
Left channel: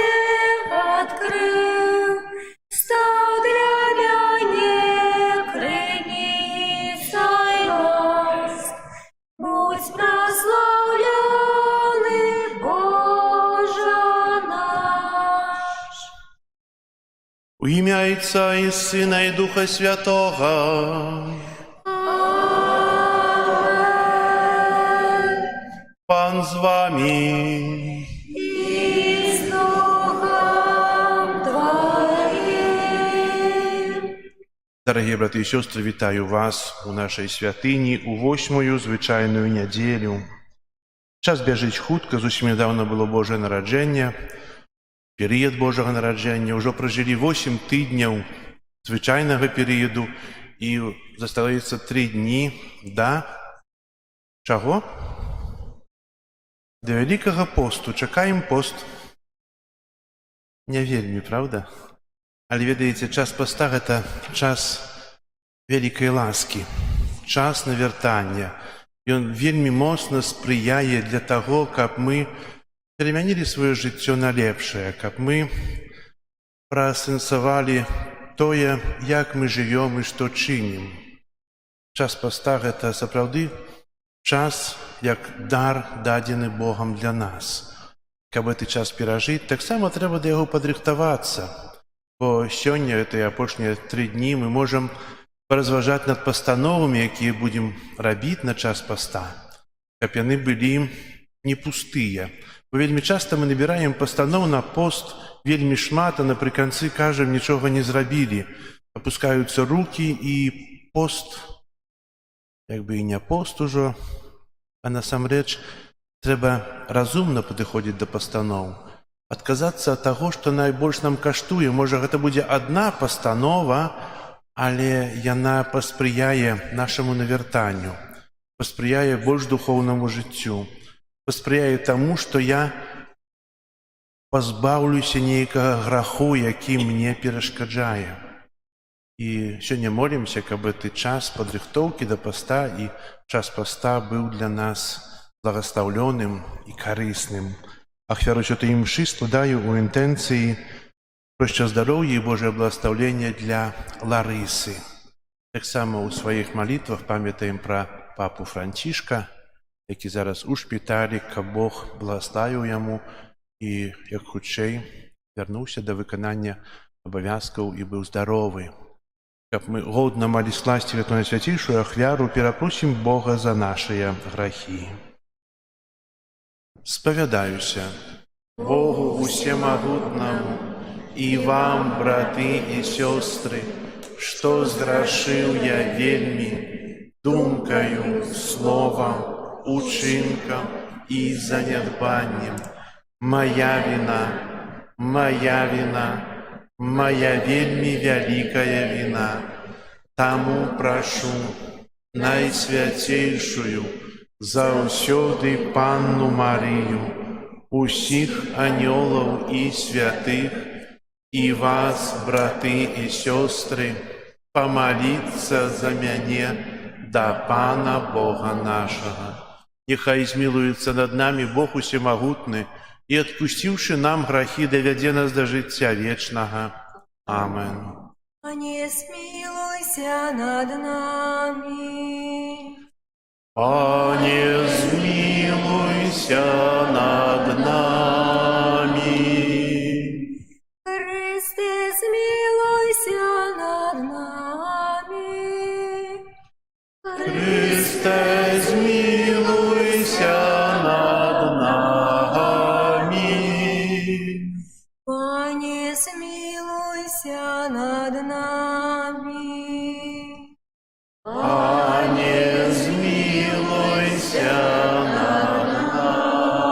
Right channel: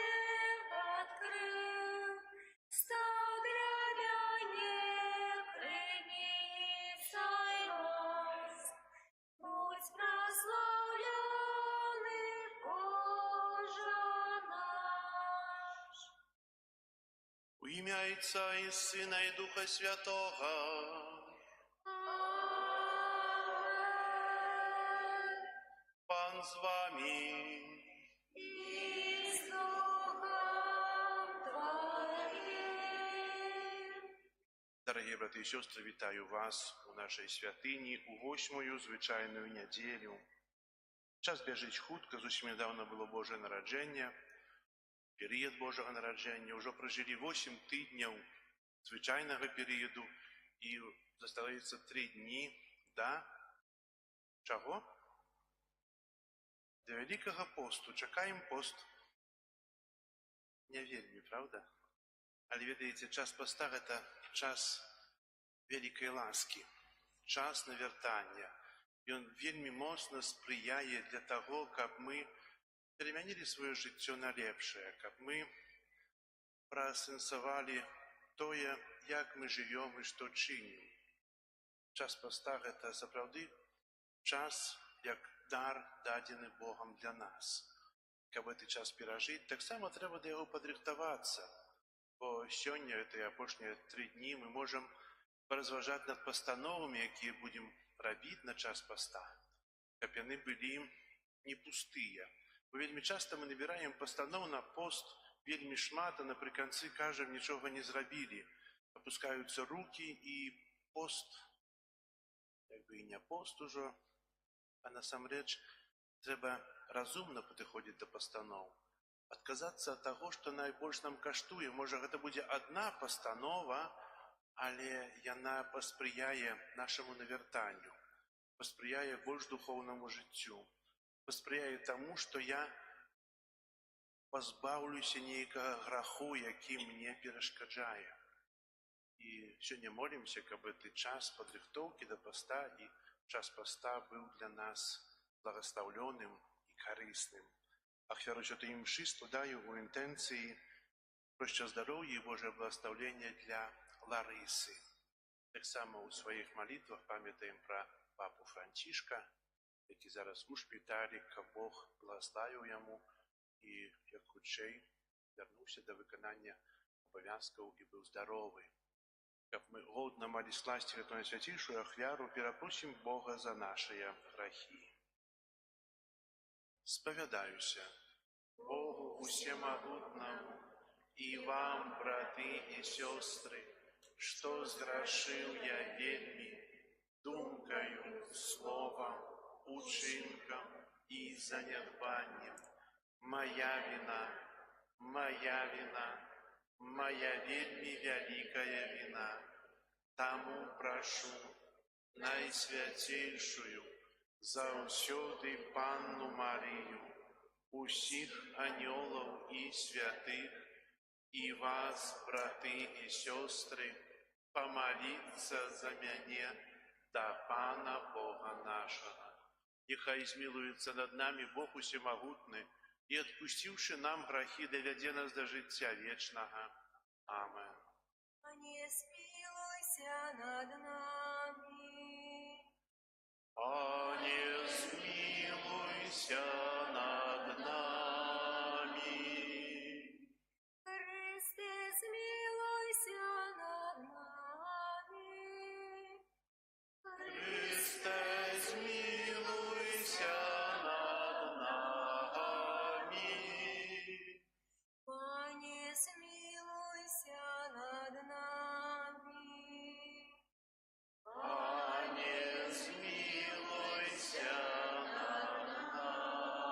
открыл, стал для меня крыницей ласк. Будь прославленный, Боже наш. У ім'я Отця і Сина і Духа Святого. Амен. Пан з вами. И с Духом Твоим. Дорогі брати і сестри, вітаю вас у нашій святині у 8-ю звичайну неділю. Час біжить хутка, зусім недавно було Боже народження, період Божого народження. Уже прожили 8 тижнів звичайного періоду і залишається 3 дні до чого? До Великого посту. Чекаємо пост. Не вельми, правда? Але ведаеце, час поста – гэта час вялікай ласкі, час навяртання. Ён вельмі моцна спрыяе для таго, каб мы перамянілі сваё жыццё на лепшае, каб мы праасэнсавалі тое, як мы жывём і што чынім. Час поста – гэта сапраўды час як дар, дадзены Богам для нас. Каб гэты час перажыць, таксама трэба да яго падрыхтавацца. Бо сёння, гэтыя апошнія 3 дні, мы можам паразважаць над пастановамі, якія будзем рабіць на час паста, каб яны былі не пустыя. Бо вельмі часта мы набіраем пастаноў на пост вельмі шмат, а напрыканцы кажам, нічога не зрабілі. Апускаюцца рукі, і пост, як бы і не пост ужо, а насамрэч трэба разумна падыходзіць да пастаноў. Адказацца ад таго, што найбольш нам каштуе. Можа, гэта будзе адна пастанова, але яна паспрыяе нашаму навяртанню, паспрыяе больш духоўнаму жыццю, паспрыяе таму, што я пазбаўлюся нейкага граху, які мне перашкаджае. І сёння молімся, каб гэты час падрыхтоўкі да паста і час паста быў для нас благаслаўлёным і карысным. Ахвяру святой мшы складаю у інтэнцыі про шчасця-здароўя і Божае благаслаўленне для Ларысы. Таксама ў сваіх малітвах памятаем пра папу Францішка, які зараз у шпіталі, каб Бог благаславіў яму і як хутчэй вярнуўся да выканання абавязкаў і быў здаровы. Каб мы годна малі скласці гэту найсвяцейшую ахвяру, перапросім Бога за нашыя грахі. Спавядаюся Богу усемагутнаму і вам, браты і сёстры, што зграшыў я вельмі думкаю, словам, учынкам і занядбаннем. Моя віна, моя віна, моя вельмі вялікая віна. Таму прашу найсвяцейшую заўсёды Панну Марыю, усіх анёлаў і святых, і вас, браты і сёстры, памаліцца за мяне да Пана Бога нашага. Няхай змілуецца над намі Бог усемагутны і, адпусціўшы нам грахі, давядзе нас да жыцця вечнага. Амен. Не смилуйся над нами. Пане, змилуйся над нами. Христе, смилуйся над нами. Христе, змилуйся над нами. Пане, смилуйся над нами. Пане, змилуйся над нами.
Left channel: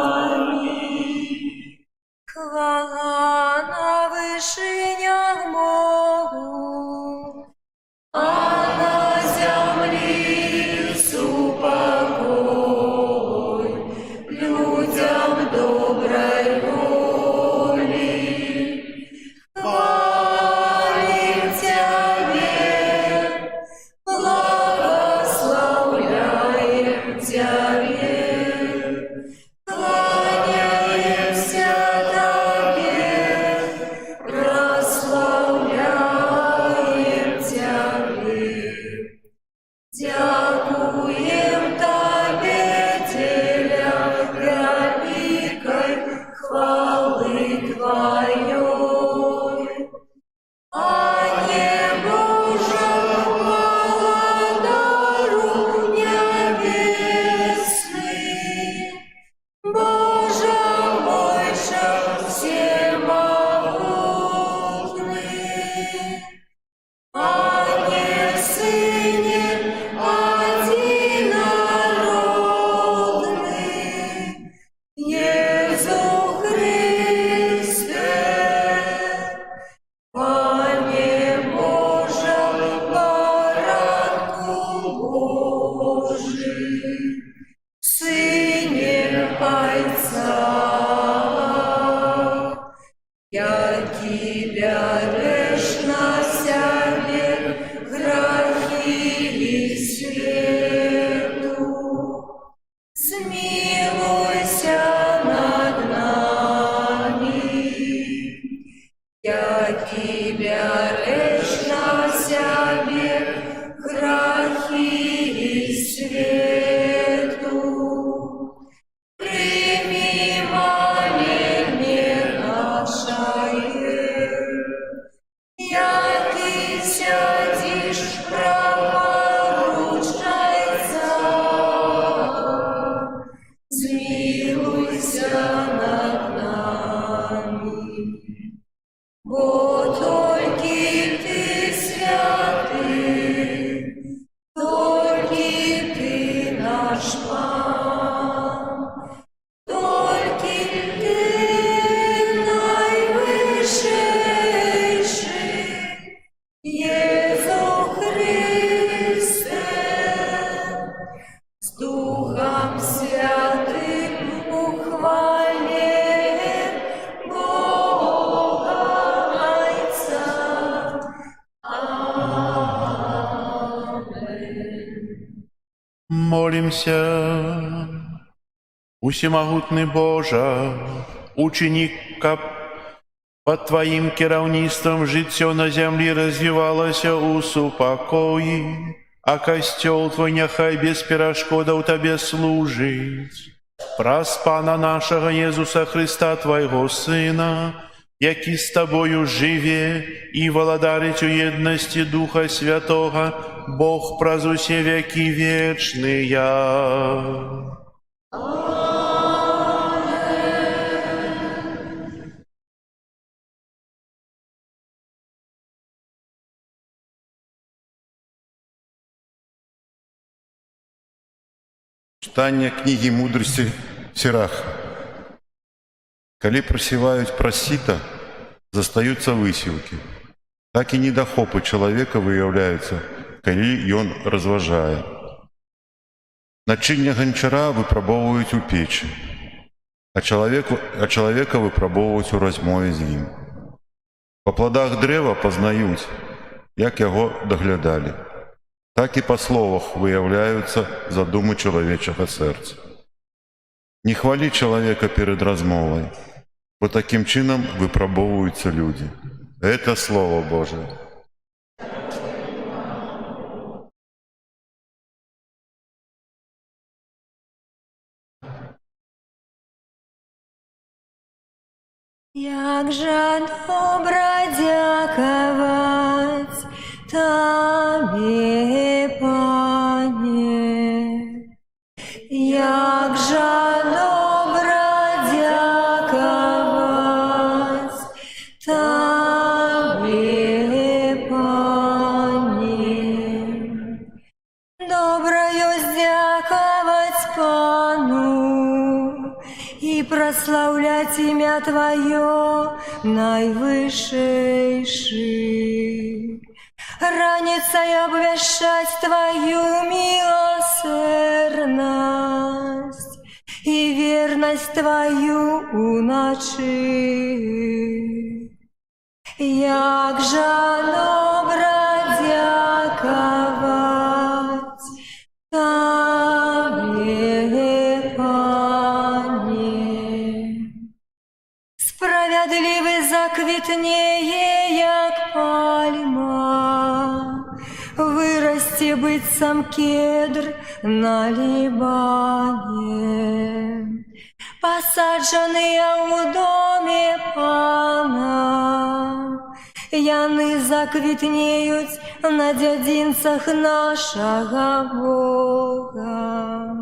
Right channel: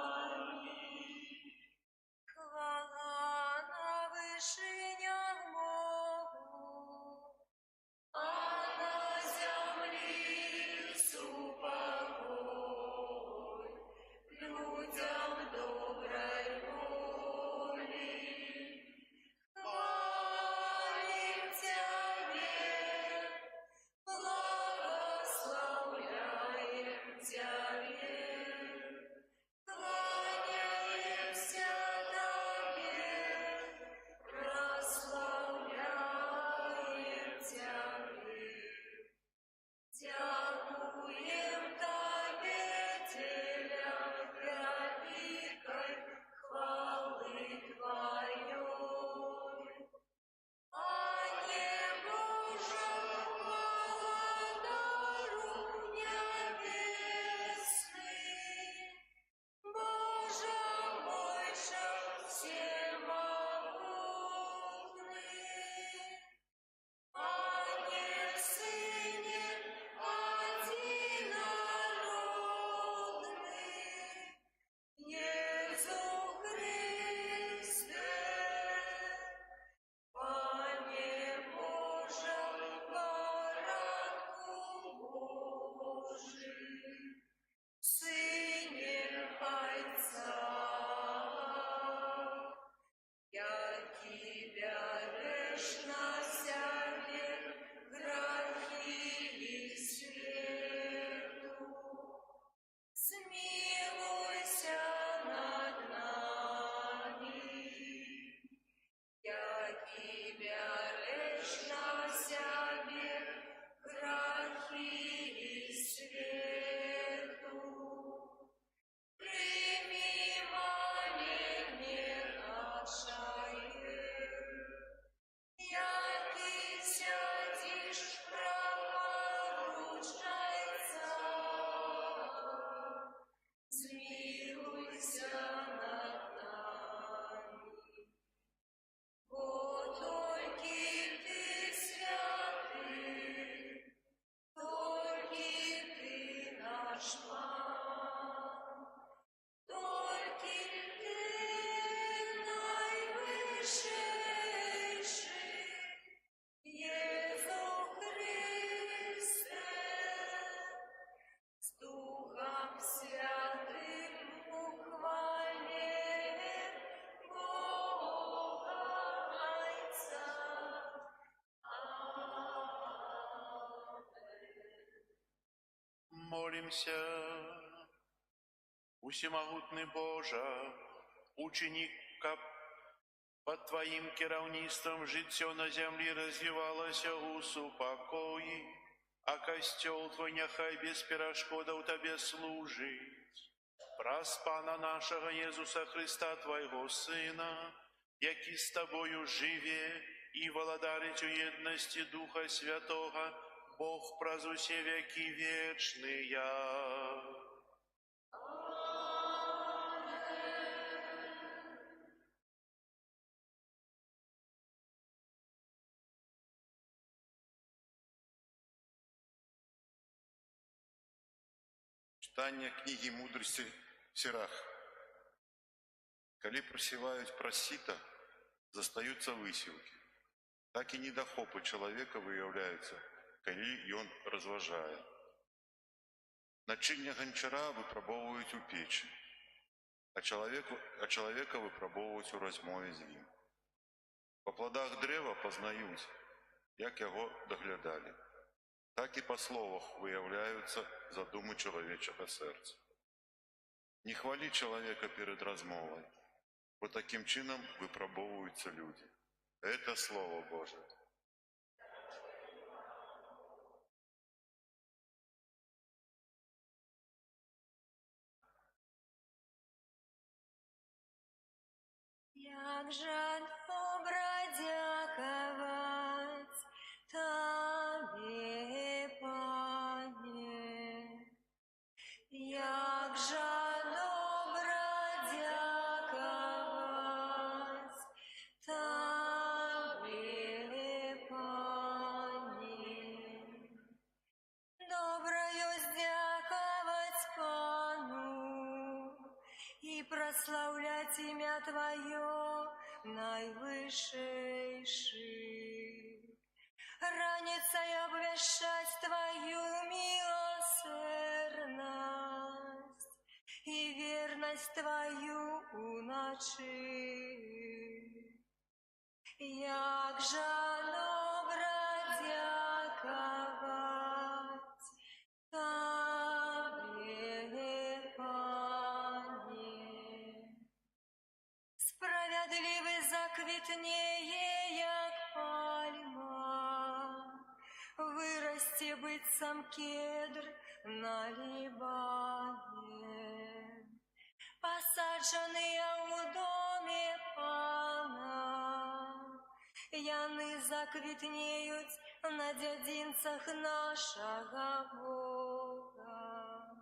Молимся. Усемагутный Божа, ученик, каб под Твоим кіраўніцтвам жыццё на зямлі развівалася ў супакоі, а касцёл Твой няхай без перашкодаў Табе служыць. Праз Пана нашага Езуса Христа, Твайго Сына, які з Табою жыве і валадарыць у еднасці Духа Святога, Бог праз усе векі вечныя. Читание книги мудрости Сирах. Калі просевают просіта, застаются высілки. Так и недохопы человека выявляются, калі ён разважае. Начыння ганчара выпрабоўваюць у печи, а человека выпрабоўваюць у размове з ім. По плодах дрэва пазнаюць, як яго даглядалі. Так и по словах выявляются задумы человечего сердца. Не хвали человека перед размовой, бо таким чином выпробовываются люди. Это Слово Божие. Як же добра дяковать Табе, Пане, як же добра дяковать Табе, Пане, доброю дяковать Пану и прославлять имя Твое наивысшейший. Раницей обвещать Твою милосердность и верность Твою у ночи. Як же добра дяковать Табе, Пане. Справедливый заквітнее, як пальма, вырасти быть сам кедр на Либане. Посадженные у доме Пана, яны заквітнеють на дзядзінцах нашага Бога.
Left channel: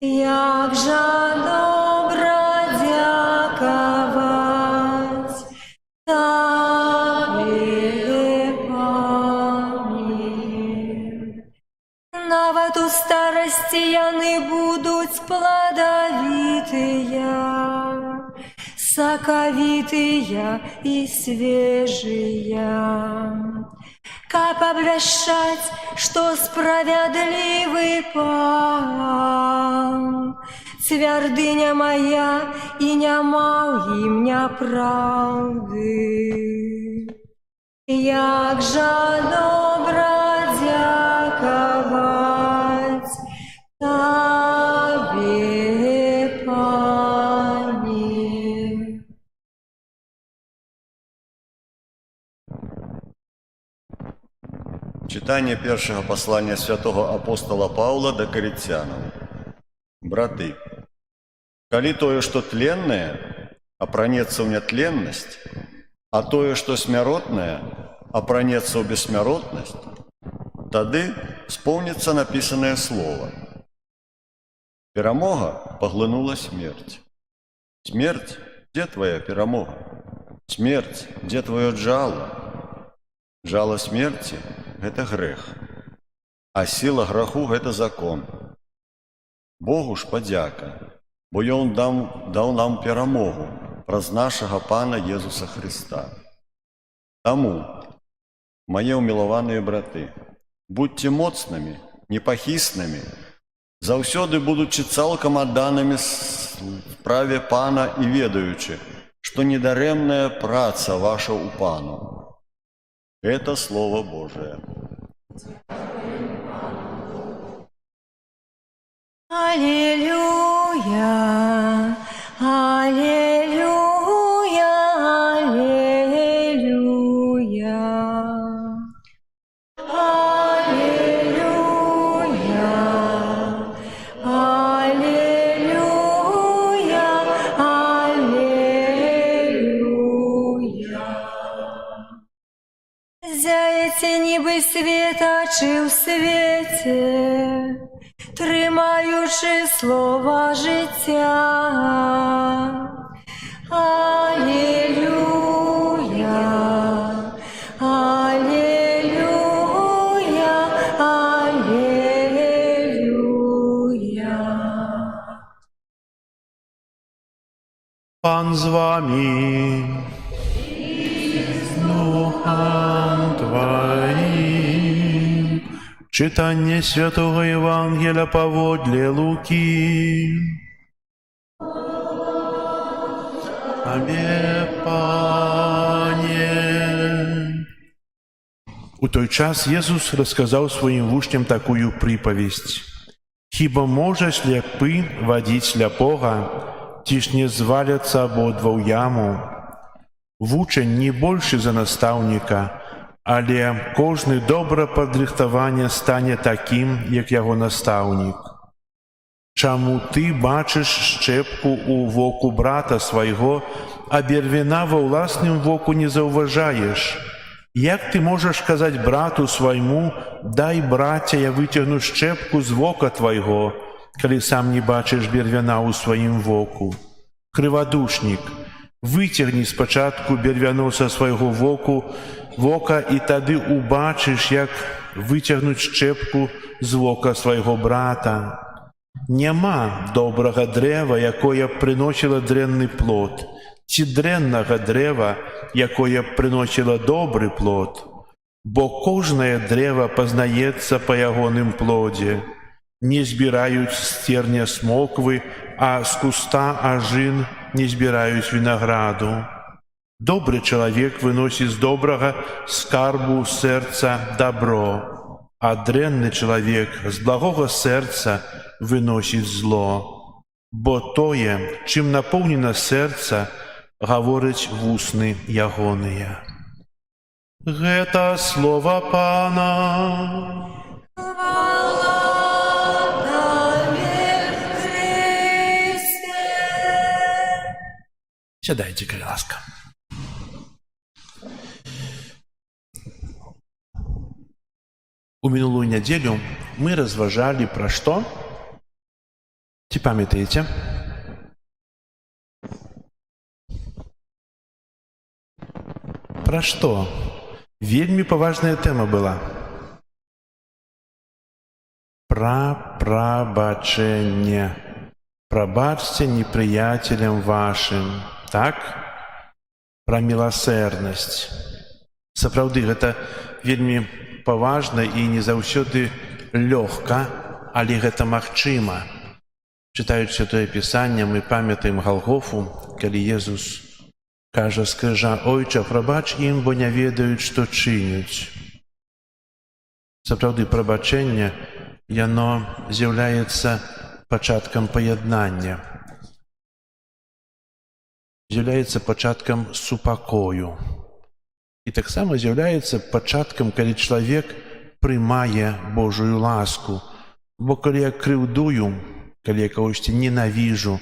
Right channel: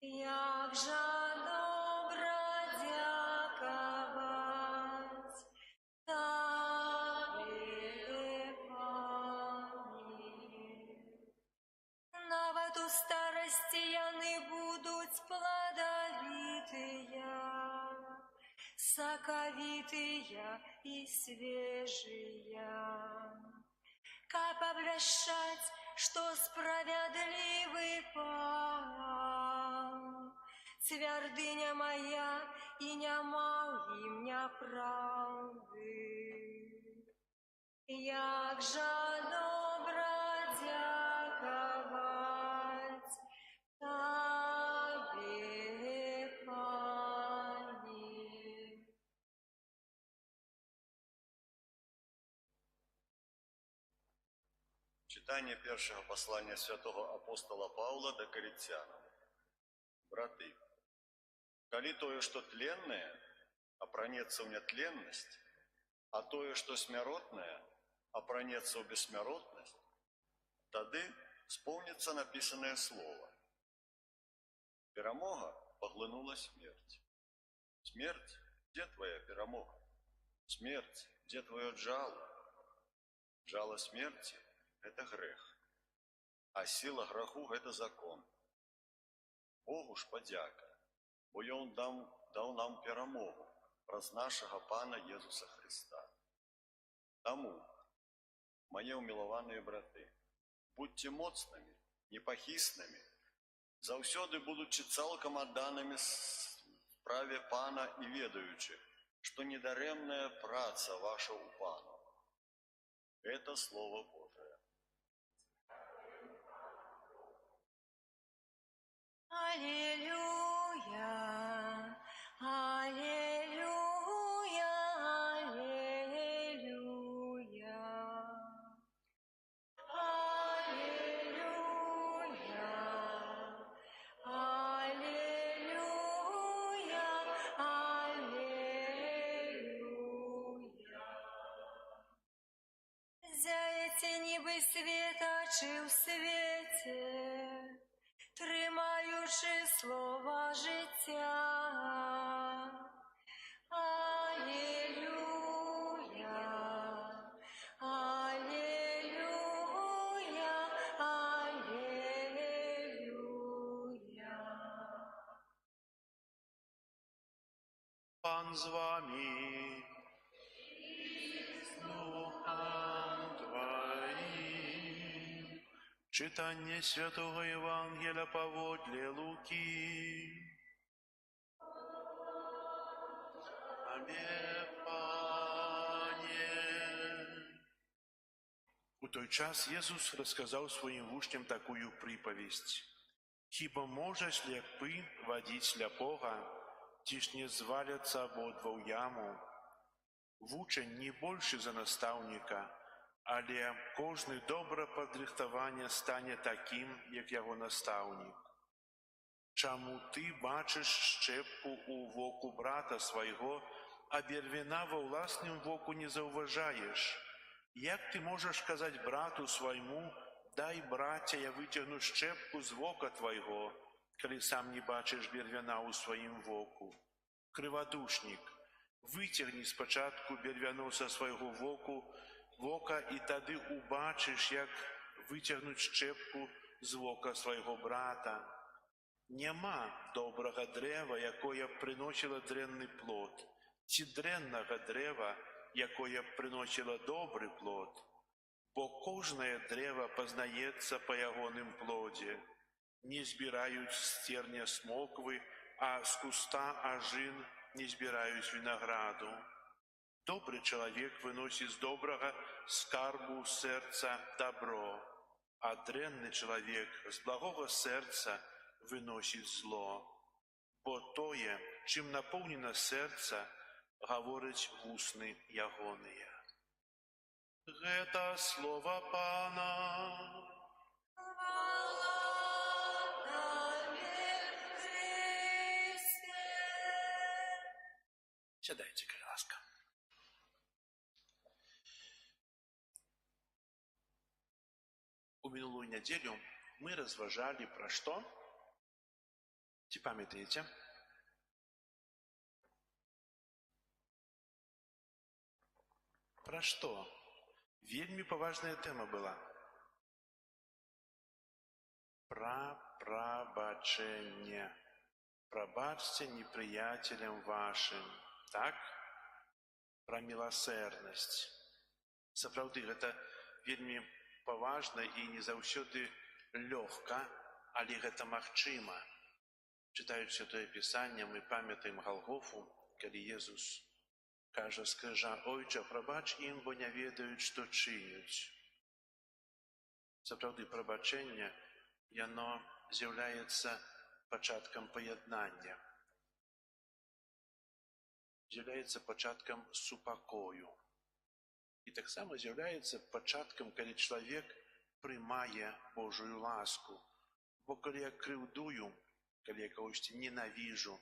Як же добра дяковать Табе, Пане. Нават у старости яны будуть плодовитые, соковитые и свежие. Как обвещать, что справедливый Пан, твердыня моя, и нема им неправды. Як же добра дяковать Табе, Пане. Читание першого послания святого апостола Павла до Коринфянам. Браты, коли тое, что тленное, опранется в нетленность, а тое, что смяротное, опранется в бессмяротность, тады исполнится написанное слово. Перамога поглынула смерть. Смерть, где твоя перамога? Смерть, где твое жало? Жало смерти – это грех, а сила греху – это закон. Богу ж подяка, бо Ён дал нам перамогу праз нашага Пана Езуса Христа. Таму, мае умилованные браты, будьте моцнымі, непахіснымі, заўсёды будучы цалкам адданымі справе Пана і ведаючы, што недарэмная праца ваша у Пану. Это Слово Божие. світачи ў свеце, трымаючы слова жыцця. Алелюя, алелюя, алелюя. Пан з вами. Духом Твоим. Читание Святого Евангелия поводле Луки. Тебе, Пане. У той час Jesús рассказал своим учням такую приповесть. «Хіба може сляпы водить сляпога, ті ж не зваляться ободва ў яму? Вучень не больше за наставника, але кожны добра падрыхтаване стане таким, як яго наставник. Чаму ты бачыш шчэпку ў воку брата свайго, а бервіна ва ўласным воку не заўважаеш? Як ты можаш казаць брату свайму: дай, браця, я выцягну шчэпку з вока твайго, калі сам не бачыш бервяна ў сваім воку? Крывадушнік, выцягні спачатку бервяно са свайго вока, і тады убачыш, як выцягнуць шчэпку з вока свайго брата. Няма добрага дрэва, якое прыносіла дрэнны плод, ці дрэннага дрэва, якое прыносіла добры плод. Бо кожнае дрэва пазнаецца па ягоным плодзе. Не збіраюць з церня смоквы, а з куста ажын не збіраюць вінаграду. Добры чалавек выносіць з добрага скарбу сэрца дабро, а дрэнны чалавек з благога сэрца выносіць зло. Бо тое, чым напоўнена сэрца, гавораць вусны ягоныя». Гэта слова Пана. Сядайте, калі ласка. У мінулую нядзелю мы разважалі пра што? Ці памятаеце? Пра што? Вельмі паважная тэма была. Пра прабачэнне. Прабачце непрыяцелям вашым. Так? Пра міласэрнасць. Сапраўды, гэта вельмі паважна і не заўсёды лёгка, але гэта магчыма. Чытаючы Святое Пісанне, мы памятаем Галгофу, калі Jesús кажа з крыжа: «Ойча, прабач ім, бо не ведаюць, што чыняць». Сапраўды, прабачэнне, яно з'яўляецца пачаткам паяднання, з'яўляецца пачаткам супакою. І таксама з'яўляецца пачаткам, калі чалавек прымае Божую ласку. Бо калі я крыўдую, калі я кагосьці ненавіжу,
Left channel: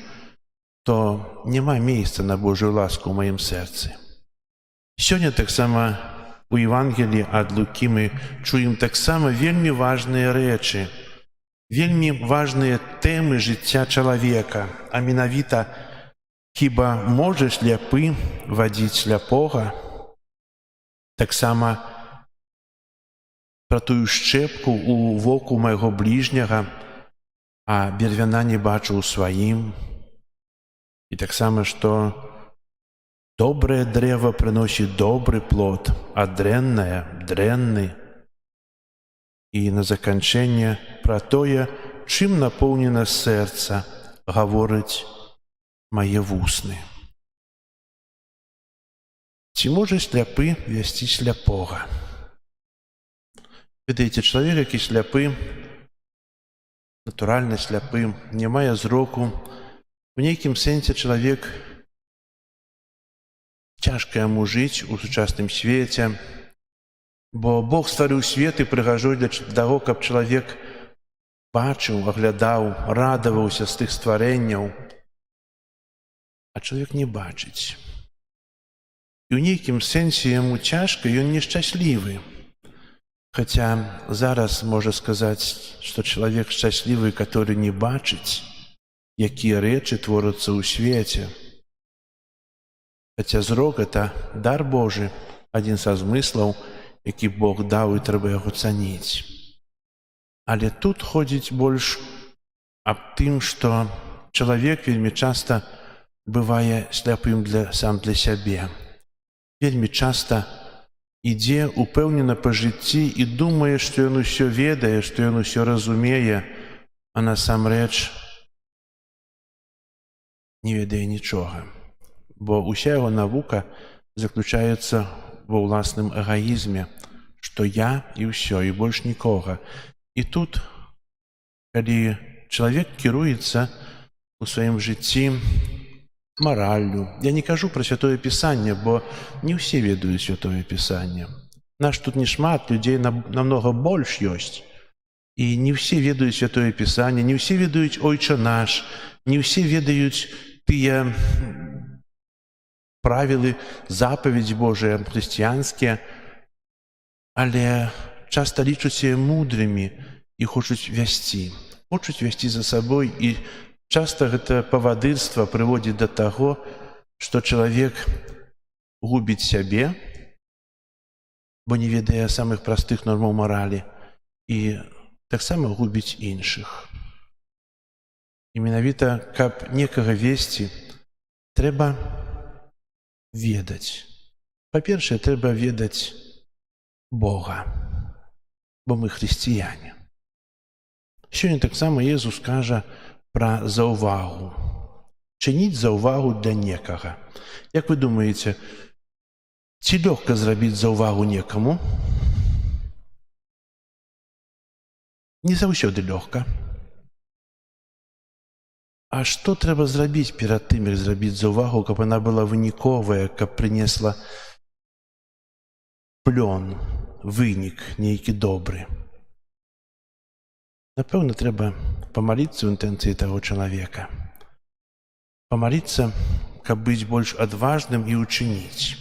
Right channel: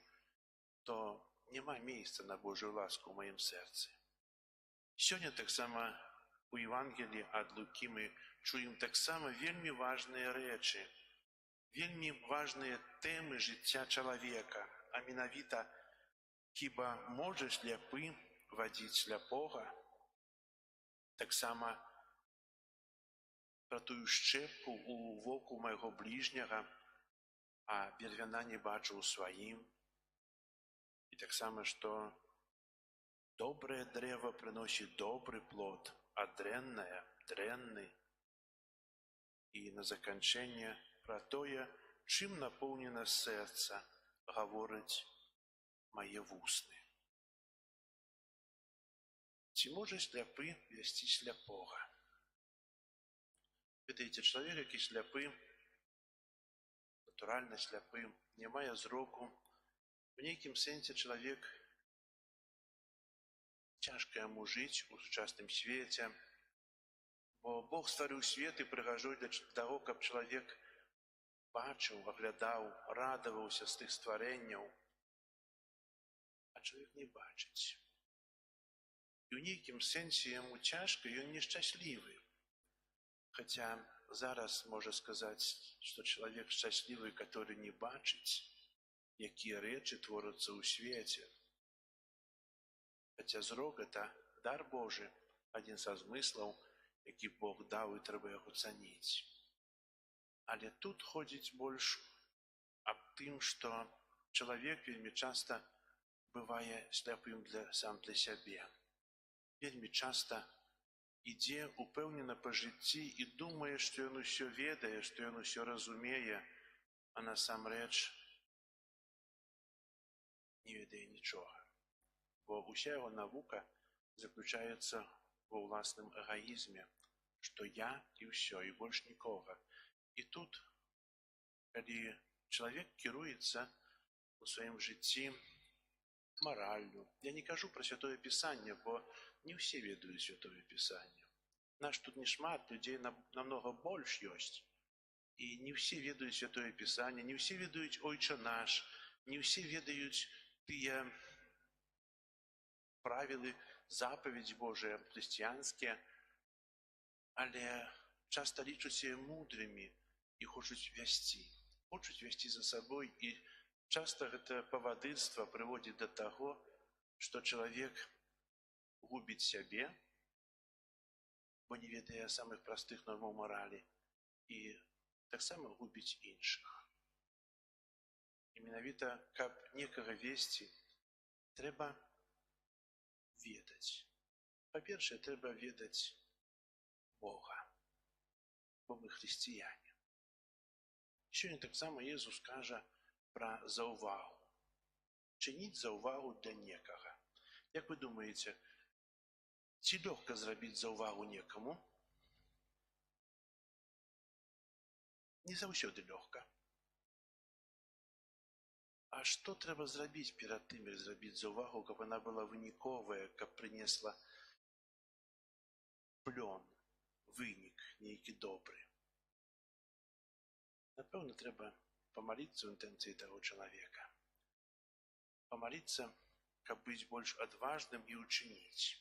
то няма месца на Божую ласку ў маім сэрцы. Сёння таксама у Евангеліі ад Лукі мы чуем таксама вельмі важныя рэчы, вельмі важныя тэмы жыцця чалавека, а менавіта: хіба можа сляпы вадзіць сляпога? Таксама пра тую шчэпку ў воку майго бліжняга, а бервяна не бачу ў сваім. І таксама, што добрае дрэва прыносіць добры плод, а дрэннае – дрэнны. І на заканчэнне пра тое, чым напоўнена сэрца, гавораць мае вусны. Ці можа сляпы весці сляпога? Ведаеце, чалавек, які сляпы, натуральна сляпы, не мае зроку, у нейкім сэнсе чалавек цяжка яму жыць у сучасным свеце, бо Бог стварыў свет і прыгажуе для таго, каб чалавек бачыў, аглядаў, радаваўся з тых стварэнняў, а чалавек не бачыць. І ў нейкім сэнсе яму цяжка, ён нешчаслівы. Хаця зараз можа сказаць, што чалавек шчаслівы, который не бачыць, якія рэчы творяцца ў свеце. Хаця зрок — это дар Божы, адзін са змыслаў, які Бог даў, і трэба яго цаніць. Але тут ходзіць больш аб тым, што чалавек вельмі часта бывае сляпым сам для сябе. Вельмі часта ідзе упэўнена па жыцці і думае, што ён усё ведае, што ён усё разумее, а насамрэч не ведае нічога. Бо ўся яго навука заключаецца ва ўласным эгаізме, што я і ўсё, і больш нікога. І тут, калі чалавек кіруецца у сваім жыцці мараллю, я не кажу пра Святое Пісанне, бо не ўсе ведаюць Святое Пісанне. Наш тут не шмат, людзей намнога больш ёсць. І не ўсе ведаюць Святое Пісанне, не ўсе ведаюць Ойча наш, не ўсе ведаюць тыя правілы, запаведзі Божыя, хрысціянскія, але часта лічуць сябе мудрымі і хочуць весці за сабой, і часта гэта павадырства прыводзіць да таго, што чалавек губіць сябе, бо не ведае самых простых нормаў маралі, і таксама губіць іншых. І менавіта, каб некага весці, трэба ведаць. Па-першае, трэба ведаць Бога, бо мы хрысціяне. Сёння таксама Езус кажа пра заўвагу. Чыніць заўвагу для некага. Як вы думаеце, ці лёгка зрабіць заўвагу некаму? Не заўсёды лёгка. А што трэба зрабіць перад тым, як зрабіць заўвагу, каб яна была выніковая, каб прынесла плён, вынік нейкі добры? Напэўна, трэба памаліцца ў інтэнцыі таго чалавека. Памаліцца, каб быць больш адважным і ўчыніць.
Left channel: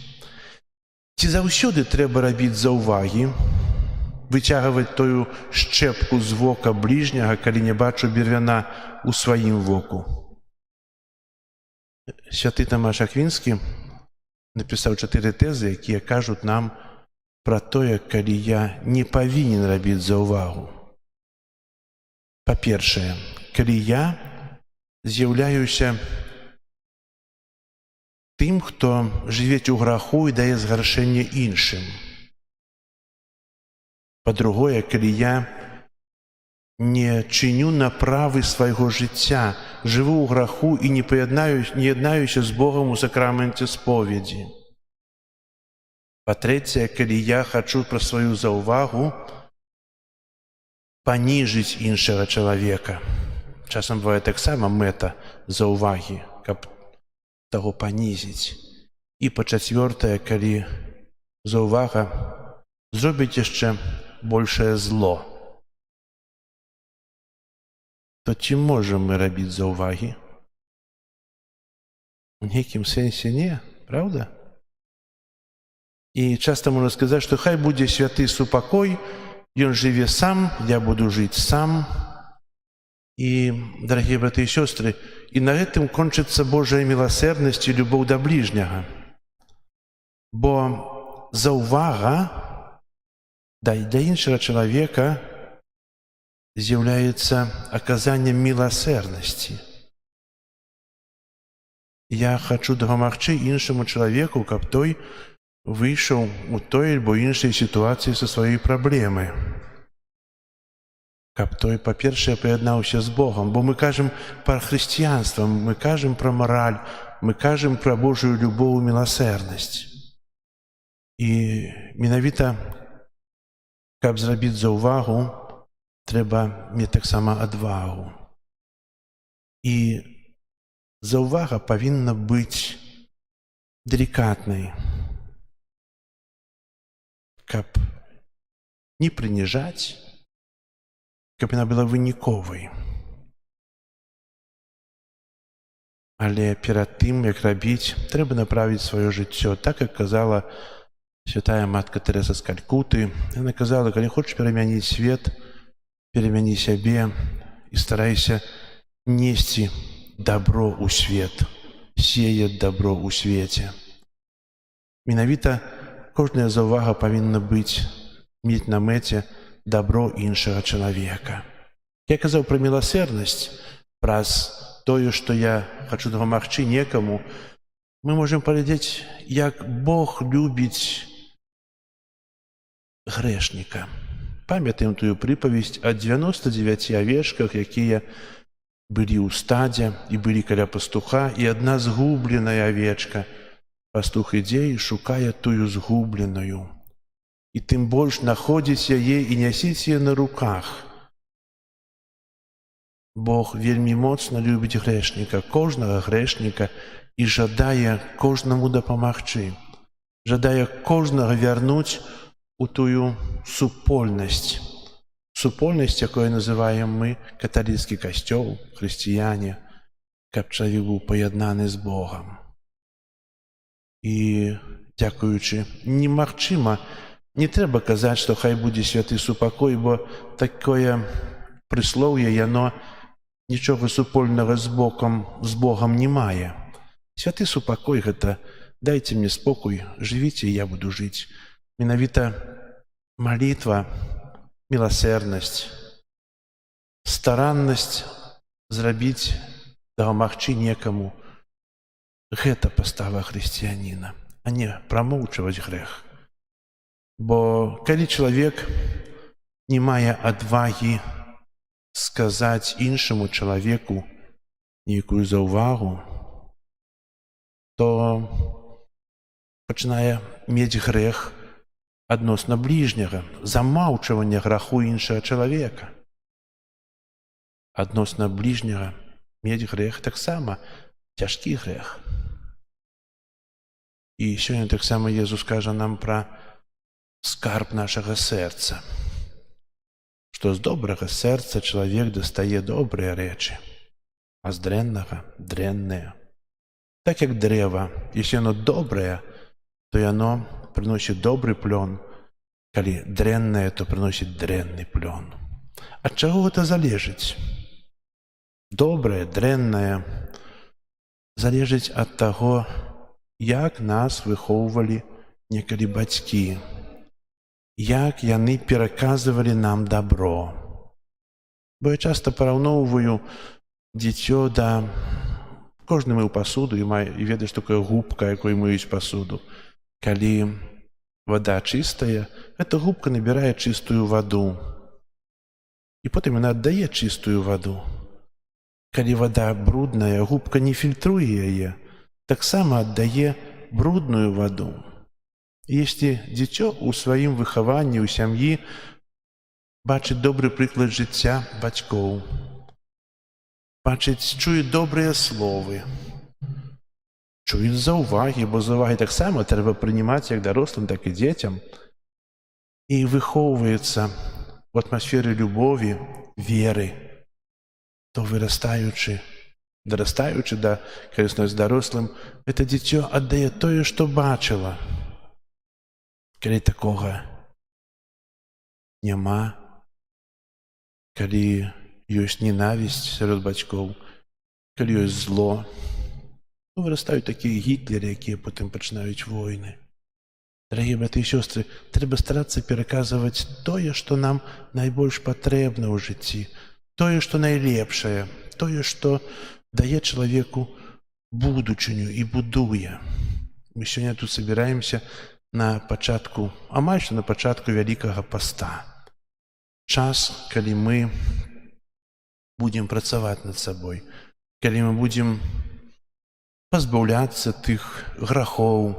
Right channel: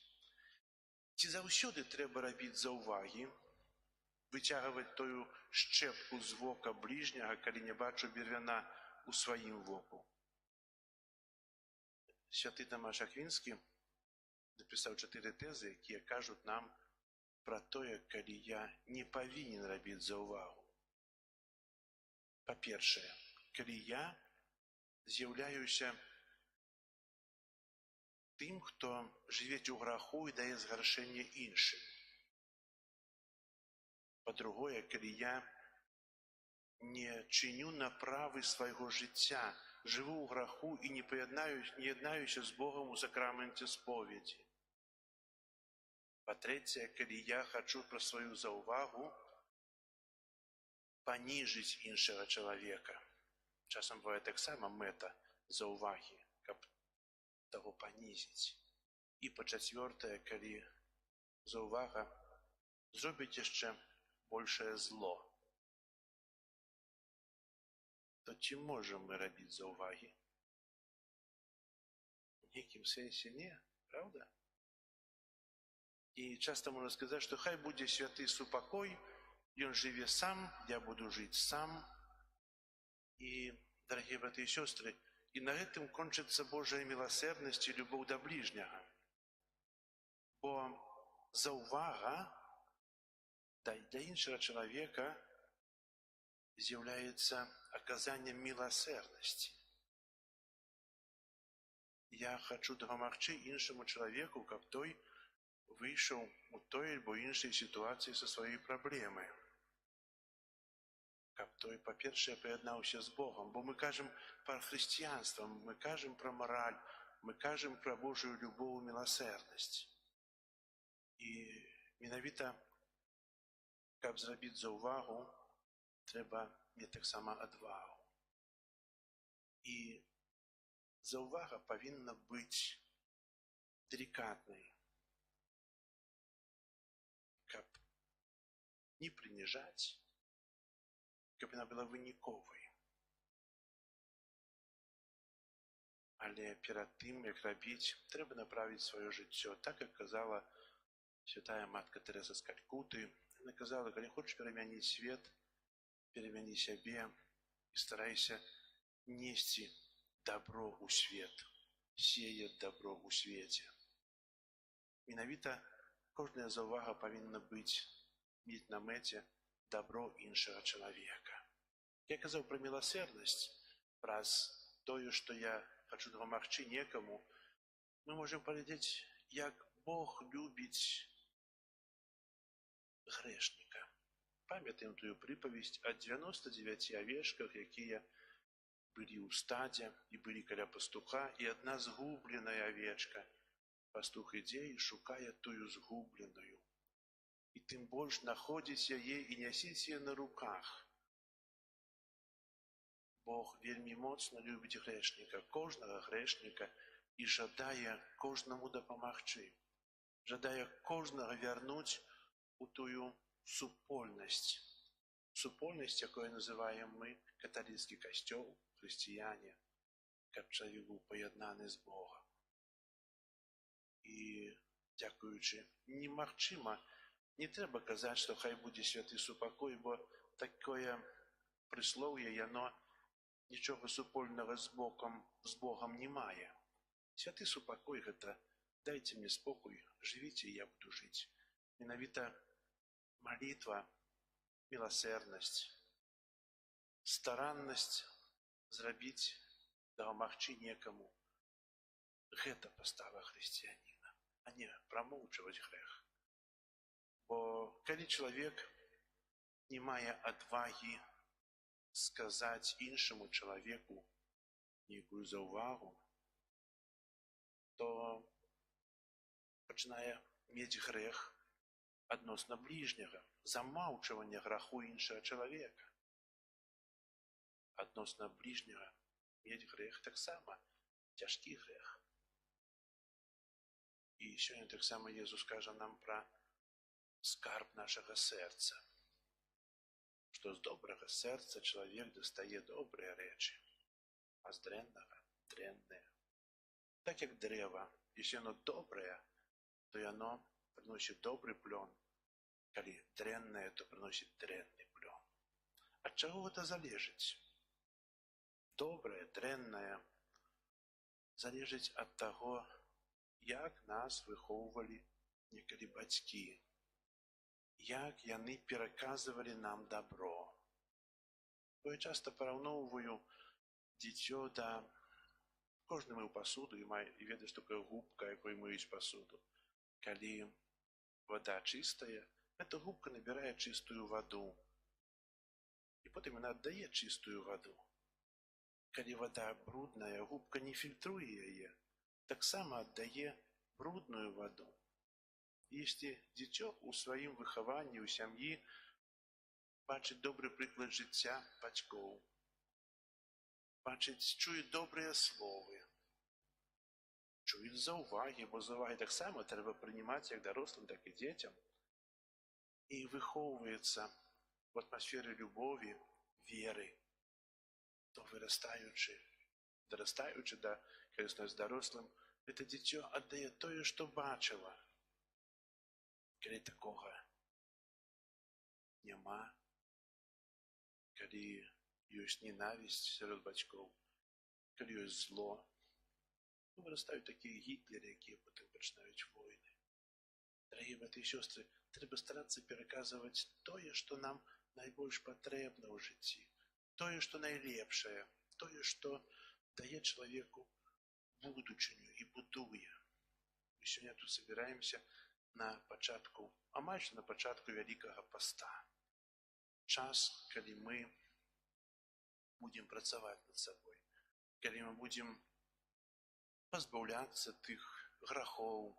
Ці заўсёды трэба рабіць заўвагі, выцягваць тую шчэпку з вока бліжняга, калі не бачу бервяна ў сваім воку? Святы Тамаш Аквінскі напісаў 4 тэзы, якія кажуць нам пра тое, калі я не павінен рабіць заўвагу. Па-першае, калі я з'яўляюся тым, хто жывець у граху і дае згаршэнне іншым. Па-другое, калі я не чыню направы свайго жыцця, жыву ў граху і не яднаюся з Богам у сакраменце споведзі. Па-трэцяе, калі я хачу пра сваю заўвагу паніжыць іншага чалавека. Часам бывае таксама мэта заўвагі, каб таго панізіць. І па-чацвёртае, калі заўвага зробіць яшчэ большае зло, то ці можам мы рабіць заўвагі? У нейкім сэнсе не, праўда? І часта можна сказаць, што хай будзе святы супакой, ён жыве сам, я буду жыць сам. І, дарагія браты і сёстры, і на гэтым кончыцца Божая міласэрнасць і любоў да бліжняга. Бо заўвага для іншага чалавека з'яўляецца аказаннем міласэрнасці. Я хачу дапамагчы іншаму чалавеку, каб той выйшаў у той альбо іншай сітуацыі са сваёй праблемы. Каб той, па-першае, прыяднаўся з Богам, бо мы кажам пра хрысціянства, мы кажам пра мараль, мы кажам пра Божую любоў і міласэрнасць. І менавіта, каб зрабіць заўвагу, трэба мець таксама адвагу. І заўвага павінна быць делікатнай, каб не прыніжаць, каб яна была выніковай. Але перад тым, як рабіць, трэба направіць сваё жыццё, так, як казала Святая Матка Тэреза з Калькуты, яна казала, калі хочаш перамяніць свет, перамяні сябе і старайся несці добро ў свет, сеяць добро ў свеце. Менавіта кожная заўвага павінна быць, мець на мэце добро іншага чалавека. Я казаў пра міласэрнасць, праз тое, што я хачу дапамагчы некаму, мы можам паглядзець, як Бог любіць грэшніка. Памятаем тую прыпавесць о 99 авечках, якія былі ў стадзе і былі каля пастуха, і адна згубленая авечка. Пастух ідзе і шукае тую згубленую. І тым больш находзіць яе і нясіць яе на руках. Бог вельмі моцна любіць грэшніка, кожнага грэшніка, і жадае кожнаму дапамагчы. Жадае кожнага вярнуць у тую супольнасць. Супольнасць, якую называем мы каталіцкі касцёл, хрысціяне, каб чалавек быў паяднаны з Богам. І, дзякуючы, немагчыма, не трэба казаць, што хай будзе святы супакой, бо такое прыслоўе, яно нічога супольнага з Богам не мае. Святы супакой – гэта дайце мне спокой, жывіце, і я буду жыць. Менавіта малітва, міласэрнасць, стараннасць зрабіць, дапамагчы некаму – гэта пастава хрысціяніна, а не прамоўчваць грэх. Бо калі чалавек не мае адвагі сказаць іншаму чалавеку нейкую заўвагу, то пачынае мець грэх адносна бліжняга, замаўчвання граху іншага чалавека. Адносна бліжняга мець грэх таксама цяжкі грэх. І сёння таксама Езус кажа нам пра скарб нашага сэрца, што з добрага сэрца чалавек дастае добрыя рэчы, а з дрэннага – дрэнныя. Так як дрэва, если оно добрае, то яно прыносіць добры плён, калі дрэннае, то прыносіць дрэнны плён. Ад чаго гэта залежыць? Добрае, дрэннае залежыць ад таго, як нас выхоўвалі некалі бацькі, як яны пераказвалі нам добро. Бо я часта параўноўваю дзіцё да... Кожны мыў пасуду і ведае, што такое губка, якой мыюць пасуду. Калі вада чыстая, эта губка набірае чыстую ваду. І потым яна аддае чыстую ваду. Калі вада брудная, губка не фільтруе яе, таксама аддае брудную ваду. І если дзіцё ў сваім выхаванні, ў сям'і бачыць добры прыклад жыцця бацькоў, бачыць, чуе добрыя словы, чуе заўвагі, бо заўвагі таксама трэба прынимаць як дарослым, так і дзецям, і выхоўваецца у атмасферы любові, веры, то вырастаючы, дарастаючы да карыснасці дарослым, гэта дзіцё аддае тое, што бачыла. Калі такога няма, калі ёсць ненавісць сярод бацькоў, калі ёсць зло, то вырастаюць такія гітлеры, якія потым пачынаюць войны. Дарагія браты і сёстры, трэба старацца пераказваць тое, што нам найбольш патрэбна ў жыцці, тое, што найлепшае, тое, што дае чалавеку будучыню і будуе. Мы сёння тут собираемся на пачатку, амаль што на пачатку Вялікага паста. Час, калі мы будем працаваць над сабой, калі мы будем пазбаўляцца тых грахоў,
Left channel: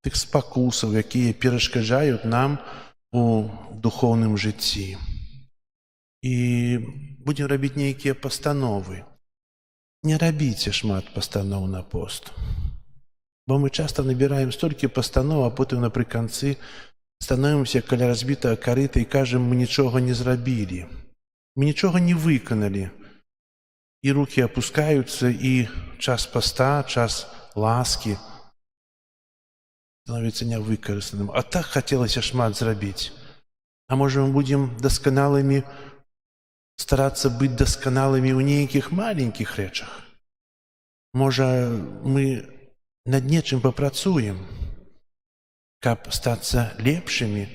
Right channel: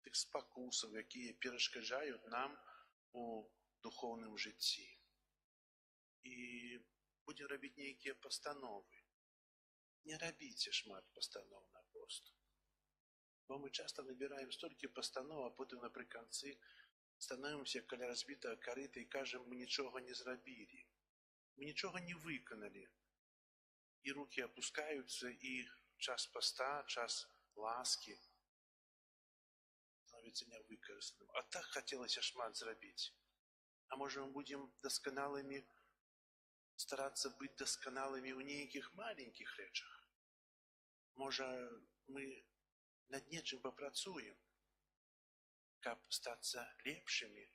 тых спакусаў, якія перашкаджаюць нам у духоўным жыцці. І будем рабіць нейкія пастановы. Не рабіце шмат пастаноў на пост. Бо мы часта набіраем столькі пастаноў, а потым напрыканцы становімся каля разбітага карыта і кажам, мы нічога не зрабілі. Мы нічога не выканалі. І рукі апускаюцца, і час паста, час ласкі становіцца нявыкарыстаным. А так хацелася шмат зрабіць. А можа, мы будзем дасканалымі, старацца быць дасканалымі ў нейкіх маленькіх рэчах. Можа, мы над нечым папрацуем, каб стацца лепшымі.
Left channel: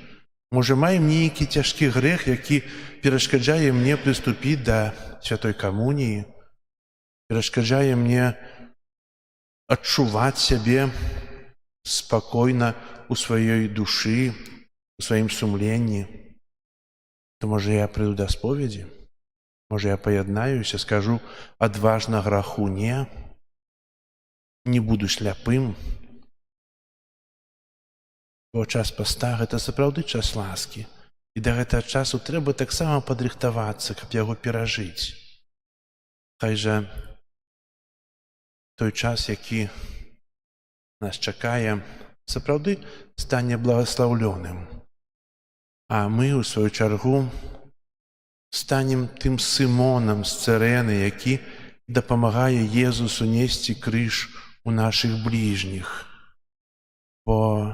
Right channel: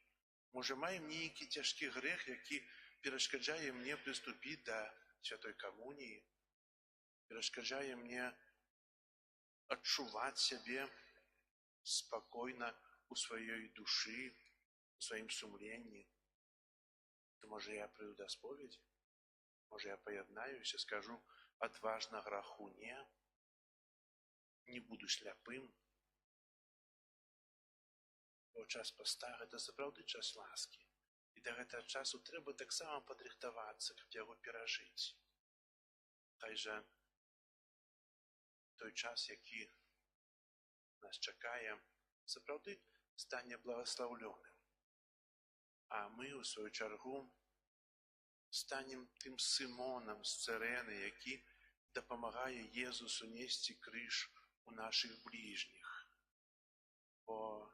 Можа, маем нейкі цяжкі грэх, які перашкаджае мне прыступіць да святой камуніі, перашкаджае мне адчуваць сябе спакойна ў сваёй душы, у сваім сумленні. То, можа, я прыйду да споведзі? Можа, я паяднаюся, скажу адважна граху не буду шляпым. Бо час паста – гэта сапраўды час ласкі. І да гэтага часу трэба таксама падрыхтавацца, каб яго перажыць. Хай жа той час, які нас чакае, сапраўды стане благаслаўлёным. А мы, у сваю чаргу, станем тым Сымонам з Цырэны, які дапамагае Езусу несці крыж у нашых бліжніх. Бо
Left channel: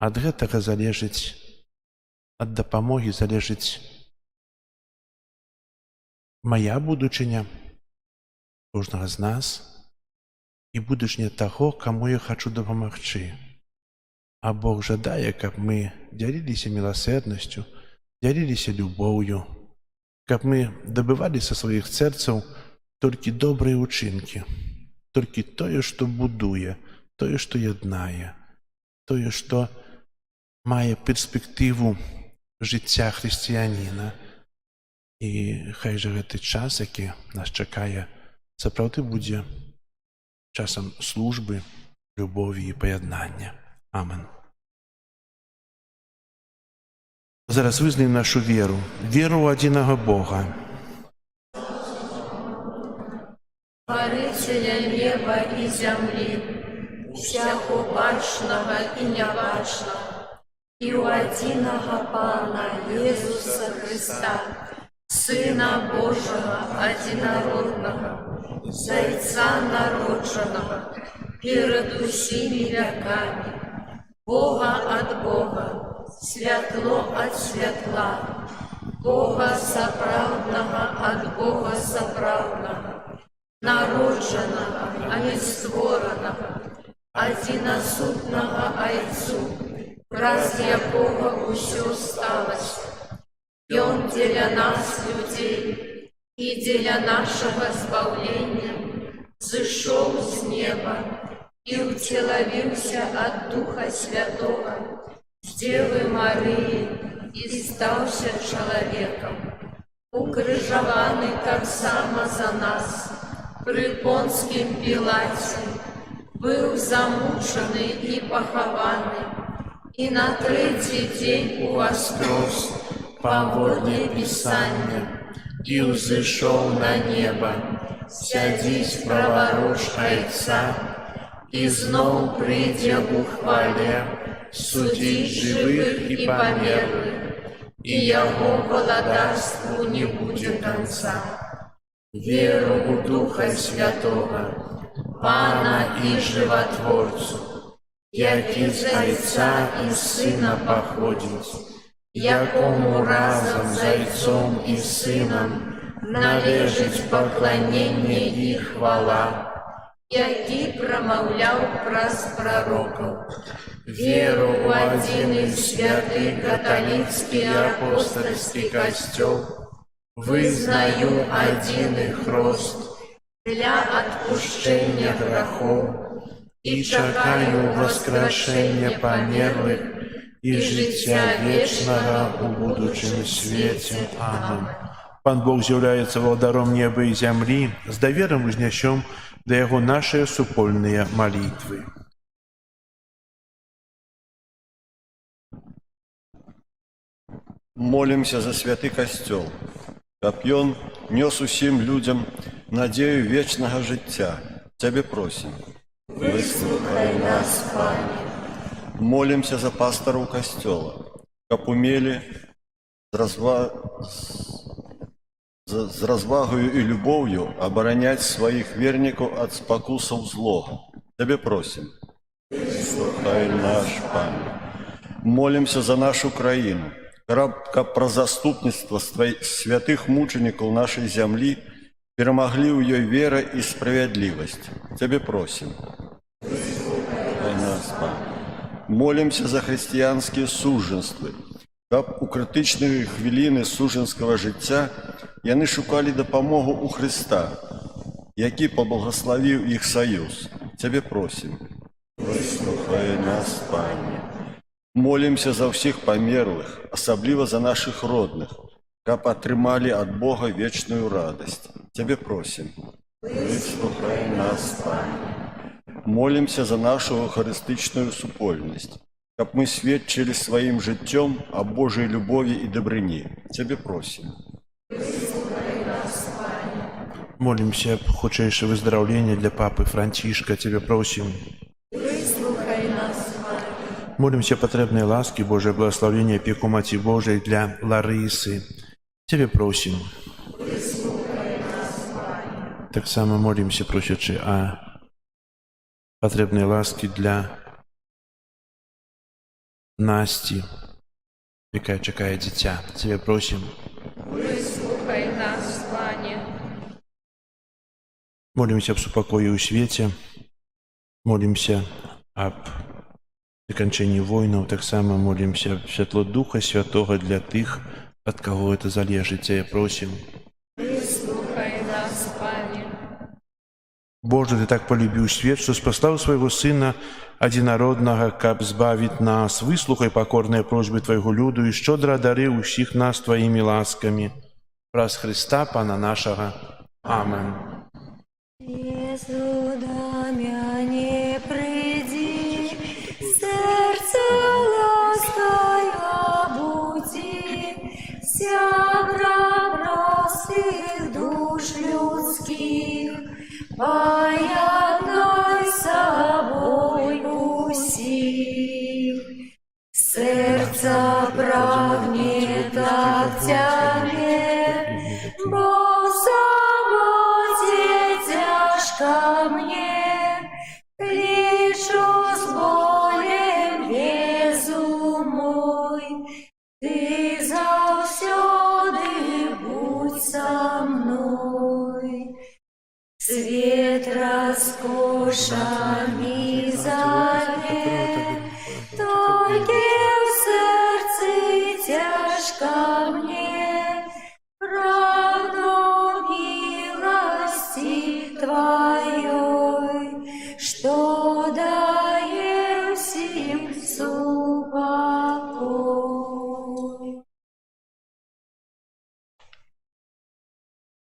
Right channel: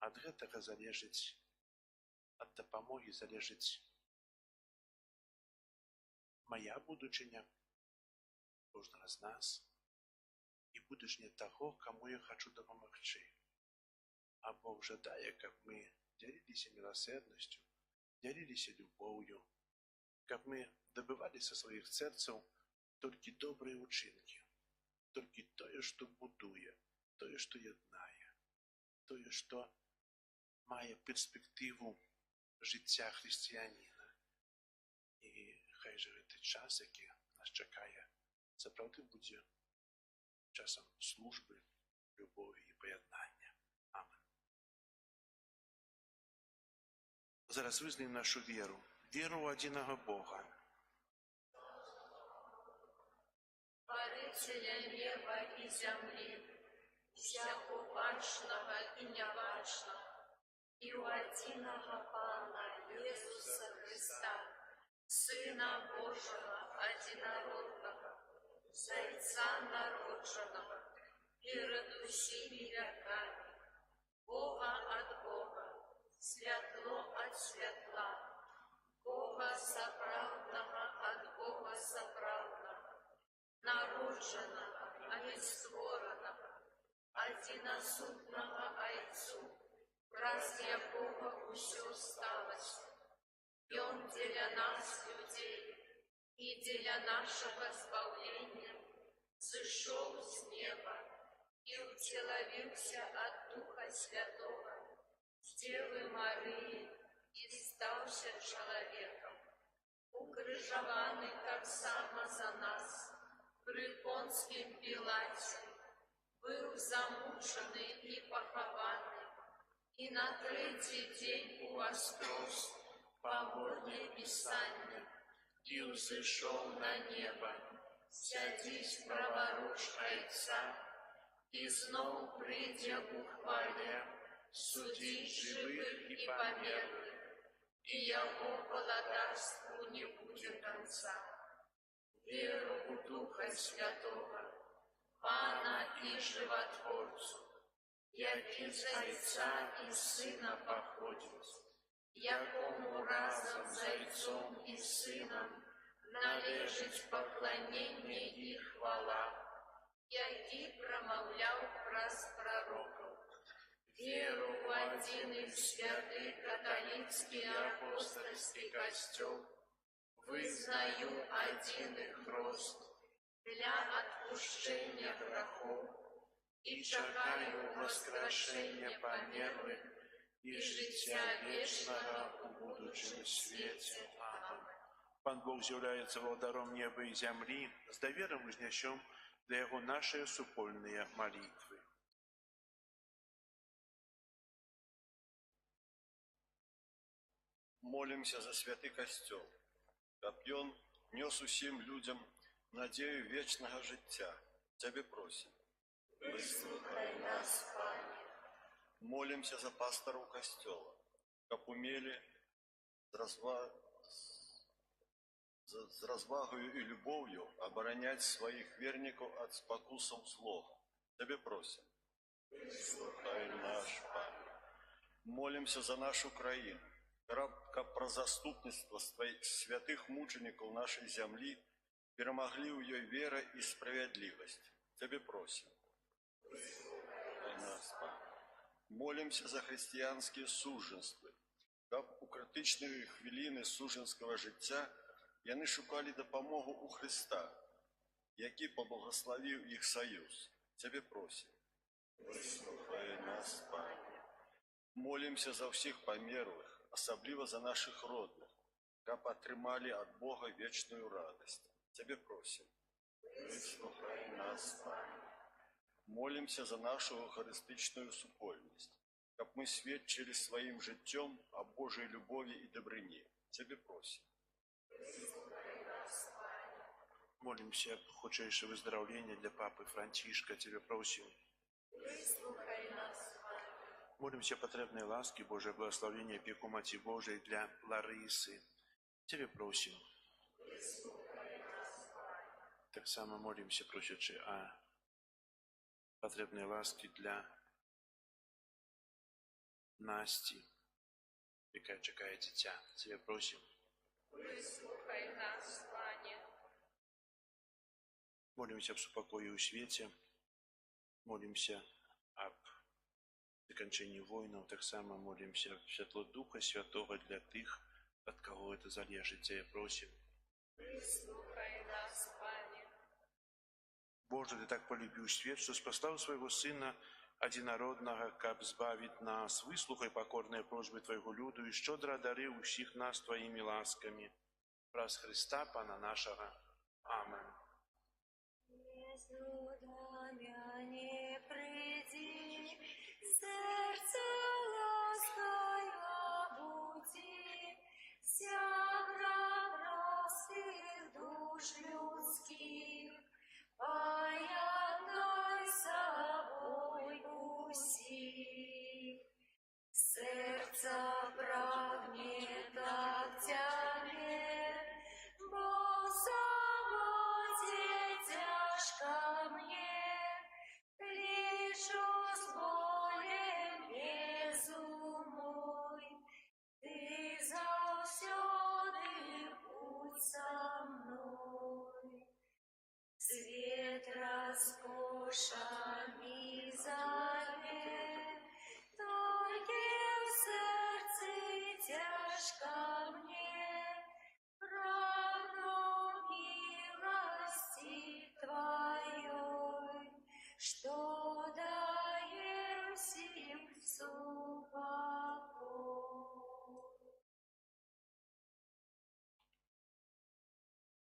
ад гэтага залежыць, ад дапамогі залежыць мая будучыня, кожнага з нас, і будучыня таго, каму я хачу дапамагчы. А Бог жадае, каб мы дзяліліся міласэрнасцю, дзяліліся любоўю, каб мы дабывалі са сваіх сэрцаў толькі добрыя ўчынкі, толькі тое, што будуе, тое, што яднае, тое, што мае перспектыву жыцця хрысціяніна. І хай жа гэты час, які нас чакае, сапраўды будзе часам службы, любові і паяднання. Амен. Зараз вызнаем нашу веру, веру ў адзінага Бога. Творителя неба и земли, всяко бачного и небачного, и у единого Пана Иисуса Христа, Сына Божьего одинородного, Зайца народженного, перед усими веками, Бога от Бога, святло от светла, Бога соправдного от Бога соправдного, народженного, а не створенного, одиносутного Отцу, раз якого усё сталось. И Он для нас, людей, и для нашего избавления, зашел с неба и утеловился от Духа Святого, с Девы Марии, и стался человеком, укрыжованный как само за нас, при Понским Пилате, был замученный и похованный, и на третий день воскрес, погодне Писание, и взошел на небо, сядись праворуч Отца, и знов придя у хвале, судить живых и померлых, и Его владарству не будет конца. Веру у Духа Святого, Пана и Животворцу, як из Отца и Сына походит, якому разом Зайцом и Сыном належить поклонение и хвала, який промовляв праз пророков, веру у один и святый католицкий апостольский костел, вызнаю один их рост для отпущения грехов и чакаю воскрешения померлых и життя вечного у будущем свете. Амин. Пан Бог з'являецца владаром неба і зямлі, з даверам узнясём да Яго нашыя супольныя малітвы. Молимся за святы касцёл, каб ён нёс усім людям надею вечнага жыцця. Цябе просім. Выслухай нас, Пане. Молимся за пастараў касцёла, каб умелі з развагою і любоўю абараняць сваіх вернікаў ад спакусаў злога. Цябе просім. Выслухай наш Пане. Молимся за нашу краіну, каб пра заступніцтва святых мученикаў нашай зямлі перамаглі ў ёй вера і справядлівасць. Цябе просім. Выслухай нас, Пане. Молимся за хрысціянскія сужанствы, каб у крытычныя хвіліны сужанскага жыцця яны шукалі дапамогу ў Хрыста, які паблагаславіў іх саюз. Цябе просім. Выслухай нас, Пане. Молимся за ўсіх памерлых, асабліва за нашых родных, каб атрымалі ад Бога вечную радасць. Цябе просім. Выслухай нас, Пане. Молимся за нашу харыстычную супольнасць, каб мы сведчылі сваім жыццём о Божай любові і дабрыні. Цябе просім. Молимся об хутчэйшае выздараўленне для папы Францішка. Цябе просім. Выслухай нас, Пане. Молимся о патрэбнай ласкі Божае благословення апеку Маці Божай для Ларысы. Цябе просім. Таксама молимся, просячы о патрэбнай ласкі для Насці, якая чакае дзіця. Цябе просім. Выслухай нас, Пане. Молимся об супакоі ў свеце. Молимся об заканчэнні войнаў. Таксама молимся об святло Духа Святога для тых, ад каго это залежыць. Цябе просім. Выслухай нас, Пане. Боже, Ты так полюбіў свет, што спаслаў свайго Сына адзінароднага, каб збавіць нас. Выслухай пакорныя просьбы Твайго люду і шчодра адары ўсіх нас Тваімі ласкамі. Праз Христа, Пана нашага. Амен. Езу да мяне прыйдзі, сэрца лаская будзі, сябра простых душ людскіх, пояднай собой усіх. Сердце прагнет от Тебя, бо самоте тяжко мне, кличу с болем Езу мой, Ты заўсёды будь со мной. Свет роскошами зовет, только в сердце тяжко мне, правду милости Твоей, что дае всем супокой.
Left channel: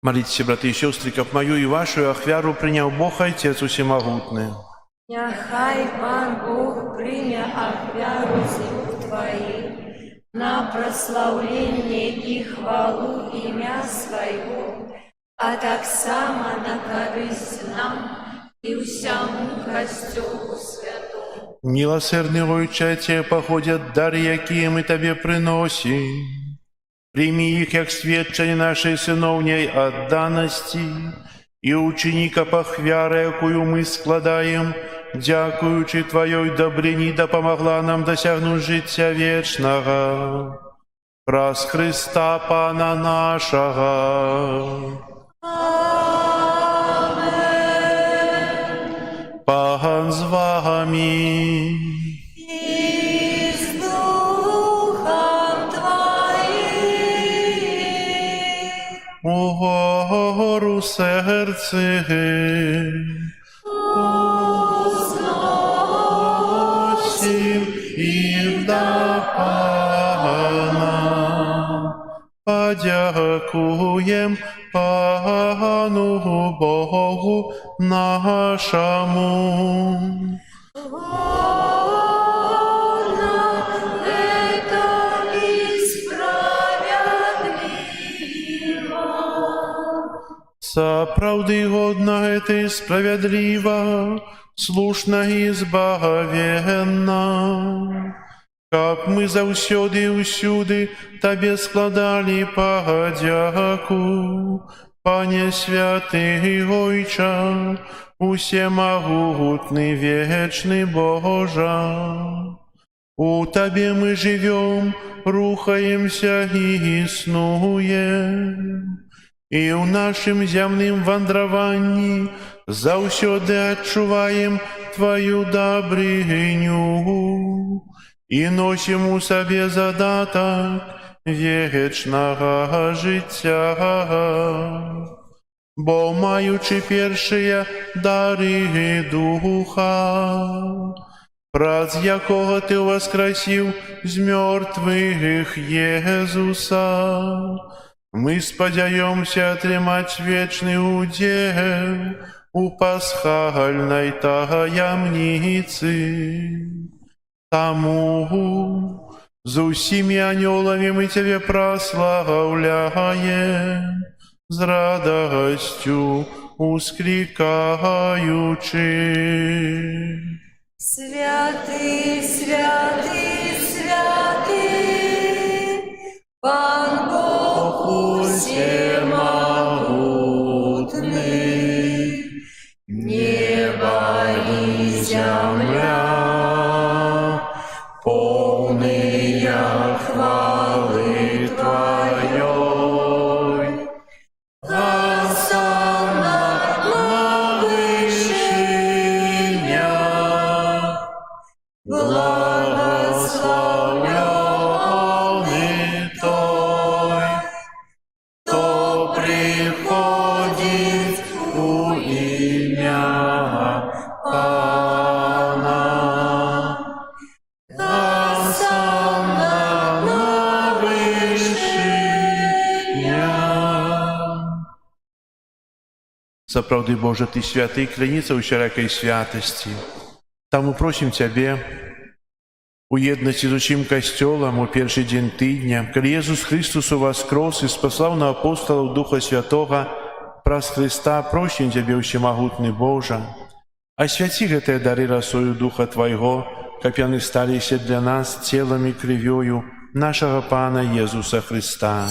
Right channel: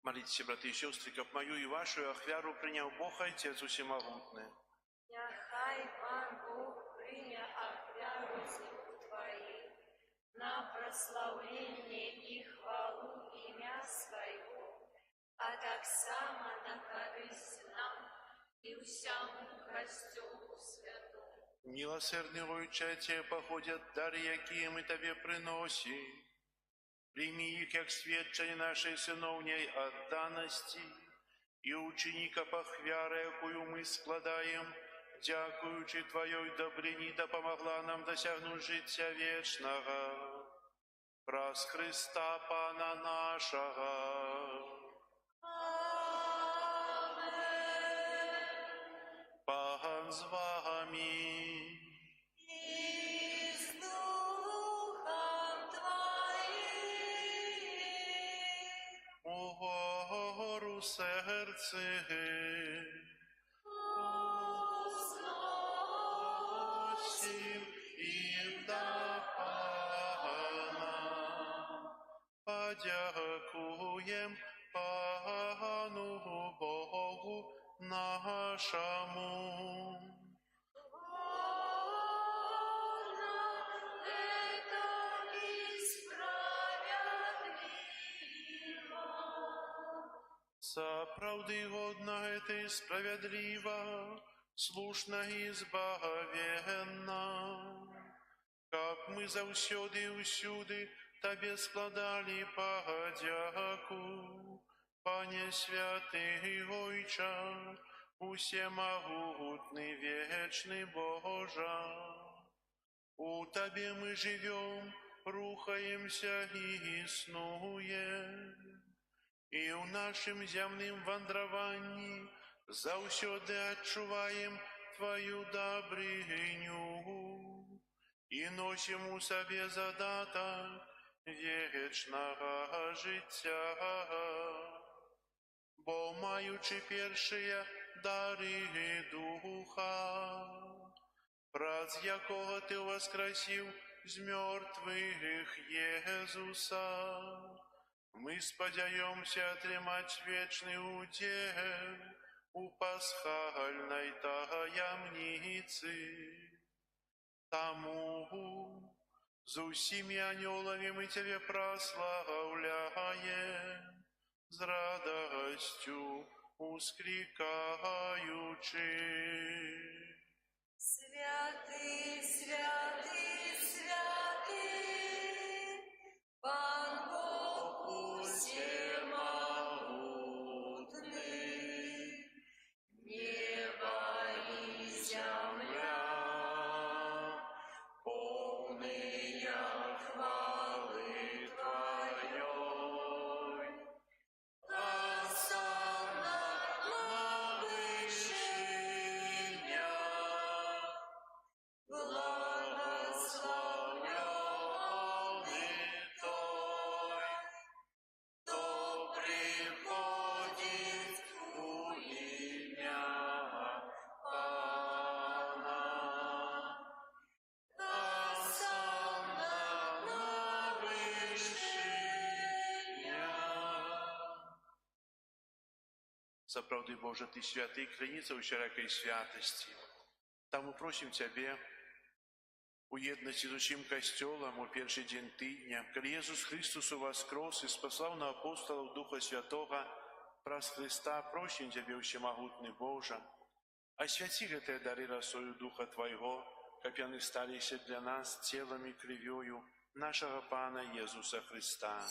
Молитесь, браты и сестры, каб мою и вашу ахвяру принял Бог Отец Усемогутный. Няхай Пан Бог прыня ахвяру з рук Твоих на прославление и хвалу імя Свайго, а таксама на карысць нам и всяму Касцёлу Святому. Милосердный Отче, Тебе походят дары, якія мы Тебе приносим. Прими их, як сведчення нашей сыновней отданости, и учини каб ахвяра, якую мы складаем, дякуючи Твоей добрині, допомогла нам досягнуть життя вечного. Праз Христа Пана нашого. Amen. Пан з вами. И с Духом Твоим. Угору серце. Узносим і до Пана. Подякуєм Пану Богу нашому. Годно это и справедливо. Сапраўды годна это и справедлива, слушна и збагавенна. Каб мы заўсёды і ўсюды Табе складалі падзяку, Пане святый Ойча, усемогутный вечный Божа, у Тебе мы живем, рухаемся и існуем, и у нашим земным вандровании заўсёды адчуваем Твою добрыню и носим у себе задаток вечного життя. Бо маючи першие дары Духа, праз якого Ти воскресив з мертвых Езуса, мы сподяемся отрымать вечный удел у пасхальной таямницы. Тому з усіми анёлами мы Тебе прославляем, з радостью ускликаючи. Святый, святый, святый, Пан Бог всемогутный, небо и земля, полные хвалы Твоей. Осанна на вышинях, благословенный Той, кто приходит у имя Пана. Осанна на вышинях. Сапраўды, Божа, Ты святы, кляніца ўсяракай святасці. Таму просім Цябе у еднасці з усім касцёлам у першы дзень тыдня, калі Езус Христус уваскрос і спаслаў на апосталаў Духа Святога праз Христа, просім Цябе, усемагутны Божа, асвяці гэтыя дары расою Духа Твайго, каб яны сталіся для нас целам і крывёю нашага Пана Езуса Христа.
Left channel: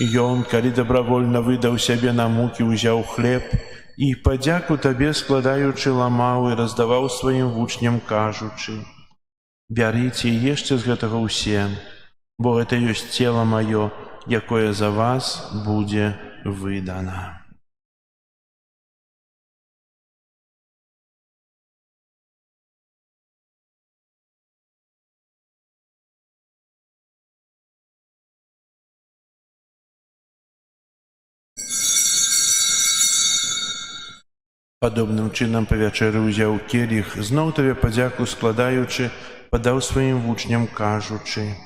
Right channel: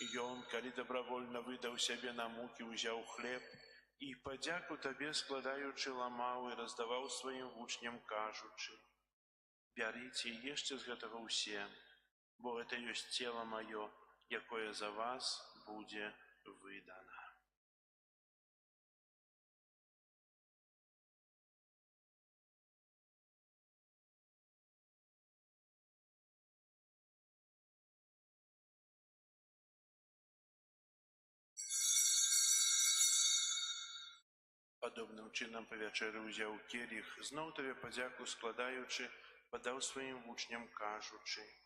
Ён, калі добравольна выдаў сябе на мукі, узяў хлеб і, падзяку Табе складаючы, ламаў і раздаваў сваім вучням, кажучы: «Бярыце і ешце з гэтага ўсе, бо гэта ёсць цела маё, якое за вас будзе выдана». Падобным чынам па вячэры ўзяў келіх, зноў Табе падзяку складаючы, падаў сваім вучням, кажучы:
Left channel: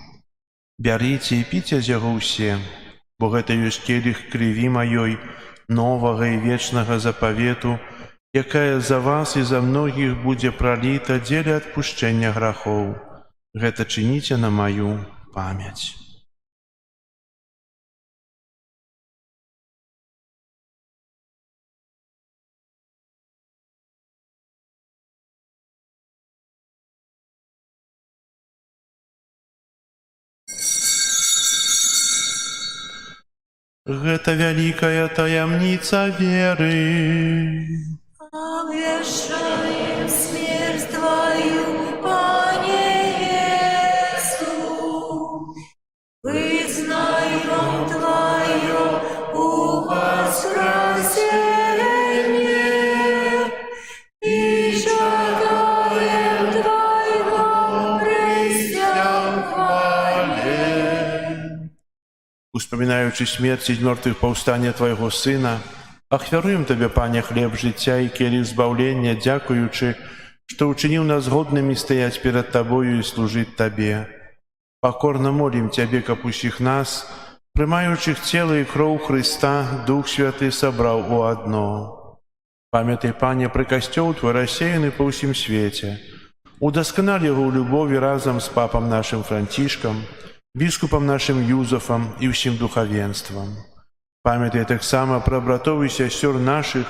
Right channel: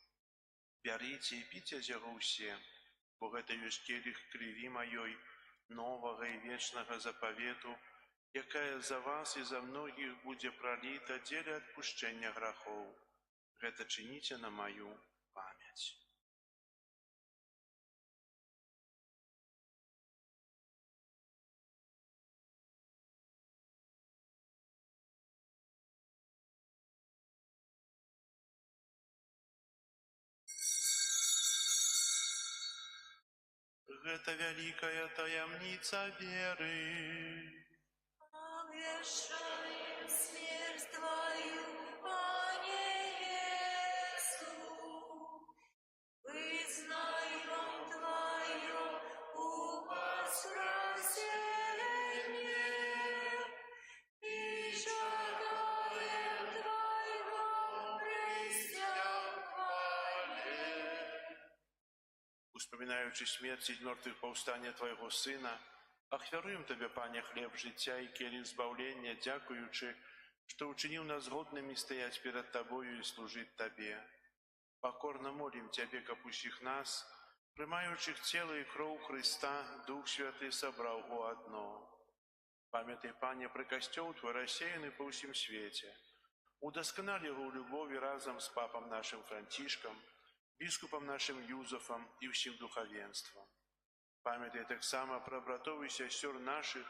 «Бярыце і піце з яго ўсе, бо гэта ёсць келіх крыві маёй, новага і вечнага запавету, якая за вас і за многіх будзе праліта дзеля адпушчэння грахоў. Гэта чыніце на маю памяць». Гэта вялікая таямніца веры. Обвешаем смерть Твою, Пане Иисус, вызнаем Твое воскресение и шагаем Твоего престол хвале. Успамінаючы смерць і мёртвых паўстання Твайго Сына, ахвяруем Табе, Пане, хлеб жыцця і келіх збаўлення, дзякуючы, што ўчыніў нас годнымі стаяць перад Табою і служыць Табе. Пакорна молім Цябе, каб усіх нас, прымаючых цела і кроў Хрыста, Дух Святы сабраў у адно. Памятай, Пане, пра касцёл Твой рассеяны па ўсім свеце. Удасканаль яго ў любові разам з папам нашым Францішкам, біскупам нашым Юзафам і ўсім духавенствам. Памятай таксама пра братоў і сясцёр нашых,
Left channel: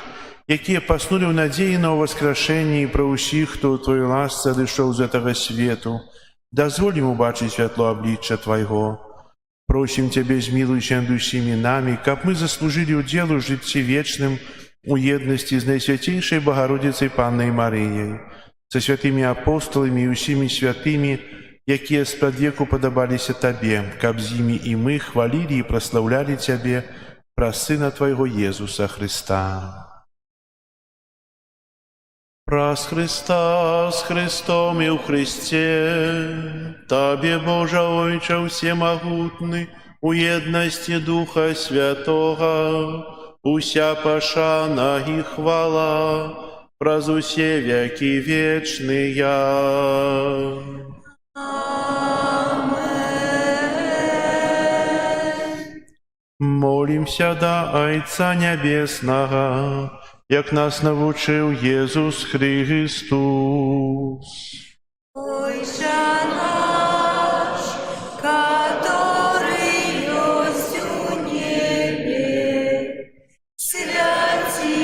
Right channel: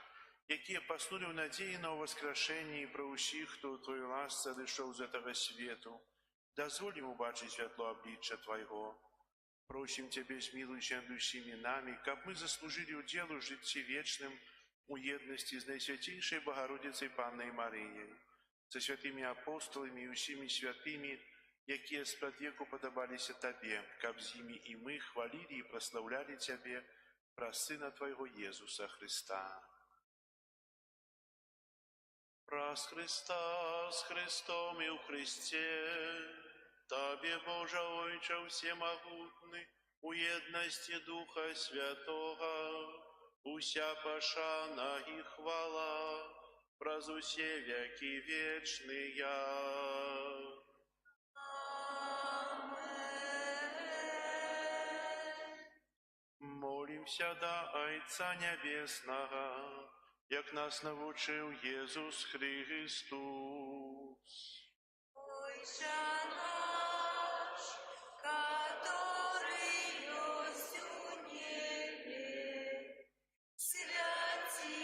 якія паснулі ў надзеі на ўваскрашэнне, і пра ўсіх, хто ў Твоёй ласцы адышоў з гэтага свету. Дазволь ім убачыць святло аблічча Твайго. Просим Тебе, змилуйся над усіми нами, каб мы заслужили уделу житті вечным у єдності з Найсвятейшей Богородицей Панной Марією, со святыми апостолами і усіми святыми, якія спрадвеку падабаліся Табе, каб з імі і мы хвалили і прославляли Тебе праз Сына Твоего Езуса Христа. Праз Христа, с Христом и у Христе, Табе, Боже Ойче всемогутный, у едности Духа Святого, уся пошана и хвала, праз усе веки вечные. Молимся до Отца Небесного, як нас навучив Єсус Христос. Отче наш, который есть у небе, святися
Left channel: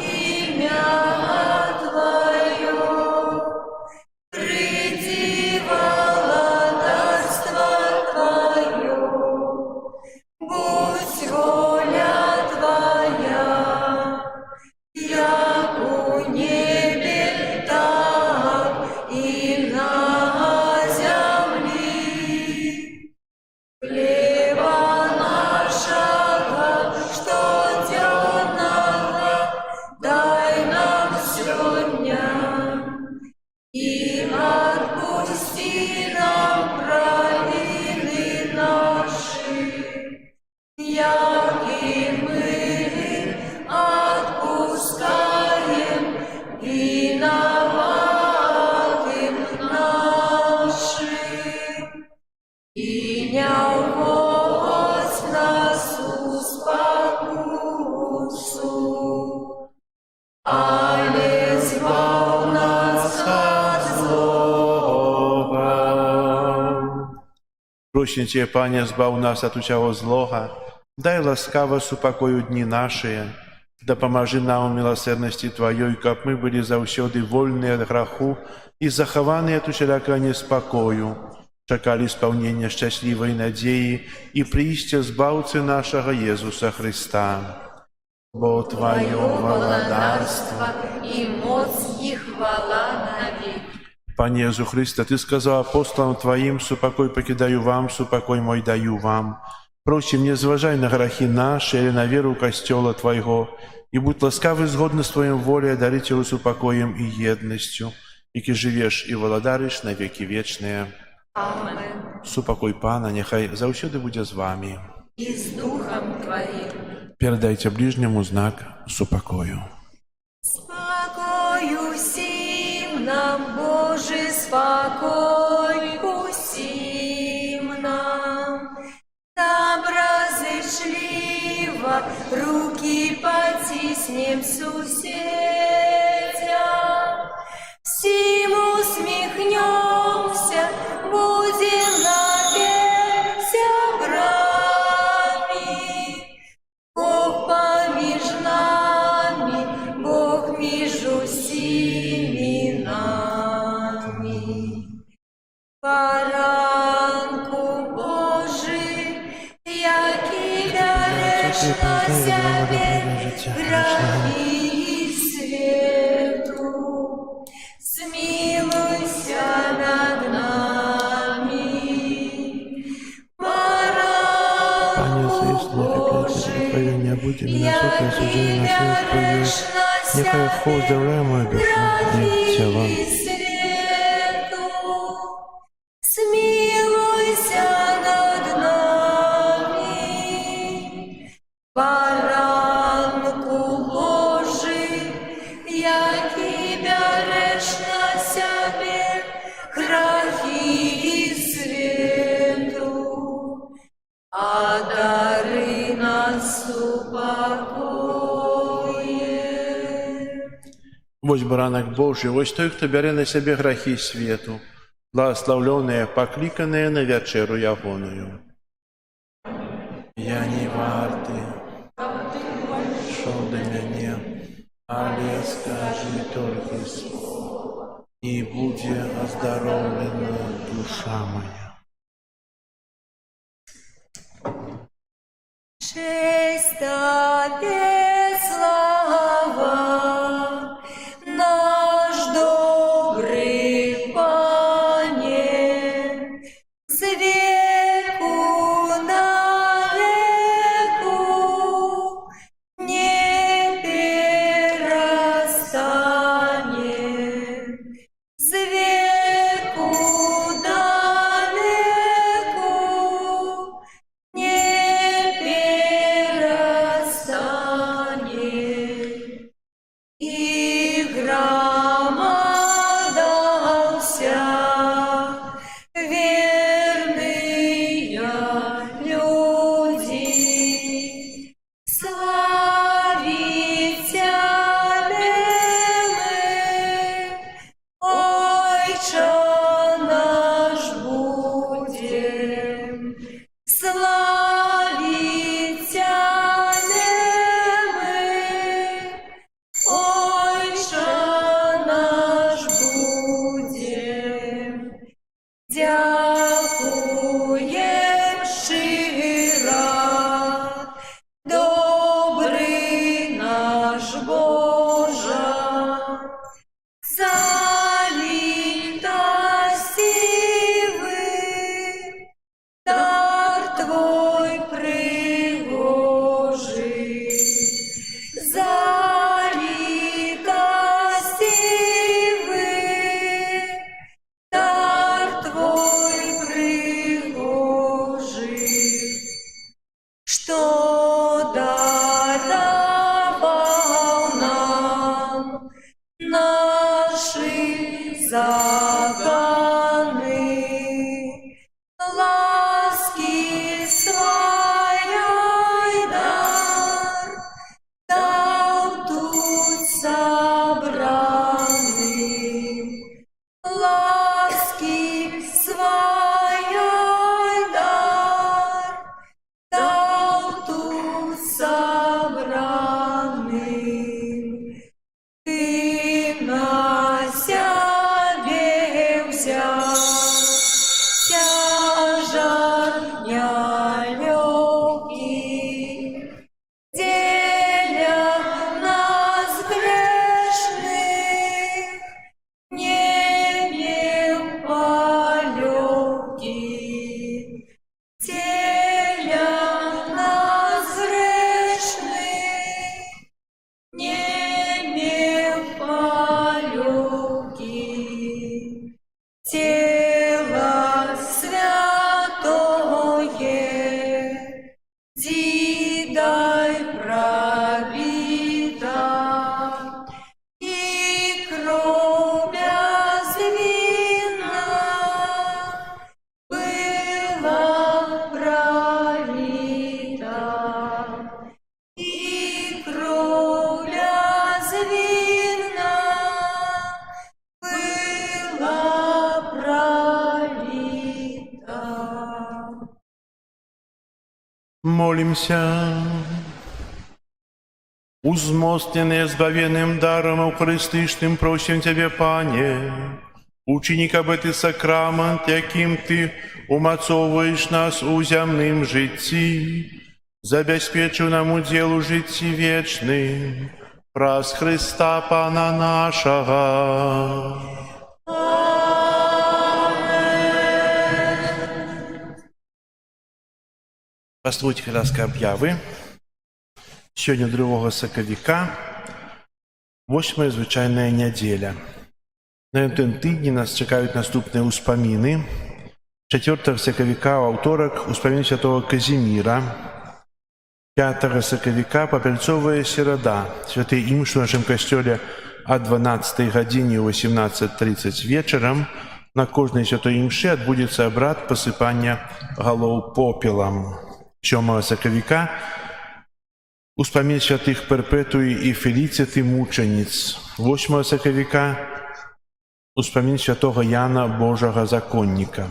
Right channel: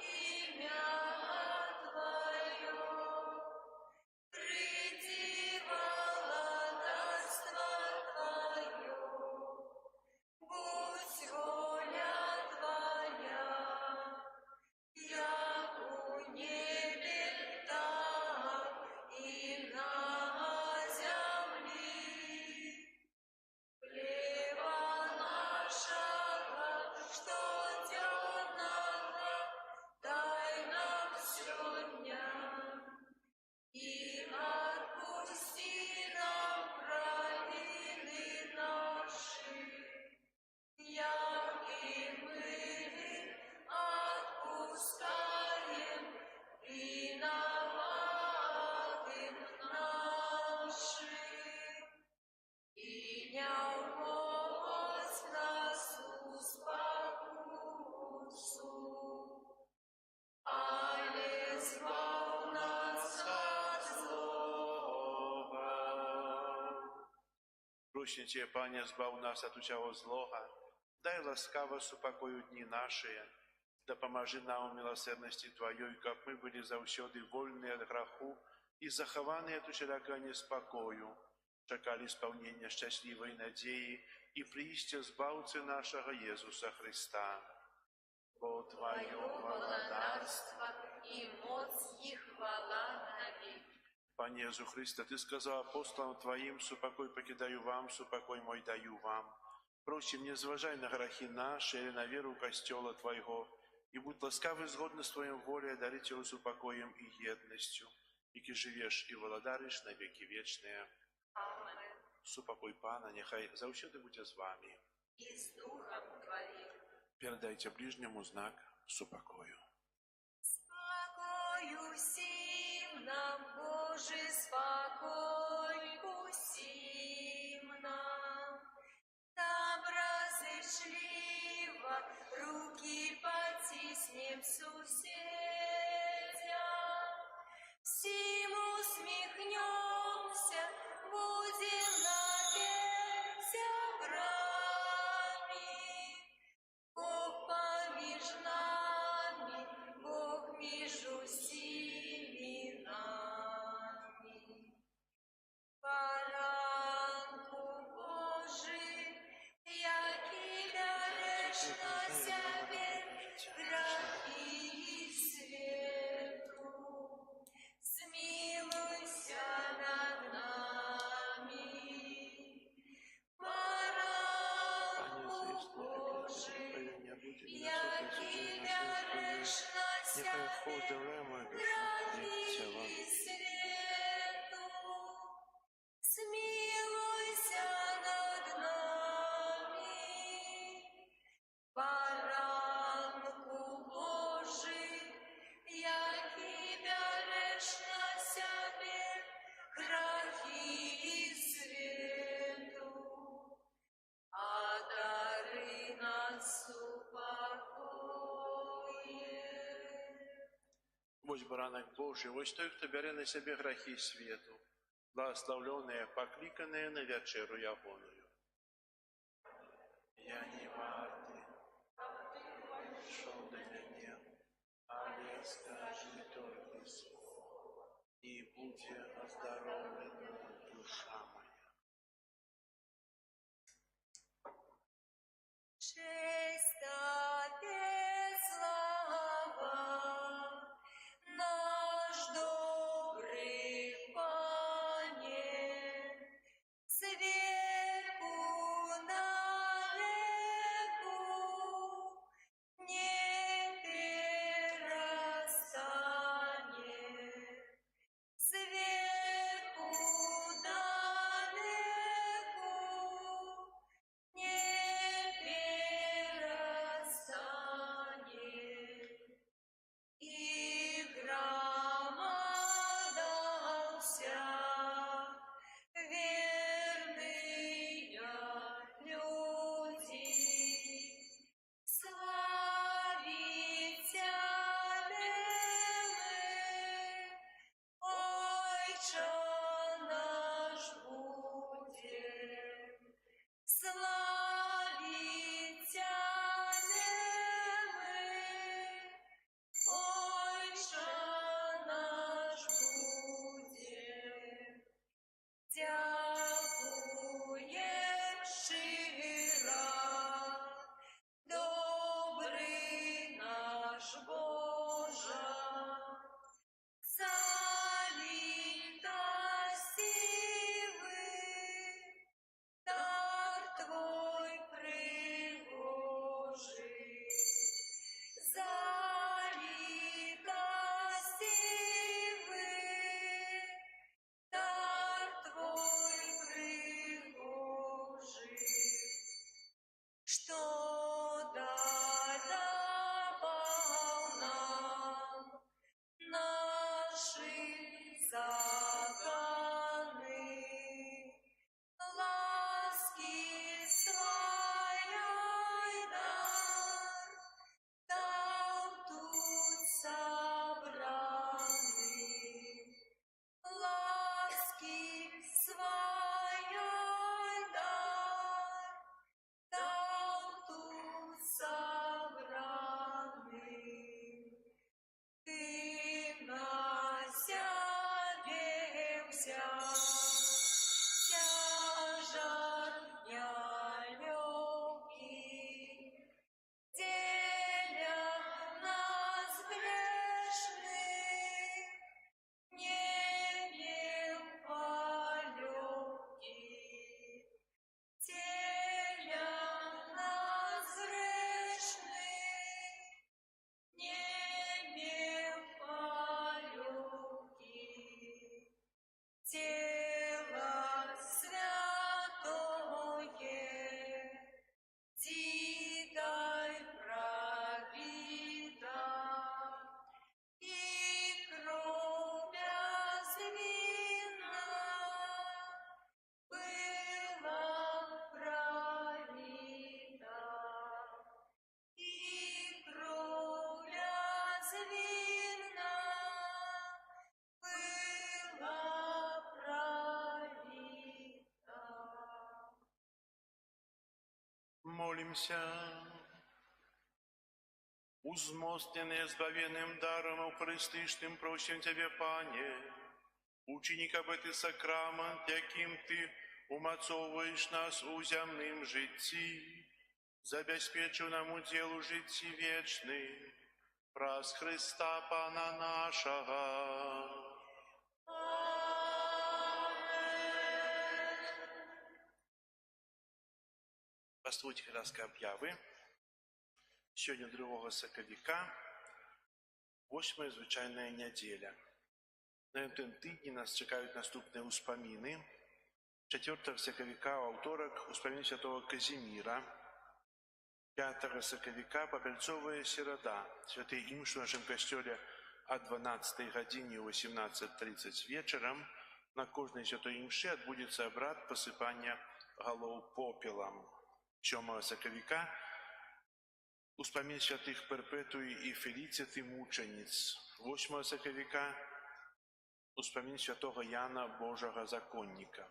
имя Твое, приди владарство Твое, будь воля Твоя, як у небе, так и на земле. Хлеба нашего штоденного дай нам сегодня, и отпусти нам провины наши, як и мы отпускаем виноватым нашим. И не вводь нас в спокусу, але избавь нас от злого. Просим Тебе, Пане, збав нас от усього злога, дай ласкаво супокою дні наші, допоможи нам у милосердности Твоей, каб мы были завсёды вольны от греху и захованы от усялякого неспокою, чекали исполнения счастливой надеи и приистя збавцы нашего Иисуса Христа. Бо Твое владарство и моц и хвала навек. Пане Иисус Христе, Ты сказал апостолам Твоим: «Супокой покидаю вам, супокой мой даю вам». Просим, не зважай на грехи наши или на веру Костела Твоего, и будь ласкавый згодно с Твоим волей, дарить его упокоем и едностью, и живешь и владариш на веки вечные. Амен. Супокой Пана, нехай завсёды буде з вами. И с Духом Твоим. Передайте ближнему знак супокою. Спокой усім нам, Боже, спокой усім нам. Доброзычливо руки потиснем суседям. Всім усмехнемся, будем навек сябрами. Бог поміж нами, Бог між усіми нами. Поранку Божий, який береш на себе грехи світу, змилуйся над нами. Пане, Поранку звісно, Божий, Твоє не буде, мене суд осудження на свет Твоє. Нехай вхоздравляє мою душу і тіло. Смилуйся над нами, Баранку Божий, який береш на себе грехи світу, а дари нас упокоєм. Вось баранок Божий, вось той, хто бере на себе грехи свету, благословленные, покликанные на вечеру ягоную. Я не варты, шел до меня, але скажи только слово, и будет оздоровлена душа моя. Честь Тебе, слава, наш добрый Пане, с веку на веку не перестанет, с веку на веку не перестанет. И громада вся, верные люди, славить Тебя мы, Отче наш будем, славить Тебя мы, Отче наш будем, дякуєм щиро, добрий наш Боже, за літості дар Твой пригожий, за літості дар Твой пригожий, що даровал нам наши законы, ласки своей дар дал тут собраным, ласки своей дар дал тут собраным. Ты на себе взял тяжар нелегкий, деля нас грешных небем полегкий, деля нас грешных небем полегкий, тело святое, дидой пробита, и кровью звена была пролита, и кровью звена была пролита. Молимся. Узмостненные избавенным даром Евхаристичным, просим Тебе, Пане, ученик об этот сакрамент, яким Ты умацовываешь нас у земным житті, забезпечив нам удел у житті вечным, праз Христа Пана нашего. Послухайте, ласка, об'яви. Сьогодні 2 сакавіка, 8 звичайна неділя. На цьому тижні нас чекають наступні успоміни. 4 сакавіка, у вівторок, успомін святого Казіміра. 5 сакавіка, Попельцовая середа. Святий імш у нашому костелі о 12 годині у 18:30 вечором. На кожній святої імші відбудеться обряд посипання голов попелом. 7 сакавіка, успомін святих Перпетуї і Феліцити мучениць. 8 сакавіка, успомін святого Яна Божого законника.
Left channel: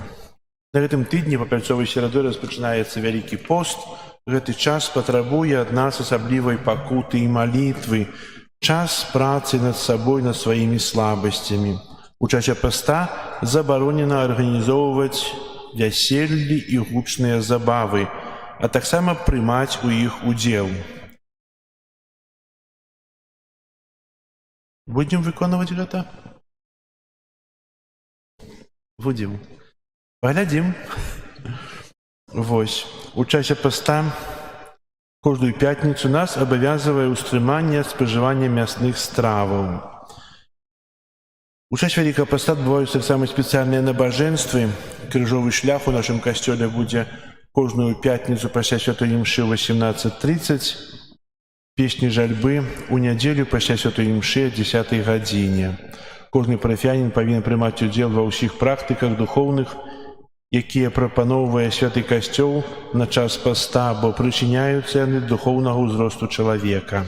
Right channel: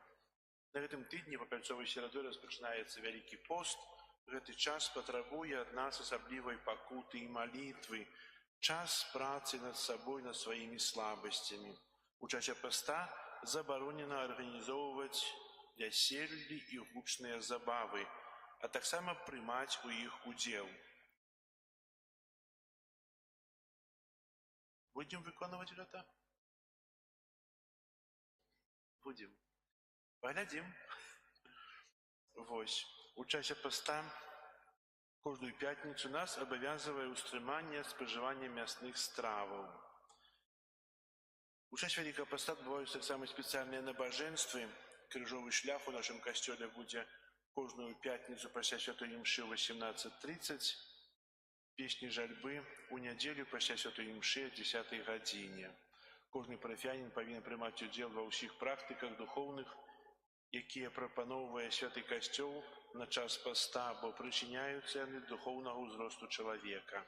На гэтым тыдні Попельцовай серадой распачынаецца Вялікі пост. Гэты час патрабуе ад нас асаблівай пакуты і малітвы, час працы над сабой, над сваімі слабасцямі. У часе поста забаронена арганізоўваць вяселлі і гучныя забавы. а таксама прымаць у іх удзел. Будзем выконваць гэта? Будзем. Паглядзім. Вось. У часе паста кожную пятніцу нас абавязвае ўстрыманне спажывання мясных страваў. У час Вялікага паста адбываюцца таксама спецыяльныя набажэнствы. Крыжовы шлях у нашым касцёле будзе кожную пятніцу пасля святой імшы ў 18:30. Песні жальбы у нядзелю пасля святой імшы о 10 гадзіне. Кожны парафіянін павінен прымаць удзел ва ўсіх практыках духоўных, якія прапаноўвае святы касцёл на час паста, бо прычыняюцца яны да духоўнага ўзросту чалавека.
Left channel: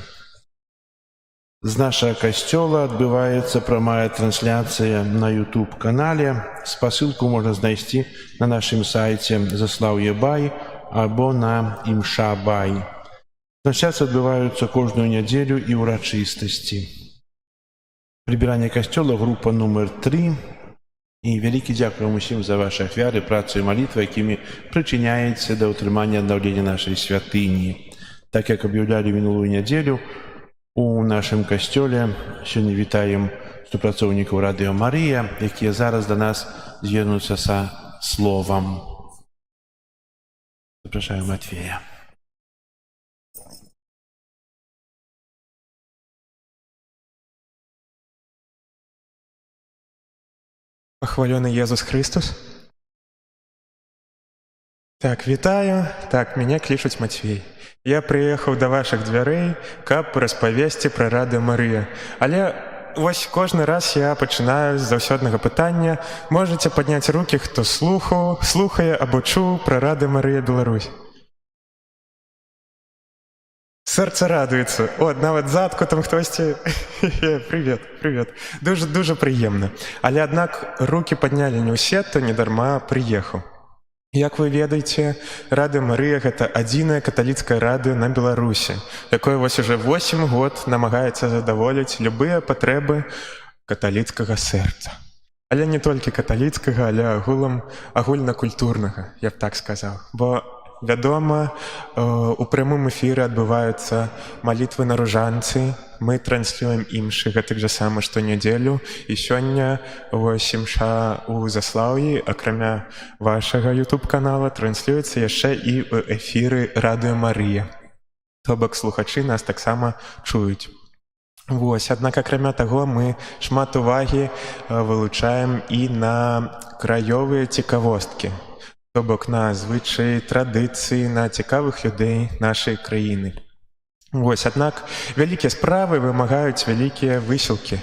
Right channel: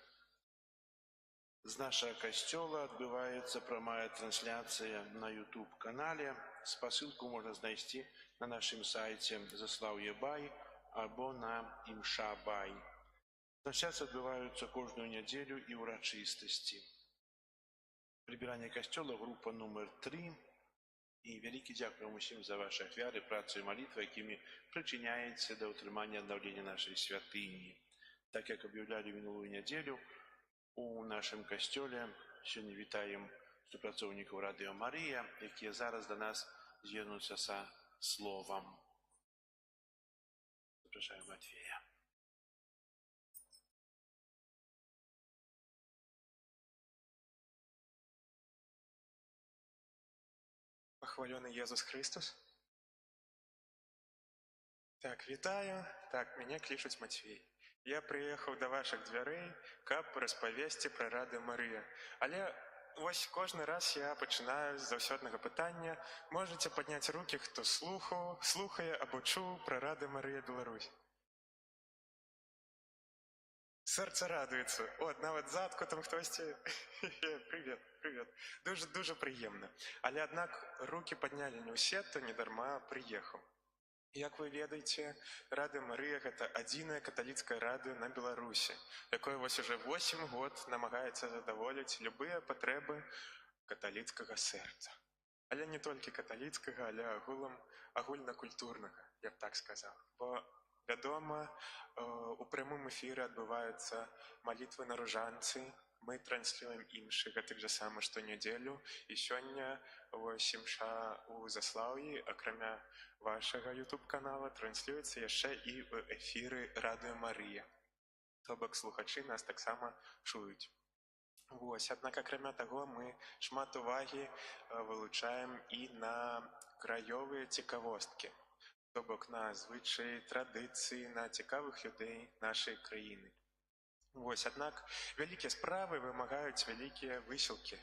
З нашага касцёла адбываецца прамая трансляцыя на YouTube-канале. Спасылку можна знайсці на нашым сайце Заслаўе.бай або на Імша.бай. Трансляцыі адбываюцца кожную нядзелю і ўрачыстасці. Прыбіранне касцёла група нумар 3. І вялікі дзякуй вам усім за вашы ахвяры, працу і малітвы, якімі прычыняеце да ўтрымання аднаўлення нашай святыні. Так як аб'яўлялі мінулую нядзелю, у нашым касцёле сёння вітаем супрацоўнікаў Радыё Марыя, якія зараз да нас звернуцца са словам. Запрашаю Матвея. Похваленый Иисус Христос. Так, вітаю. Так, меня клічуць Матвей. Я прыехаў да вашых дзвярэй, каб распавесці пра Радыё Марыя. Але вось кожны раз я пачынаю з заўсёднага пытання. Можаце падняць рукі, хто слухае або чуў пра Радыё Марыя Беларусь. Сэрца радуецца. О, нават задку там хтосьці. Привет. Дуже прыемна. Але аднак рукі паднялі не ўсе, то недарма прыехаў. Як вы ведаеце, Радыё Марыя – гэта адзінае каталіцкае радыё на Беларусі, якое вось уже 8 год намагаецца задаволіць любыя патрэбы каталіцкага сэрца. Але не толькі каталіцкага, але агульнакультурнага, я б так сказаў. Бо вядома, у прямым эфіры адбываюцца малітвы на ружанцы, мы транслюем імшы гэтак жа сама штонядзелю, і сёння вось імша ў Заслаўі, акрамя вашага YouTube-канала, транслюецца яшчэ і ў эфіры Радыё Марыя. То бок слухачы нас таксама чуюць. Вось, аднак акрамя таго, мы шмат увагі вылучаем і на краёвыя цікавосткі. То бок на звычаі, традыцыі, на цікавых людзей нашай краіны. Вось, аднак вялікія справы вымагаюць вялікія высілкі.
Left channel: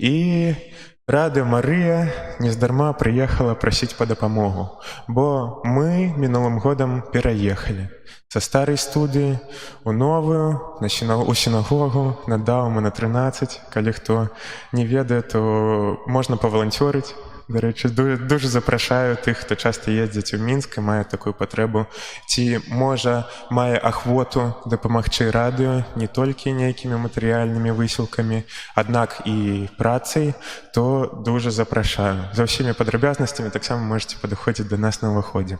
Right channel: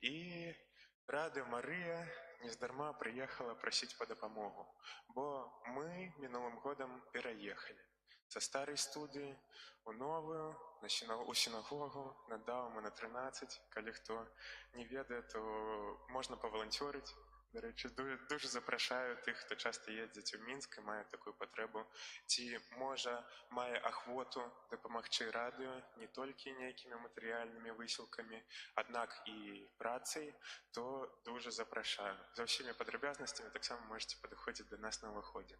І Радыё Марыя нездарма прыехала прасіць па дапамогу, бо мы мінулым годам пераехалі са старай студыі у новую, у сінагогу, на Даўма на 13. Калі хто не ведае, то можна паваланцёрыць. До речі, дуже запрашаю тих, хто часто їздить у Мінськ і має таку потребу, ці може має ахвоту допомогти радіо не тільки ніякими матеріальними висілками, однак і працею, то дуже запрашаю. За всіми подробязностями так само можете підходити до нас на виході.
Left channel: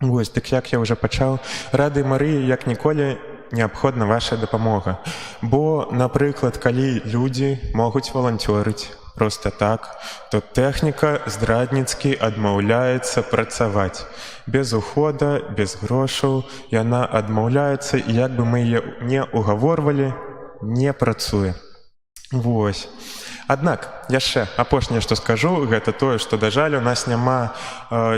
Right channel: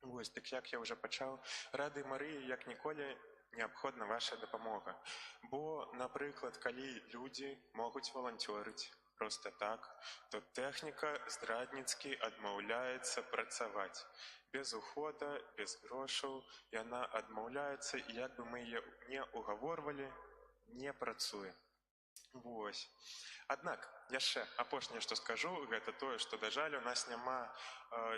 Ось, так як я вже почав, Радыё Марії, як ніколи, необходна ваша допомога. Бо, наприклад, коли люди можуть волонтерити, просто так, то тэхніка здрадніцкі адмаўляецца працаваць. Без ухода, без грошаў яна адмаўляецца, і як бы мы яе не угаворвалі, не працуе. Вось. Аднак, яшчэ апошняе, што скажу, гэта тое, што, да жаль, у нас няма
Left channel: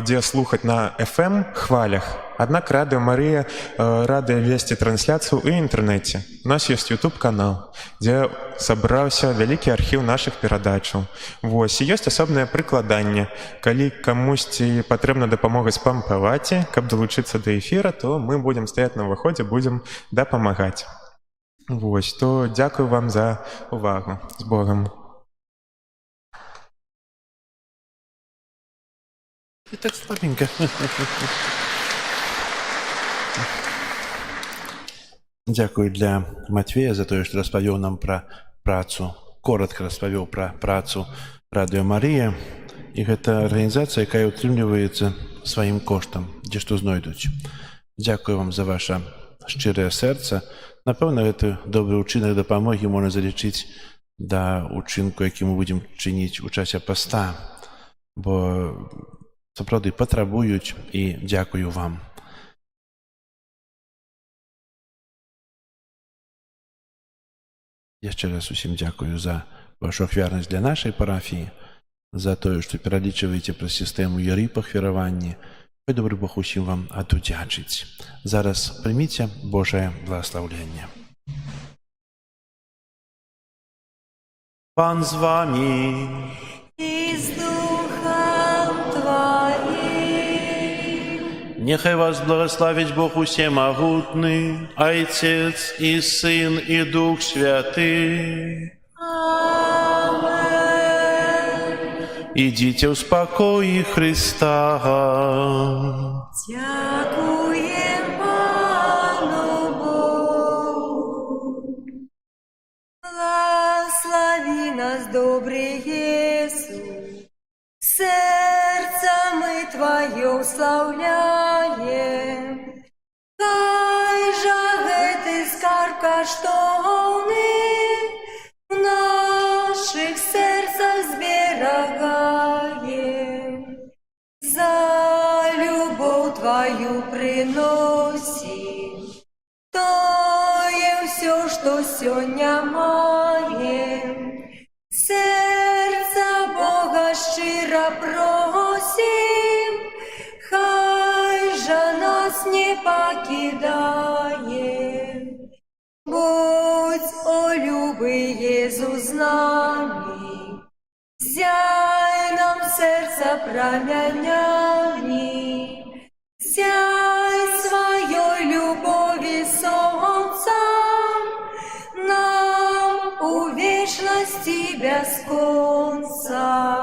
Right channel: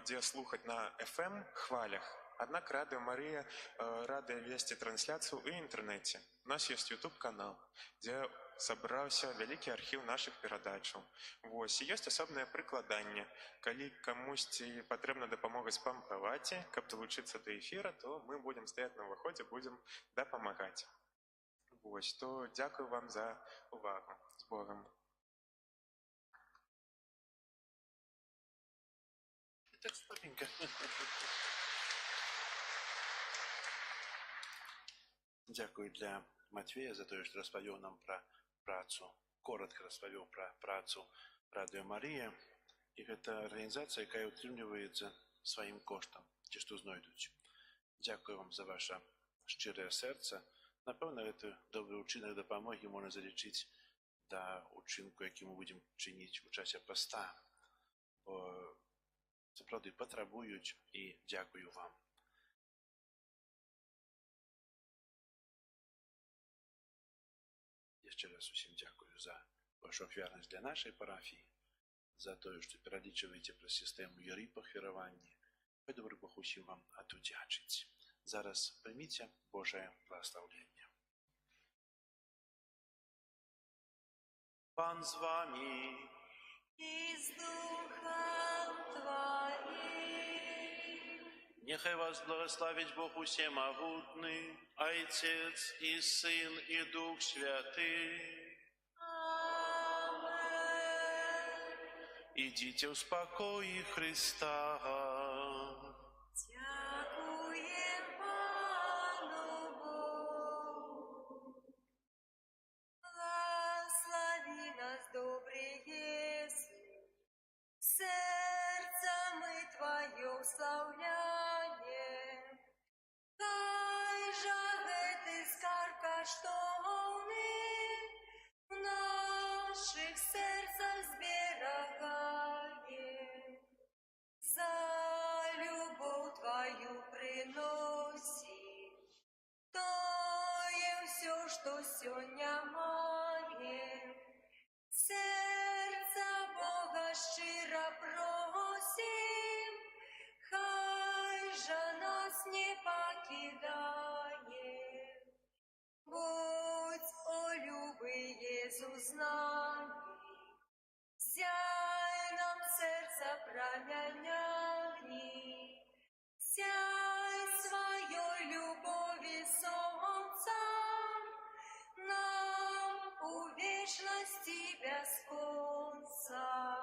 дзе слухаць на FM хвалях. Аднак Радыё Марыя рада весці трансляцыю ў інтэрнэце. У нас ёсць YouTube-канал, дзе сабраўся вялікі архіў нашых перадачаў. Вось, і ёсць асобнае прыкладанне. Калі камусьці патрэбна дапамога спампаваць, каб далучыцца да эфіра, то мы будзем стаяць на ўваходзе, будзем дапамагаць. Вось, то дзякую вам за увагу. З Богам. І так слабенько. Дзякую для Матвея за тое, што распавёў нам пра працу, коротка распавёў пра працу Радыё Марія. І гэта арганізацыя, якая ўтрымліваецца сваім коштам, дзе што знойдуць. Дзякую вам за ваше шчырае сэрца. Напэўна, гэты добры ўчынак дапамогі можна залічыць да ўчынку, які мы будзем чыніць у часе паста, бо сапраўды патрабуюць, і дзякую вам. Яшчэ раз усім дзякую за вашу ахвярнасць для нашай парафіі, за тое, што пералічваеце праз сістэму ЕРИ пахвяраванні. Хай добры Бог усім вам адудзячыць. Зараз прыміце Божае благаслаўленне. Пан з вамі. и с Духом Твоим. Нехай вас благословить Бог усемогутный, Отец и Сын и Дух Святый. Amen. Идите в спокое Христа. Дякуем Пану Богу. Благослови нас, добрый Иисус. Сердце мы Твое славляем. Хай же гэты скарб каштоўны в наших сердцах зберагаем. За любовь Твою приносим тое все, что сегодня маем. Сердца Бога щиро просим, хай же нас не покидает. Будь, о любый Иисус, с нами, зяй нам сердце промянями, зяй своей любови солнцем нам у вечности без конца.